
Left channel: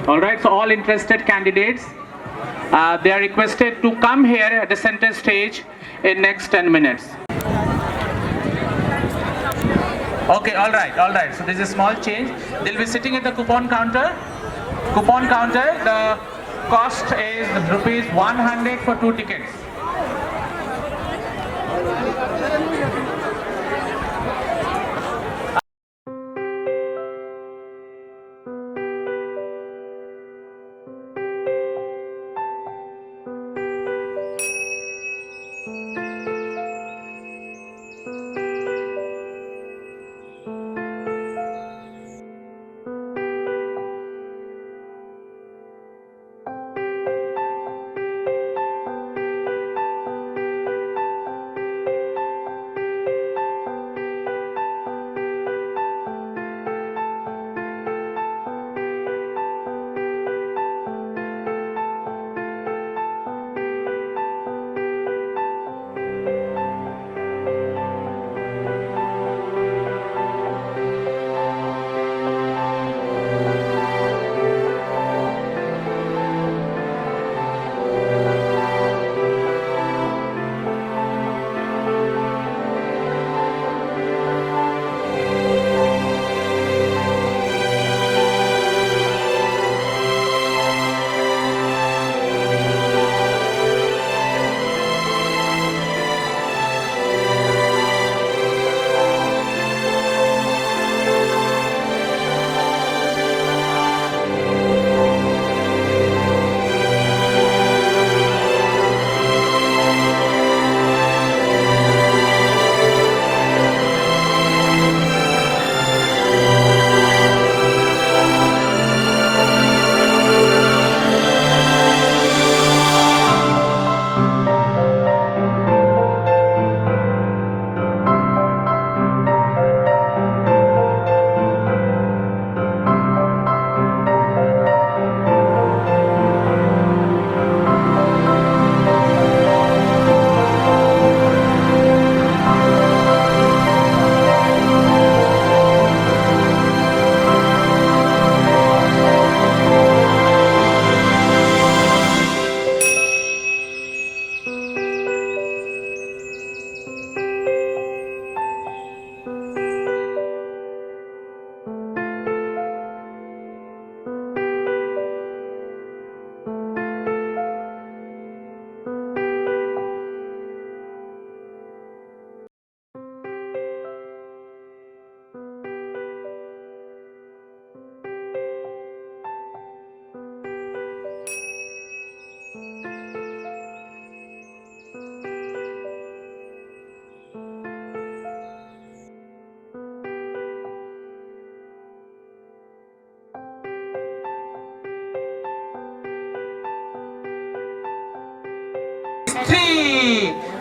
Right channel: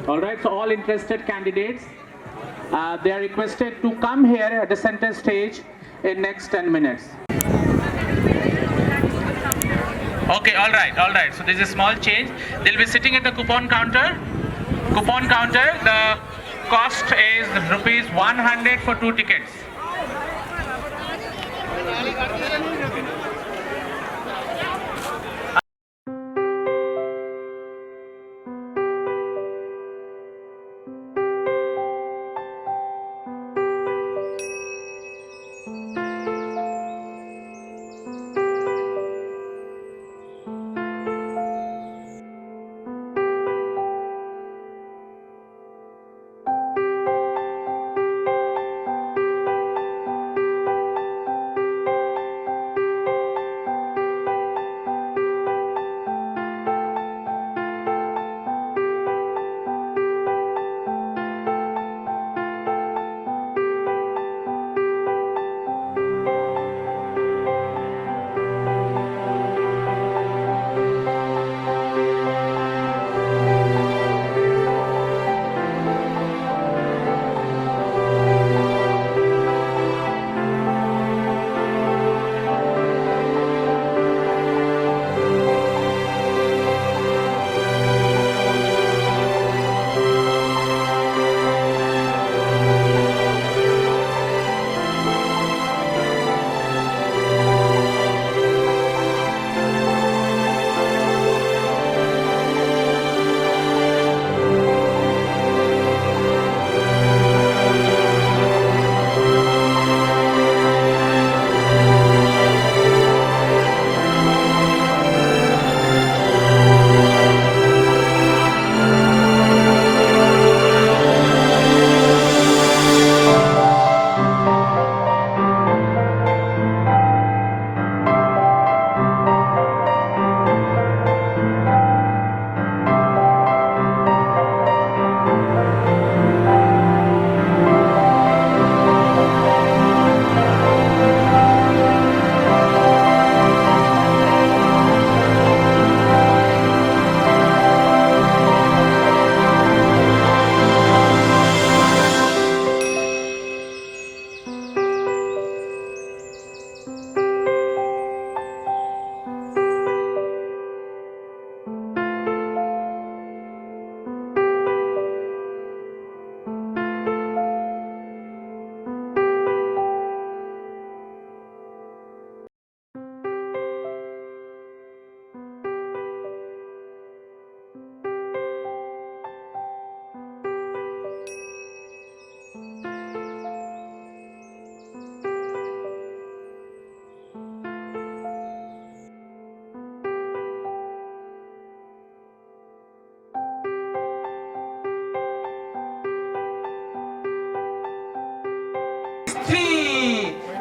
All right, so all interested candidates, they are requested to come here at the center stage in next 10 minutes. Okay, all right. So there's a small change. They'll be sitting at the coupon counter. Coupon counter, the cost is rupees 100 for 2 tickets.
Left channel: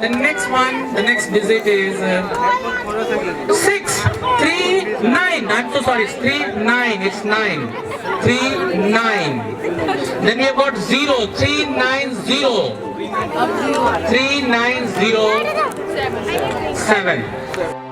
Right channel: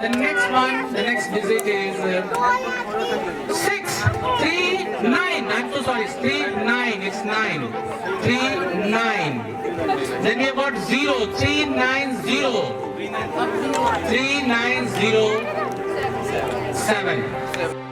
The next one, the next digit is 639. I'm so sorry, it's 39. It's 9. 39. Then we have got 0. 390. 3907.